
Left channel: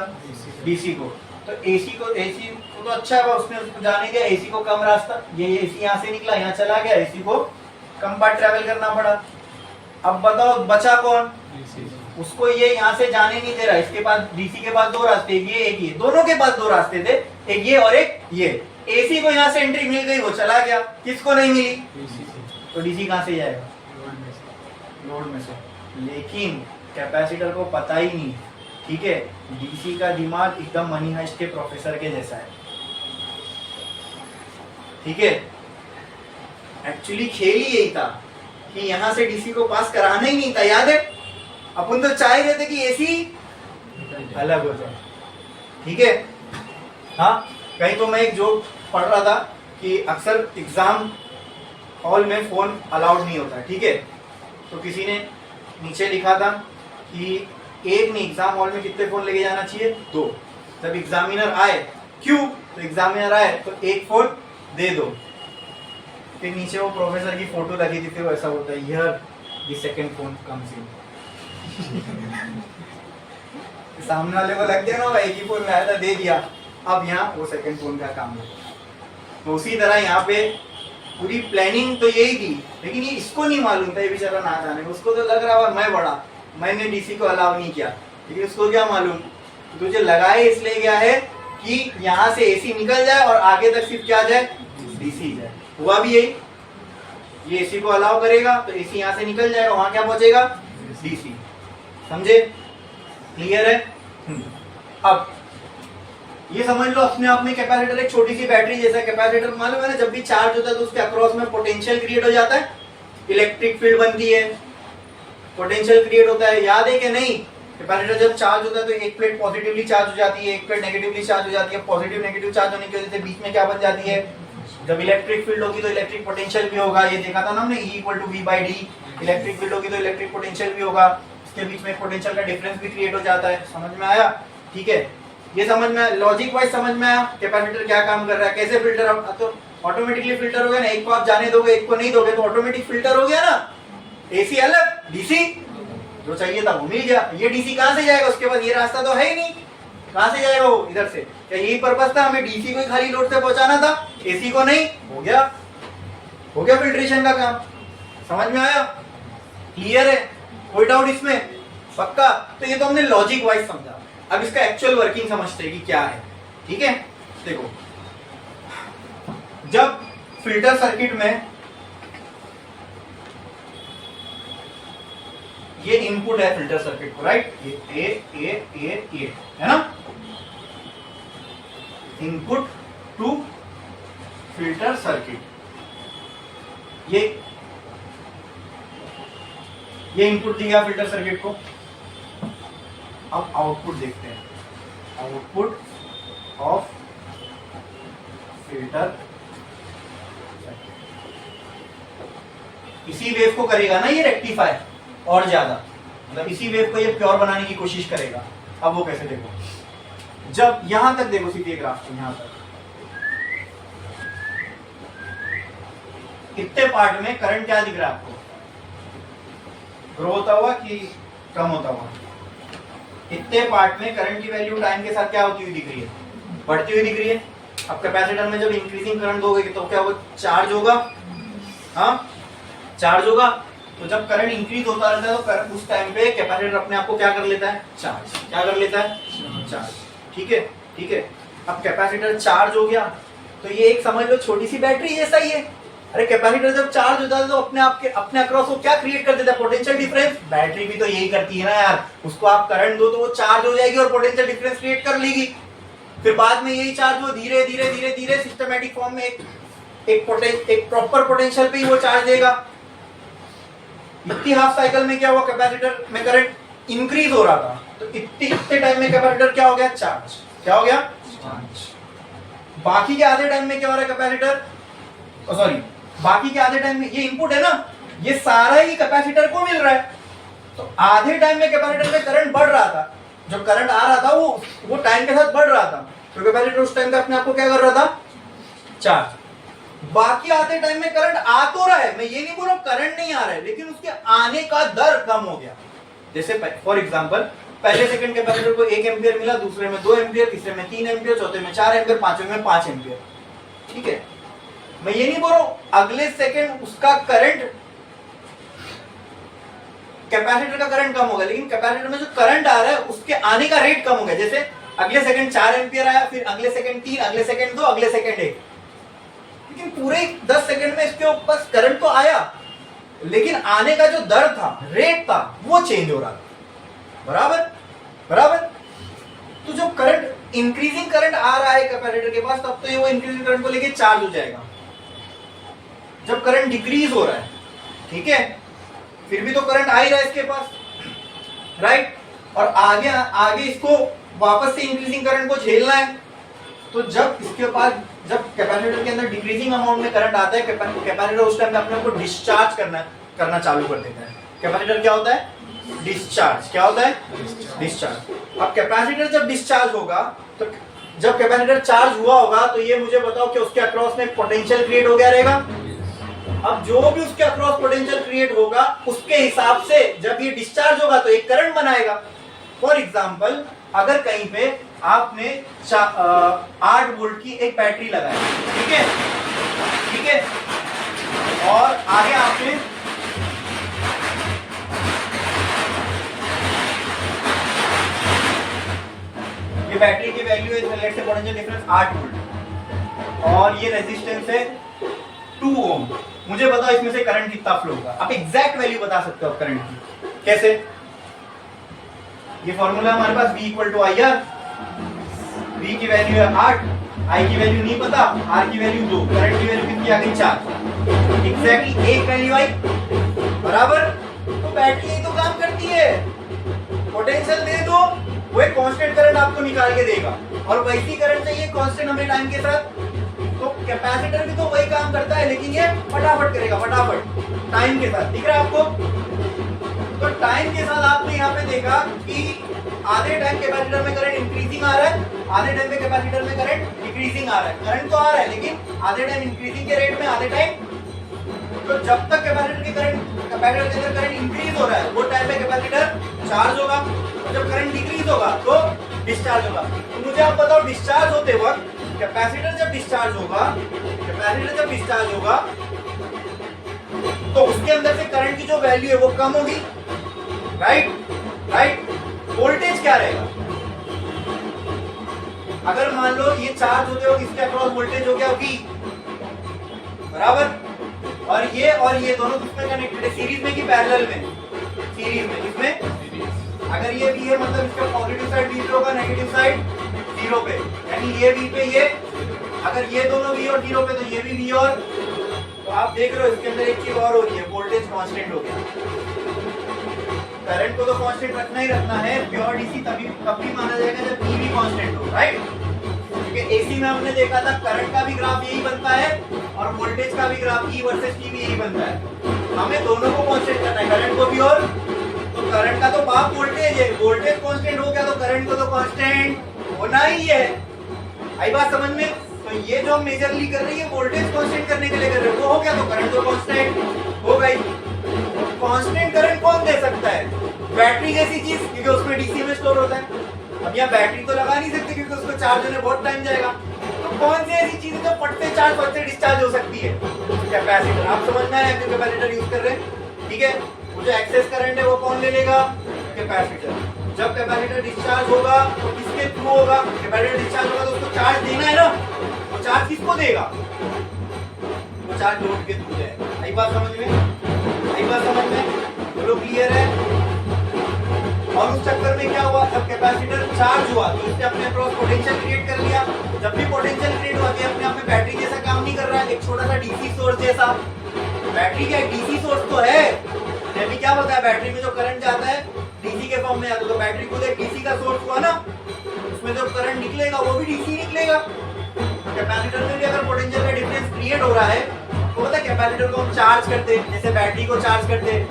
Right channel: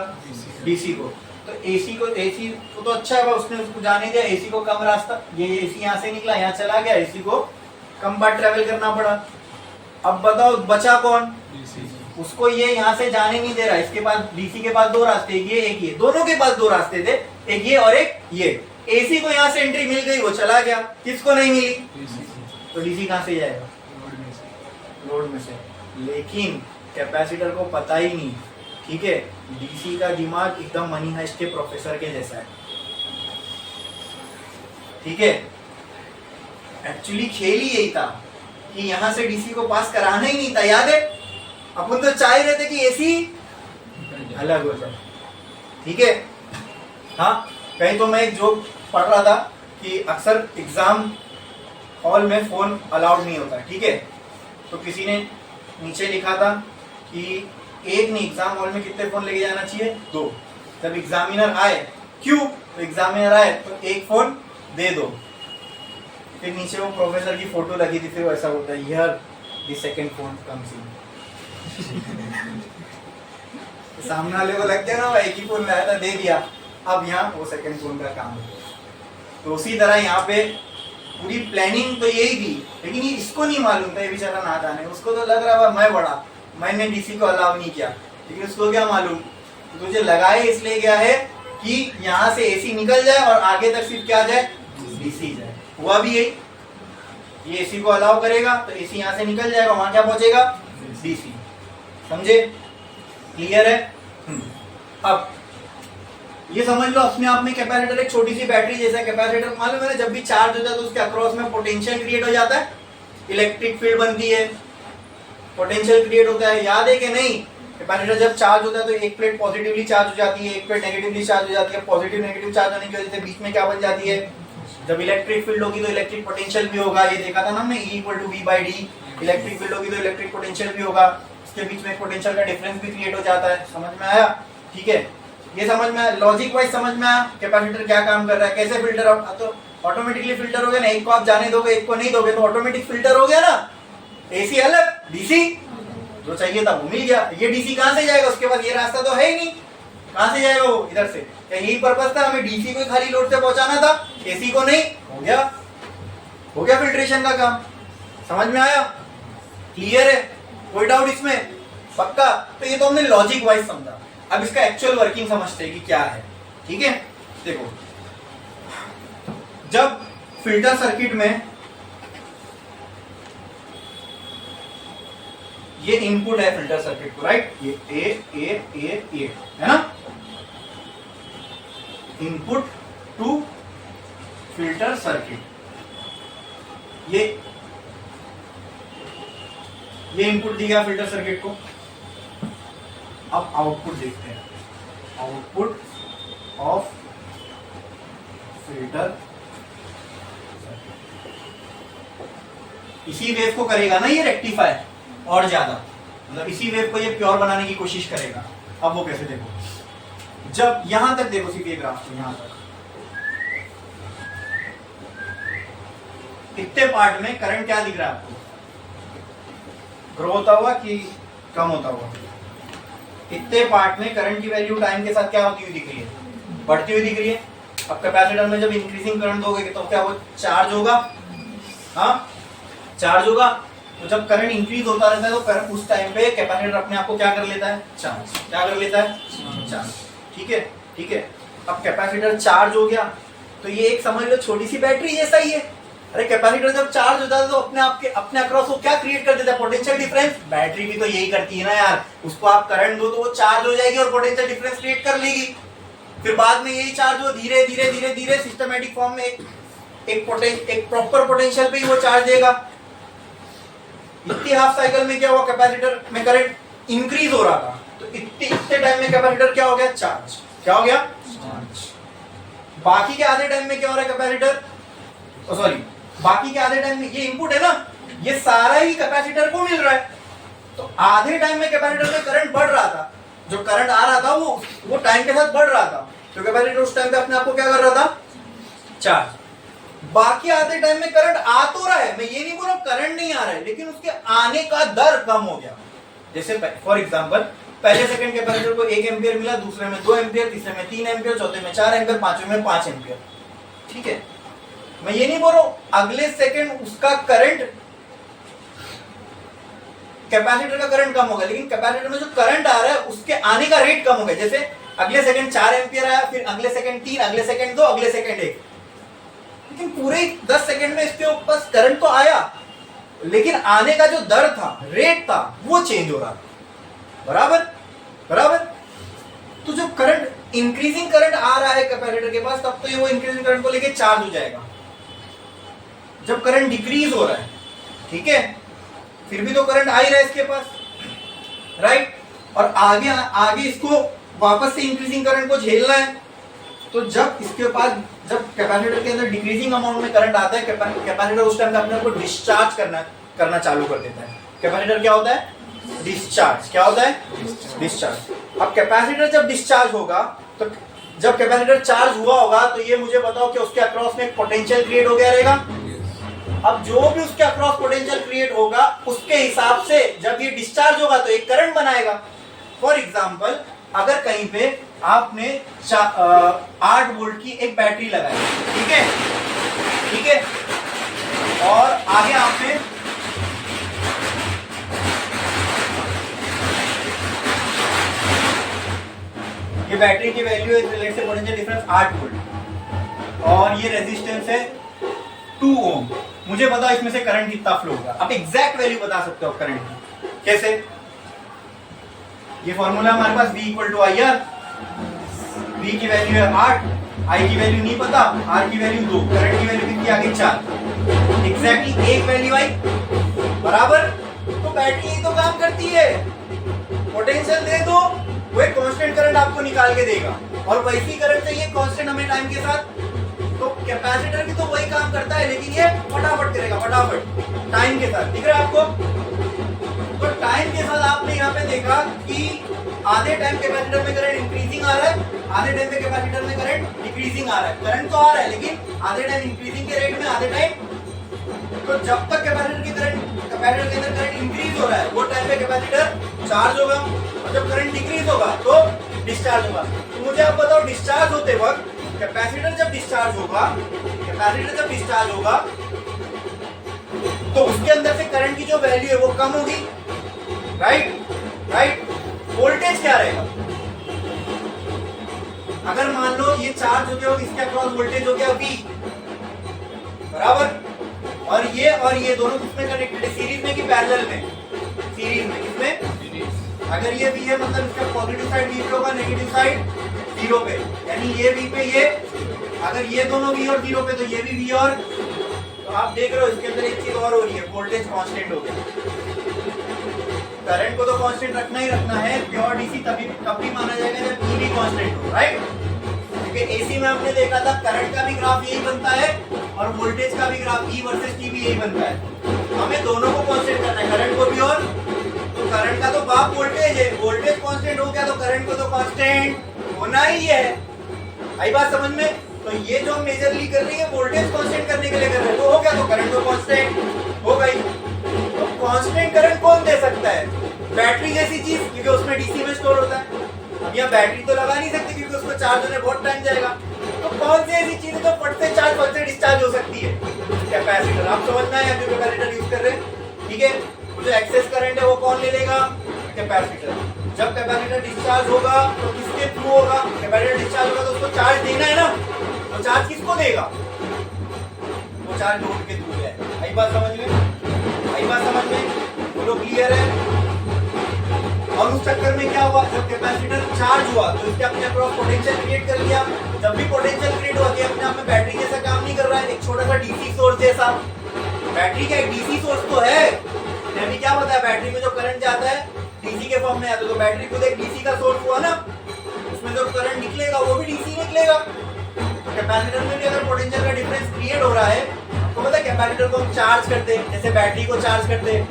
डीसी को। तो एसी को तो अच्छा है, उसने उसको जाने दिया, एसी को कम रास्ता, ये एसी यहाँ से निकला यहाँ चला गया, एसी को कम बार ट्रेवल करना पड़ा। अब बताओ बचा कौन? उसको ये यहाँ से जाने नहीं दे रहा, इसके पास, डीसी के पास दो रास्ते, ये एक ये, दोनों के पास दो रास्ते थे, एक ये और एक ये। एसी को यहाँ से एंट्री मिल गई, वो चला गया, किसको नहीं मिली? तो डीसी कहाँ से जाएगा? लोड में से। लेकिन कैपेसिटर को पता ही नहीं, ठीक है, डीसी का दिमाग एकदम मनी हाइस्ट के प्रोफेसर के जैसा है। ठीक है, एक्चुअली खेल ही यही था कि यहां से डीसी को पास कराना ही नहीं था, याद है? अपन तो चाह ही रहे थे कि एसी अलग हो जाए। ठीक है, हाँ, कहीं तो मैं एक जोक पढ़ रहा था कि अक्सर एग्जाम हॉल में फोन अलाउड नहीं होता, ठीक है, तो किसी ने नीचे लिखा था कि एक नहीं, एग्जाम हॉल में कितने फोन लेके जाना चाहिए? 2। जब एग्जामिनर आए, क्यों? तो एग्जामिनर आए तो एक फोन दे दो। फिर नीचे वो प्रोफेसर की फोटो लगी थी, फिर ऐसा होता है, here the second phone comes in. सामने वाले को लग गया ना, एक ही फोन लाया था, दे दिया, अब यहाँ वो सेकंड फोन का काम है। तो उसी तरह यहाँ पे पूरी प्लानिंग तो यही थी, लेकिन ये इसको नहीं मालूम था, ये बेचारा नादान है, उसको तो लग रहा है मैं बड़ा, मैंने डीसी को अलाउ नहीं किया, लेकिन उसको क्या मालूम तो तुझे लगाए इसलिए गया है कि यहाँ से एसी निकल जाए और आगे तक सिर्फ क्या जाए? डीसी जाए। हुआ भी यही, ये एसी को अलाउ करेगा तो एसी यहाँ से निकल जाएगा, वहां क्या पहुंचेगा? डीसी। समझे? क्लियर है? अब ये समझ लो अपने आप में कैपेसिटर एक छोटी सी बैटरी जैसा कैपेसिटर, मालूम है ना, जब भी चार्ज होता है तो उसके अक्रॉस में पोटेंशियल क्रिएट हो जाता है, इलेक्ट्रिक फील्ड बनती है, पोटेंशियल क्रिएट होता है, याद है कि नहीं? कैपेसिटर जब चार्ज होता है तो एक प्लेट पॉजिटिवली चार्ज हो जाती है, एक प्लेट नेगेटिवली चार्ज हो जाती है। पॉजिटिव नेगेटिव चार्ज होने की वजह से बीच में क्या बन जाती है? जब इलेक्ट्रिक फील्ड होगी तो इलेक्ट्रिक पोटेंशियल भी होगा, ये देखा था ना हमने, E = V/d। इलेक्ट्रिक फील्ड होगी तो इलेक्ट्रिक पोटेंशियल भी होगा, उसके बीच में पोटेंशियल का डिफरेंस भी क्रिएट हो जाता है। समझ में आया? ठीक है, ये समझ में, लॉजिक वाइज समझ में आया कैपेसिटर क्या काम कर रहा है, कैसे फिल्टर, तो ऑटोमेटिकली फिल्टर हो गया ना, एक को आप जाने दोगे एक को नहीं दोगे तो ऑटोमेटिक फिल्टर हो गया ना। एसी अलग, डीसी जो चाहिए था वो मिल गया। ये डीसी कहां से जाएगा? उसके पास ये रास्ता तो है ही नहीं, कहां से जाएगा वो? इधर से। तो यही पर्पस था, हमें डीसी को खाली लोड से पहुंचाना था, एसी को नहीं। हो गया फिल्ट्रेशन का काम। समझ में आया? क्लियर है? कोई डाउट इसमें? पक्का? तो ये तो हमने लॉजिक वाइज समझा, अब इसका एक्चुअल वर्किंग समझते हैं कि क्या है। ठीक है, देखो जब फिल्टर सर्किट में ये इनपुट है फिल्टर सर्किट को, राइट, ये ए है ना, इनपुट टू फिल्टर सर्किट, ये इनपुट दी गया फिल्टर सर्किट को। अब आउटपुट देखते हैं, आउटपुट ऑफ फिल्टर, इसी वेव को करेगा ना ये रेक्टिफाई और ज्यादा, मतलब इसी वेव को ये प्योर बनाने की कोशिश करेगा। अब वो कैसे, देखो जब यहां तक देखो सीधे ग्राफ से यहां तक, कितने पार्ट में करंट क्या दिख रहा है आपको, ग्रो होता हुआ कि कम होता हुआ? कितने पार्ट में करंट की वैल्यू टाइम के साथ क्या होती हुई दिख रही है, बढ़ती हुई दिख रही है। अब कैपेसिटर में जब इंक्रीजिंग करंट दोगे तो क्या होगा, चार्ज होगा, हाँ चार्ज होगा। तो जब करंट इंक्रीज होता रहता है तो करंट उस टाइम पे कैपेसिटर अपने आप को क्या कर लेता है, चार्ज, क्या कर लेता है, चार्ज। ठीक है, ठीक है। अब कैपेसिटर चार्ज हो गया तो ये एक समझ लो छोटी सी बैटरी जैसा ही है। अरे कैपेसिटर जब चार्ज होता है तो अपने अक्रॉस को क्या क्रिएट कर देता है, पोटेंशियल डिफरेंस। बैटरी भी तो यही करती है ना यार, उसको आप करंट दो तो वो चार्ज हो जाएगी और पोटेंशियल डिफरेंस क्रिएट कर लेगी। फिर बाद में यही चार्ज वो धीरे धीरे धीरे धीरे सिस्टमैटिक फॉर्म में एक प्रॉपर पोटेंशियल पे ही वो चार्ज देगा। इतनी हाफ साइकिल में क्या हुआ, कैपेसिटर में करंट इंक्रीज हो रहा था तो इतने टाइम में कैपेसिटर क्या हो गया, चार्ज। क्या हो गया, चार्ज। बाकी के आधे टाइम में क्या हो रहा है, कैपेसिटर, सॉरी बाकी के आधे टाइम में ये इनपुट है ना, ये सारा ही कैपेसिटर को मिल रहा है। तो आधे टाइम में कैपेसिटर में करंट बढ़ रहा था, जो करंट आ रहा था वो टाइम के साथ बढ़ रहा था, तो कैपेसिटर उस टाइम पे अपने आप को क्या कर रहा था, चार्ज। बाकी आधे टाइम में करंट आ तो रहा है, मैं ये नहीं बोला करंट नहीं आ रहा है, लेकिन उसके आने का दर कम हो गया। जैसे फॉर एग्जांपल पहले सेकंड कैपेसिटर को 1 एम्पियर मिला, दूसरे में 2 एम्पियर, तीसरे में 3 एम्पियर, चौथे में 4 एम्पियर, पांचवें में 5 एम्पियर। ठीक है, मैं ये नहीं बोल रहा हूं अगले सेकंड उसका करंट, कैपेसिटर का करंट कम होगा, लेकिन कैपेसिटर में जो करंट आ रहा है उसके आने का रेट कम हो गया। जैसे अगले सेकंड 4 एम्पियर आया, फिर अगले सेकंड 3, अगले सेकंड 2, अगले सेकंड 1, लेकिन पूरे 10 सेकंड में इसके ऊपर करंट तो आया, लेकिन आने का जो दर था, रेट था, वो चेंज हो रहा था। बराबर बराबर। तो जो करंट इंक्रीजिंग करंट आ रहा है कैपेसिटर के पास, तब तो ये वो इंक्रीजिंग करंट को लेके चार्ज हो जाएगा। जब करंट डिक्रीज हो रहा है, ठीक है, फिर भी तो करंट आ ही रहा है इसके पास, राइट, और आगे आगे इसको वापस से इंक्रीजिंग करंट को झेलना है। तो जब इसके पास, जब कैपेसिटर के अंदर डिक्रीजिंग अमाउंट में करंट आता है, कैपेसिटर उस टाइम अपने आप को डिस्चार्ज करना चालू कर देता है। कैपेसिटर क्या होता है, डिस्चार्ज। क्या होता है, डिस्चार्ज। अब कैपेसिटर जब डिस्चार्ज होगा, तो जब कैपेसिटर चार्ज हुआ होगा तो ये मुझे बताओ कि उसके अक्रॉस में पोटेंशियल क्रिएट हो गया रहेगा। अब जो भी उसके अक्रॉस पोटेंशियल क्रिएट होगा उसके हिसाब से जब ये डिस्चार्ज होगा तो एक करंट बनाएगा। फॉर एग्जांपल अगर कहीं पे आपने 8 वोल्ट की एक बैटरी लगाई, ठीक है, ठीक है, और आगे आपने ये बैटरी की वैल्यू है, let's say potential difference 8 volt और ये रेजिस्टेंस है 2 ओम। मुझे बताओ इसमें से करंट कितना फ्लो होगा। आप एग्जैक्ट वैल्यू बता सकते हो करंट की, कैसे? ये फॉर्मूला हमारे पास V equal to I R. V की वैल्यू है 8, I की वैल्यू नहीं पता, R की वैल्यू 2, करंट की वैल्यू कितनी आ गई 4। एग्जैक्टली एक वैल्यू आई, बराबर। तो बैटरी तो काम करती है, पोटेंशियल दे दो, वो एक कांस्टेंट करंट आपको निकाल के देगा, और वैसी करंट चाहिए कांस्टेंट हमें टाइम के साथ। तो कैपेसिटर भी तो वही काम करता है, लेकिन ये फटाफट करेगा, फटाफट टाइम के साथ। दिख रहा है आपको? तो टाइम के साथ आपने यहाँ पे देखा कि आधे टाइम कैपेसिटर में करंट इंक्रीजिंग आ रहा है, आधे टाइम पे कैपेसिटर में करंट डिक्रीजिंग आ रहा है। करंट तो आ रहा है लेकिन आधे टाइम इंक्रीजिंग के रेट में, आधे टाइम। तो जब तक कैपेसिटर के अंदर करंट इंक्रीज हो रहा है वो टाइम पे कैपेसिटर चार्ज होगा, और जब करंट डिक्रीज होगा तो डिस्चार्ज होगा। तो मुझे आप बताओ डिस्चार्ज होते वक्त कैपेसिटर जब डिस्चार्ज होगा तो उसके अंदर से करंट की जो वैल्यू है वो कम होगी, राइट। राइट। वोल्टेज क्या रहेगा? अगर मान लो ये चार्ज होते हो इसके अक्रॉस वोल्टेज हो गया V, बराबर, और ये दोनों किसमें कनेक्टेड है? सीरीज में कि पैरेलल में? सीरीज में। इसमें अगर ये V है मतलब इसका पॉजिटिव साइड V पे होगा, नेगेटिव साइड 0 पे, यानी ये V पे ये, अगर ये दोनों V और 0 पे तो ये भी V और, तो आप देख रहे हो इसके अंदर एक चीज और हो रही है, वोल्टेज कांस्टेंट हो गया। करंट को तो कांस्टेंट रखना ही रखना है, प्योर डीसी तब भी माना जाएगा जब E भी कांस्टेंट हो, राइट। क्योंकि एसी में हमने देखा था करंट का भी ग्राफ यही बनता है और वोल्टेज का भी ग्राफ E वर्सेस T भी यही बनता है। हमें दोनों को कांस्टेंट करना है, करंट को भी, और तो करंट का तो बाप वोल्टेज है, वोल्टेज कांस्टेंट हो गया तो करंट को तो कांस्टेंट होना ही है। आई बात समझ में? तो ये जो हम मेजरली कर रही है वोल्टेज कांस्टेंट करने के लिए कर रहे हैं, वो हो गया तो करंट तो कांस्टेंट हो गई। तो कांस्टेंट करंट कौन दे सकता है? बैटरी जैसी चीज, क्योंकि उसमें डीसी में स्टोर होता है। अब यहाँ बैटरी तो लगा नहीं सकते क्योंकि उसको चार्ज होने बहुत टाइम जाएगा। तो कौन सी ऐसी चीज है जो फट से चार्ज, फट से डिस्चार्ज हो सकती है? कैपेसिटर। आप समझना है क्यों कैपेसिटर यूज कर रहे हैं, ठीक है। जो एक्सेस करंट है वो कौन ले लेगा? कैपेसिटर। जब कैपेसिटर डिस्चार्ज होगा तो किसके थ्रू होगा? कैपेसिटर डिस्चार्ज होगा तो उसको चार्ज देना है ना, तो चार्ज किसको देगा? वो चार्ज लोड के थ्रू है। आई बात समझ में? आई बात समझ में? बोलो क्लियर है? और उस चक्कर में क्या हुआ, जब कैपेसिटर चार्ज हुआ तो इसने अपने अक्रॉस पोटेंशियल क्रिएट कर लिया। जब भी पोटेंशियल क्रिएट हुआ है अपने आप में बैटरी जैसा काम नहीं कर रहा है, एक छोटा सा डीसी सोर्स जैसा। बैटरी का एक डीसी सोर्स तो है, मैंने भी क्या बताया, बैटरी में जो करंट जाता है डीसी के फॉर्म में आता है, तो बैटरी खुद एक डीसी का सोर्स हुआ ना, उसमें जब करंट निकलेगा वो भी डीसी निकलेगा। कैपेसिटर में भी अगर पोटेंशियल का डिफरेंस क्रिएट हो रहा है तो पता है कैपेसिटर को हम चार्ज करते हैं, जैसे बैटरी को चार्ज करते हैं,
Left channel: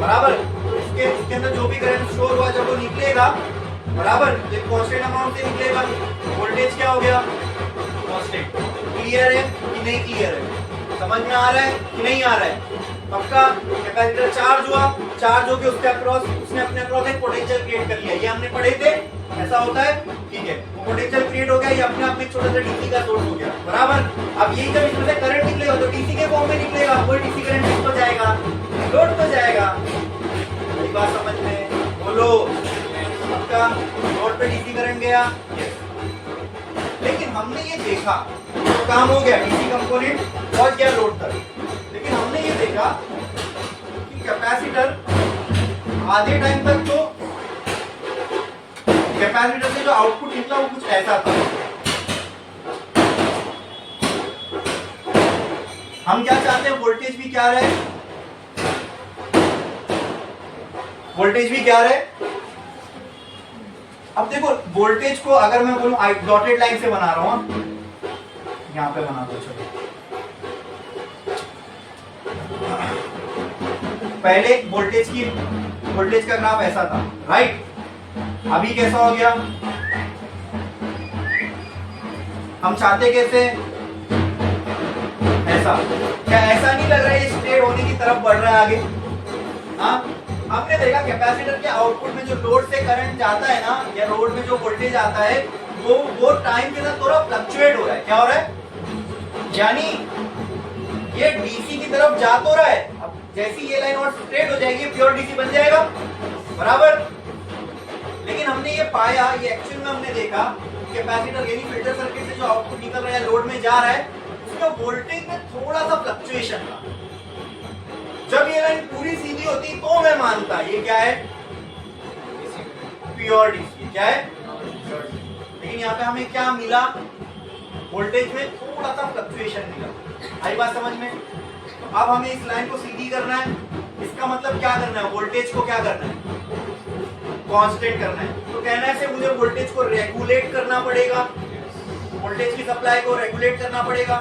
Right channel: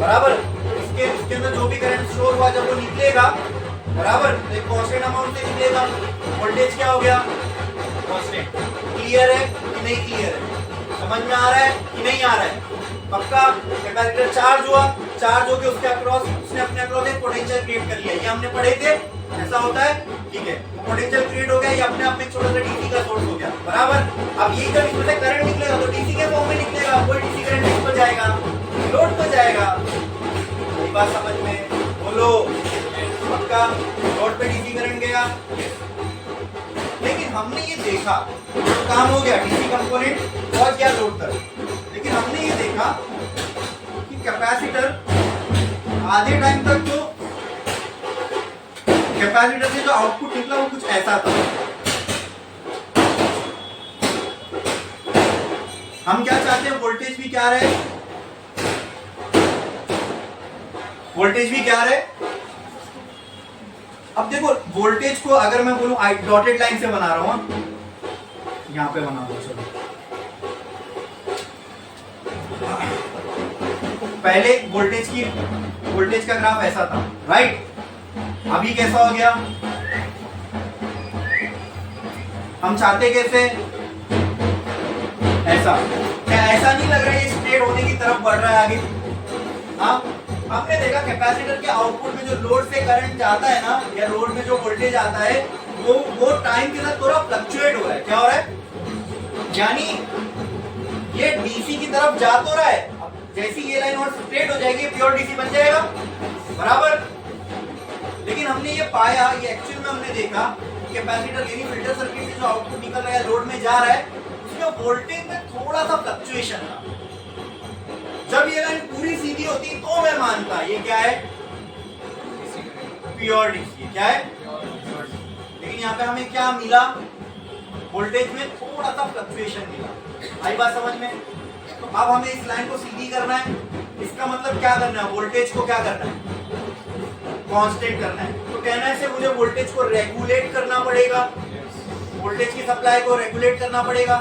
बराबर। इसके अंदर जो भी करंट स्टोर हुआ जब वो निकलेगा, बराबर, तो एक कांस्टेंट अमाउंट से निकलेगा। वोल्टेज क्या हो गया? कांस्टेंट। क्लियर है कि नहीं क्लियर है? समझ में आ रहा है कि नहीं आ रहा है? पक्का। कैपेसिटर चार्ज हुआ, चार्ज होकर उसके अक्रॉस, उसने अपने अक्रॉस एक पोटेंशियल क्रिएट कर लिया, ये हमने पढ़े थे, ऐसा होता है, ठीक है। पोटेंशियल क्रिएट हो गया, ये अपने आप में छोटा सा डीसी का सोर्स हो गया, बराबर। अब यही जब इसमें से करंट निकलेगा तो डीसी के फॉर्म में निकलेगा, कोई डीसी करंट किस पर जाएगा? लोड पर जाएगा। मेरी बात समझ में? बोलो पक्का। लोड पे डीसी करंट गया, लेकिन हमने ये देखा तो काम हो गया, डीसी कंपोनेंट पहुंच गया लोड तक। लेकिन हमने ये देखा कि कैपेसिटर आधे टाइम तक तो कैपेसिटर से जो आउटपुट निकला वो कुछ ऐसा था। हम क्या चाहते हैं? वोल्टेज भी क्या रहे, वोल्टेज भी क्या रहे। अब देखो वोल्टेज को अगर मैं बोलूं डॉटेड लाइन से बना रहा हूं, यहां पे बना दो, चलो। पहले वोल्टेज का ग्राफ ऐसा था, राइट। अभी कैसा हो गया? हम चाहते कैसे? ऐसा। क्या ऐसा नहीं लग रहा है ये स्ट्रेट होने की तरफ बढ़ रहा है आगे? हाँ, हमने देखा कैपेसिटर के आउटपुट में जो लोड से करंट जाता है ना, या लोड में जो वोल्टेज आता है वो टाइम के साथ थोड़ा फ्लक्चुएट हो रहा है। क्या हो रहा है? यानी ये डीसी की तरफ जा तो रहा है, अब जैसी ये लाइन और स्ट्रेट हो जाएगी प्योर डीसी बन जाएगा, बराबर। लेकिन हमने ये पाया, ये एक्चुअल में हमने देखा कैपेसिटर यानी फिल्टर सर्किट से जो आउटपुट निकल रहा है, लोड में जा रहा है, उसमें वोल्टेज में थोड़ा सा फ्लक्चुएशन था। जब ये लाइन पूरी सीधी होती तो मैं मानता ये क्या है? Pure DC. क्या है? लेकिन यहाँ पे हमें क्या मिला? वोल्टेज में थोड़ा सा फ्लक्चुएशन मिला। आई बात समझ में? तो अब हमें इस लाइन को सीधी करना है, इसका मतलब क्या करना है? वोल्टेज को क्या करना है? कांस्टेंट करना है। तो कहना से मुझे वोल्टेज को रेगुलेट करना पड़ेगा, वोल्टेज की सप्लाई को रेगुलेट करना पड़ेगा।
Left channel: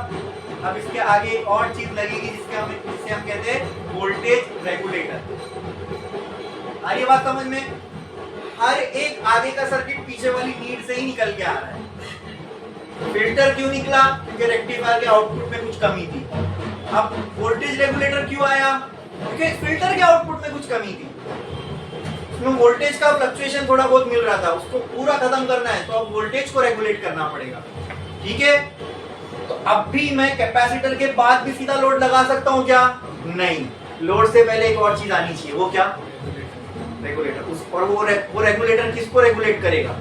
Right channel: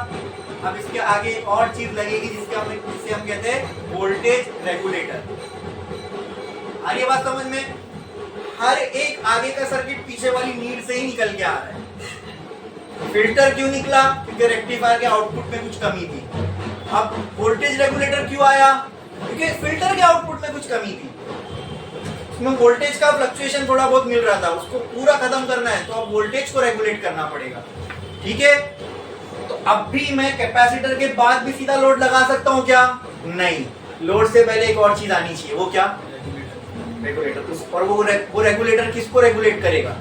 अब इसके आगे और चीज लगेगी जिससे हम कहते हैं वोल्टेज रेगुलेटर। आ रही है बात समझ में? हर एक आगे का सर्किट पीछे वाली नीड से ही निकल के आ रहा है। फिल्टर क्यों निकला? क्योंकि रेक्टिफायर के आउटपुट में कुछ कमी थी। अब वोल्टेज रेगुलेटर क्यों आया? क्योंकि फिल्टर के आउटपुट में कुछ कमी थी, उसमें वोल्टेज का फ्लक्चुएशन थोड़ा बहुत मिल रहा था, उसको पूरा खत्म करना है तो अब वोल्टेज को रेगुलेट करना पड़ेगा। ठीक है, तो अब भी मैं कैपेसिटर के बाद भी सीधा लोड लगा सकता हूं क्या? नहीं, लोड से पहले एक और चीज आनी चाहिए। वो क्या? रेगुलेटर उस, और वो रेगुलेटर किसको रेगुलेट करेगा?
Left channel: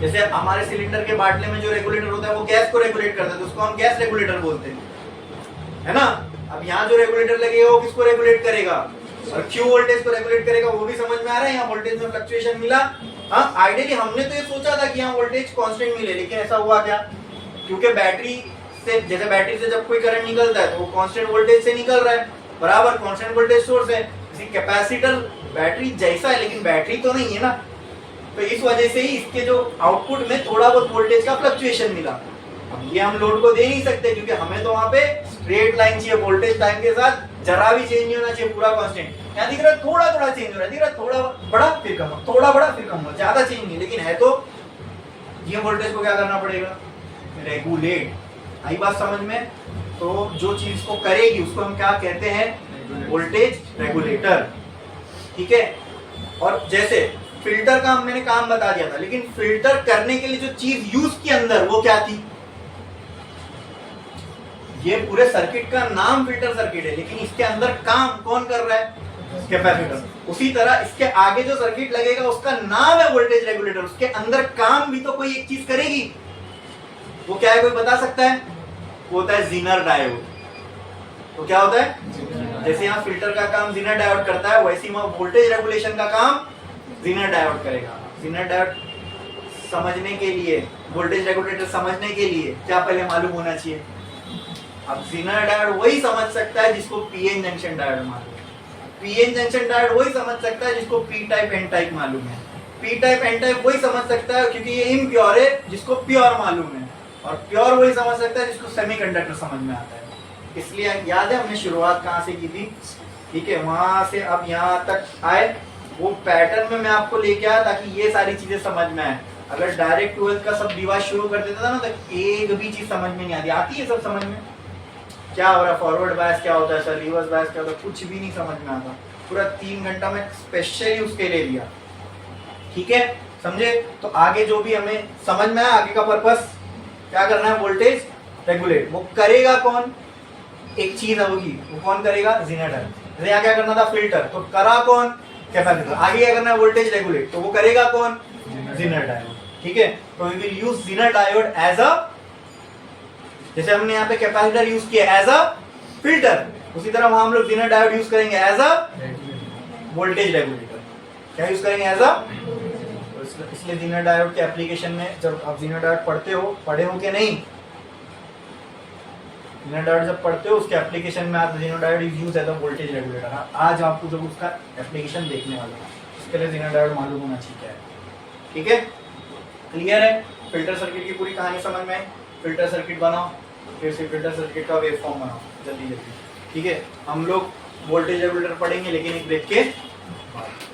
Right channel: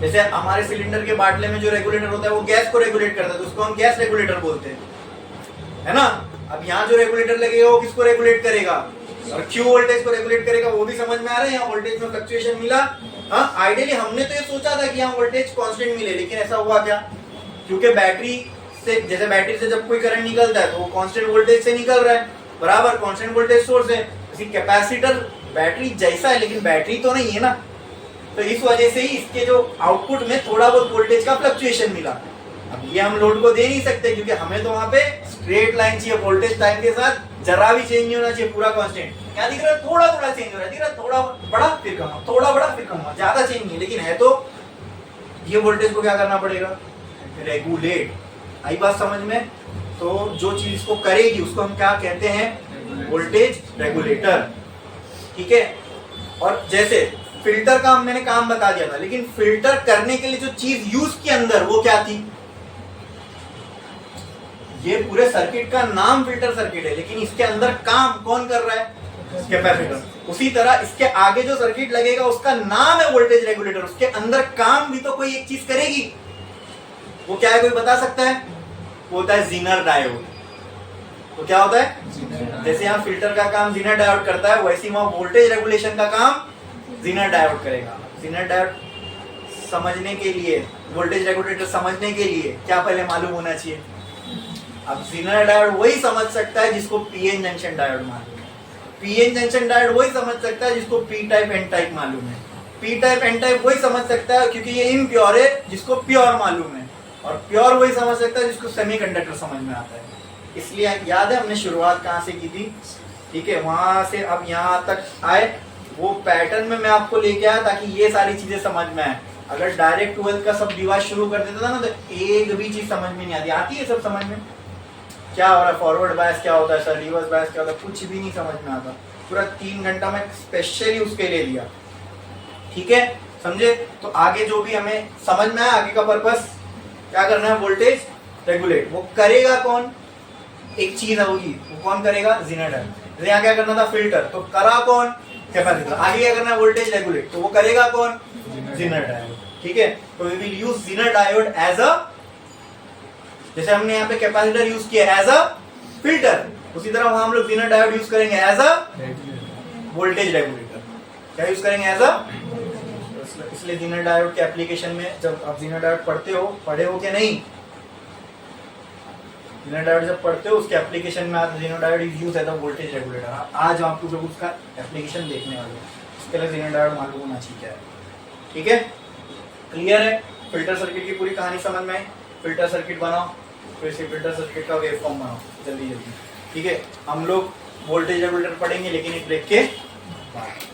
जैसे हमारे सिलेंडर के बाटले में जो रेगुलेटर होता है वो गैस को रेगुलेट करता है, तो उसको हम गैस रेगुलेटर बोलते हैं, है ना। अब यहाँ जो रेगुलेटर लगेगा वो किसको रेगुलेट करेगा? और क्यू वोल्टेज को रेगुलेट करेगा। वो भी समझ में आ रहा है, यहाँ वोल्टेज में फ्लक्चुएशन मिला। हाँ, आइडियली हमने तो ये सोचा था कि यहाँ वोल्टेज कांस्टेंट मिले, लेकिन ऐसा हुआ क्या? क्योंकि बैटरी से, जैसे बैटरी से जब कोई करंट निकलता है तो वो कांस्टेंट वोल्टेज से निकल रहा है, बराबर कांस्टेंट वोल्टेज सोर्स है। इसी कैपेसिटर बैटरी जैसा है, लेकिन बैटरी तो नहीं है ना, तो इस वजह से ही इसके जो आउटपुट में थोड़ा बहुत वोल्टेज का फ्लक्चुएशन मिला। अब ये हम लोड को दे नहीं सकते, क्योंकि हमें तो वहां पे स्ट्रेट लाइन चाहिए, वोल्टेज टाइम के साथ जरा भी चेंज नहीं होना चाहिए, पूरा कांस्टेंट। यहाँ दिख रहा है थोड़ा थोड़ा चेंज हो रहा है, दिख रहा है थोड़ा बड़ा फिर कम, थोड़ा बड़ा फिर कम, ज्यादा चेंज नहीं, लेकिन है तो ये वोल्टेज को क्या करना पड़ेगा? रेगुलेट। आई बात समझ में? तो जो चीज को करेगी उसको हम क्या कहते हैं? वोल्टेज रेगुलेटर, ठीक है। और जैसे फिल्टर का मैंने काम बता दिया था, लेकिन फिल्टर करने के लिए जो चीज यूज की अंदर वो क्या थी? ये पूरे सर्किट का नाम फिल्टर सर्किट है, लेकिन इसके अंदर काम कौन कर रहा है? कैपेसिटर। उसी तरह इसके आगे जो सर्किट लगेगा उसका नाम है वोल्टेज रेगुलेटर, उसके अंदर काम भी तो कोई एक चीज करेगी। वो क्या है, कोई बता सकता है? वो होता है ज़ीनर डायोड। तो क्या होता है? जैसे यहाँ फिल्टर का काम ज़ीनर डायोड करता है, वैसे ही वहां वोल्टेज रेगुलेशन का काम ज़ीनर डायोड करेगा। ज़ीनर डायोड समझने के लिए, वोल्टेज रेगुलेटर समझने के लिए क्या पहले मालूम होना चाहिए? अब ज़ीनर डायोड वही समझ सकता है जिसको पीएन जंक्शन डायोड मालूम है। पीएन जंक्शन डायोड वही समझ सकता है जिसको पी टाइप एन टाइप मालूम है। पी टाइप एन टाइप वही समझ सकता है क्योंकि ये इम्प्योर है, जिसको प्योर मालूम है। और प्योर वही समझ सकता है जिसको सेमीकंडक्टर समझ में आता है। इसलिए याद है हमने शुरुआत कहाँ से की थी? ठीक है, वहां से अब यहाँ तक आए, वो पैटर्न में मैं आपको लेके आया ताकि ये सारी चीजें समझ में आए। अगर डायरेक्ट 12th का सब डिवाइस शुरू कर देता था ना, तो एक भी चीज समझ में नहीं आती। आती है सब समझ में? क्या हो रहा है, फॉरवर्ड बायस क्या होता है, सर रिवर्स बायस क्या होता है, कुछ भी नहीं समझ में आता। पूरा 3 घंटा में स्पेशली उसके ले लिया, ठीक है, समझे? तो आगे जो भी हमें समझ में आया, आगे का पर्पस क्या करना है? Voltage regulate. वो करेगा कौन? एक चीज होगी, वो कौन करेगा? ज़ीनर डायोड। यहाँ क्या करना था? फिल्टर। तो करा कौन? कैपेसिटर। आगे क्या करना है? Voltage regulate. तो वो करेगा कौन? ज़ीनर डायोड, ठीक है। तो we will use zener diode as a, जैसे हमने यहाँ पे कैपेसिटर यूज किया एज अ फिल्टर, उसी तरह वहां हम लोग ज़ीनर डायोड यूज करेंगे एज अ वोल्टेज रेगुलेटर। क्या यूज करेंगे? As a. इसलिए ज़ीनर डायोड के एप्लीकेशन में जब आप ज़ीनर डायोड पढ़े हो क्या नहीं? ज़ीनर डायोड जब पढ़ते हो उसके एप्लीकेशन में आता है zener diode is used as a voltage regulator. आज आपको जब उसका एप्लीकेशन देखने वाले हैं, इसके लिए ज़ीनर डायोड मालूम होना चाहिए क्या है, ठीक है? क्लियर है? फिल्टर सर्किट की पूरी कहानी समझ में आई। फिल्टर सर्किट बनाओ, फिर से फिल्टर सर्किट का वेव फॉर्म बनाओ जल्दी जल्दी, ठीक है। हम लोग वोल्टेज रेगुलेटर पढ़ेंगे लेकिन एक ब्रेक के बाद।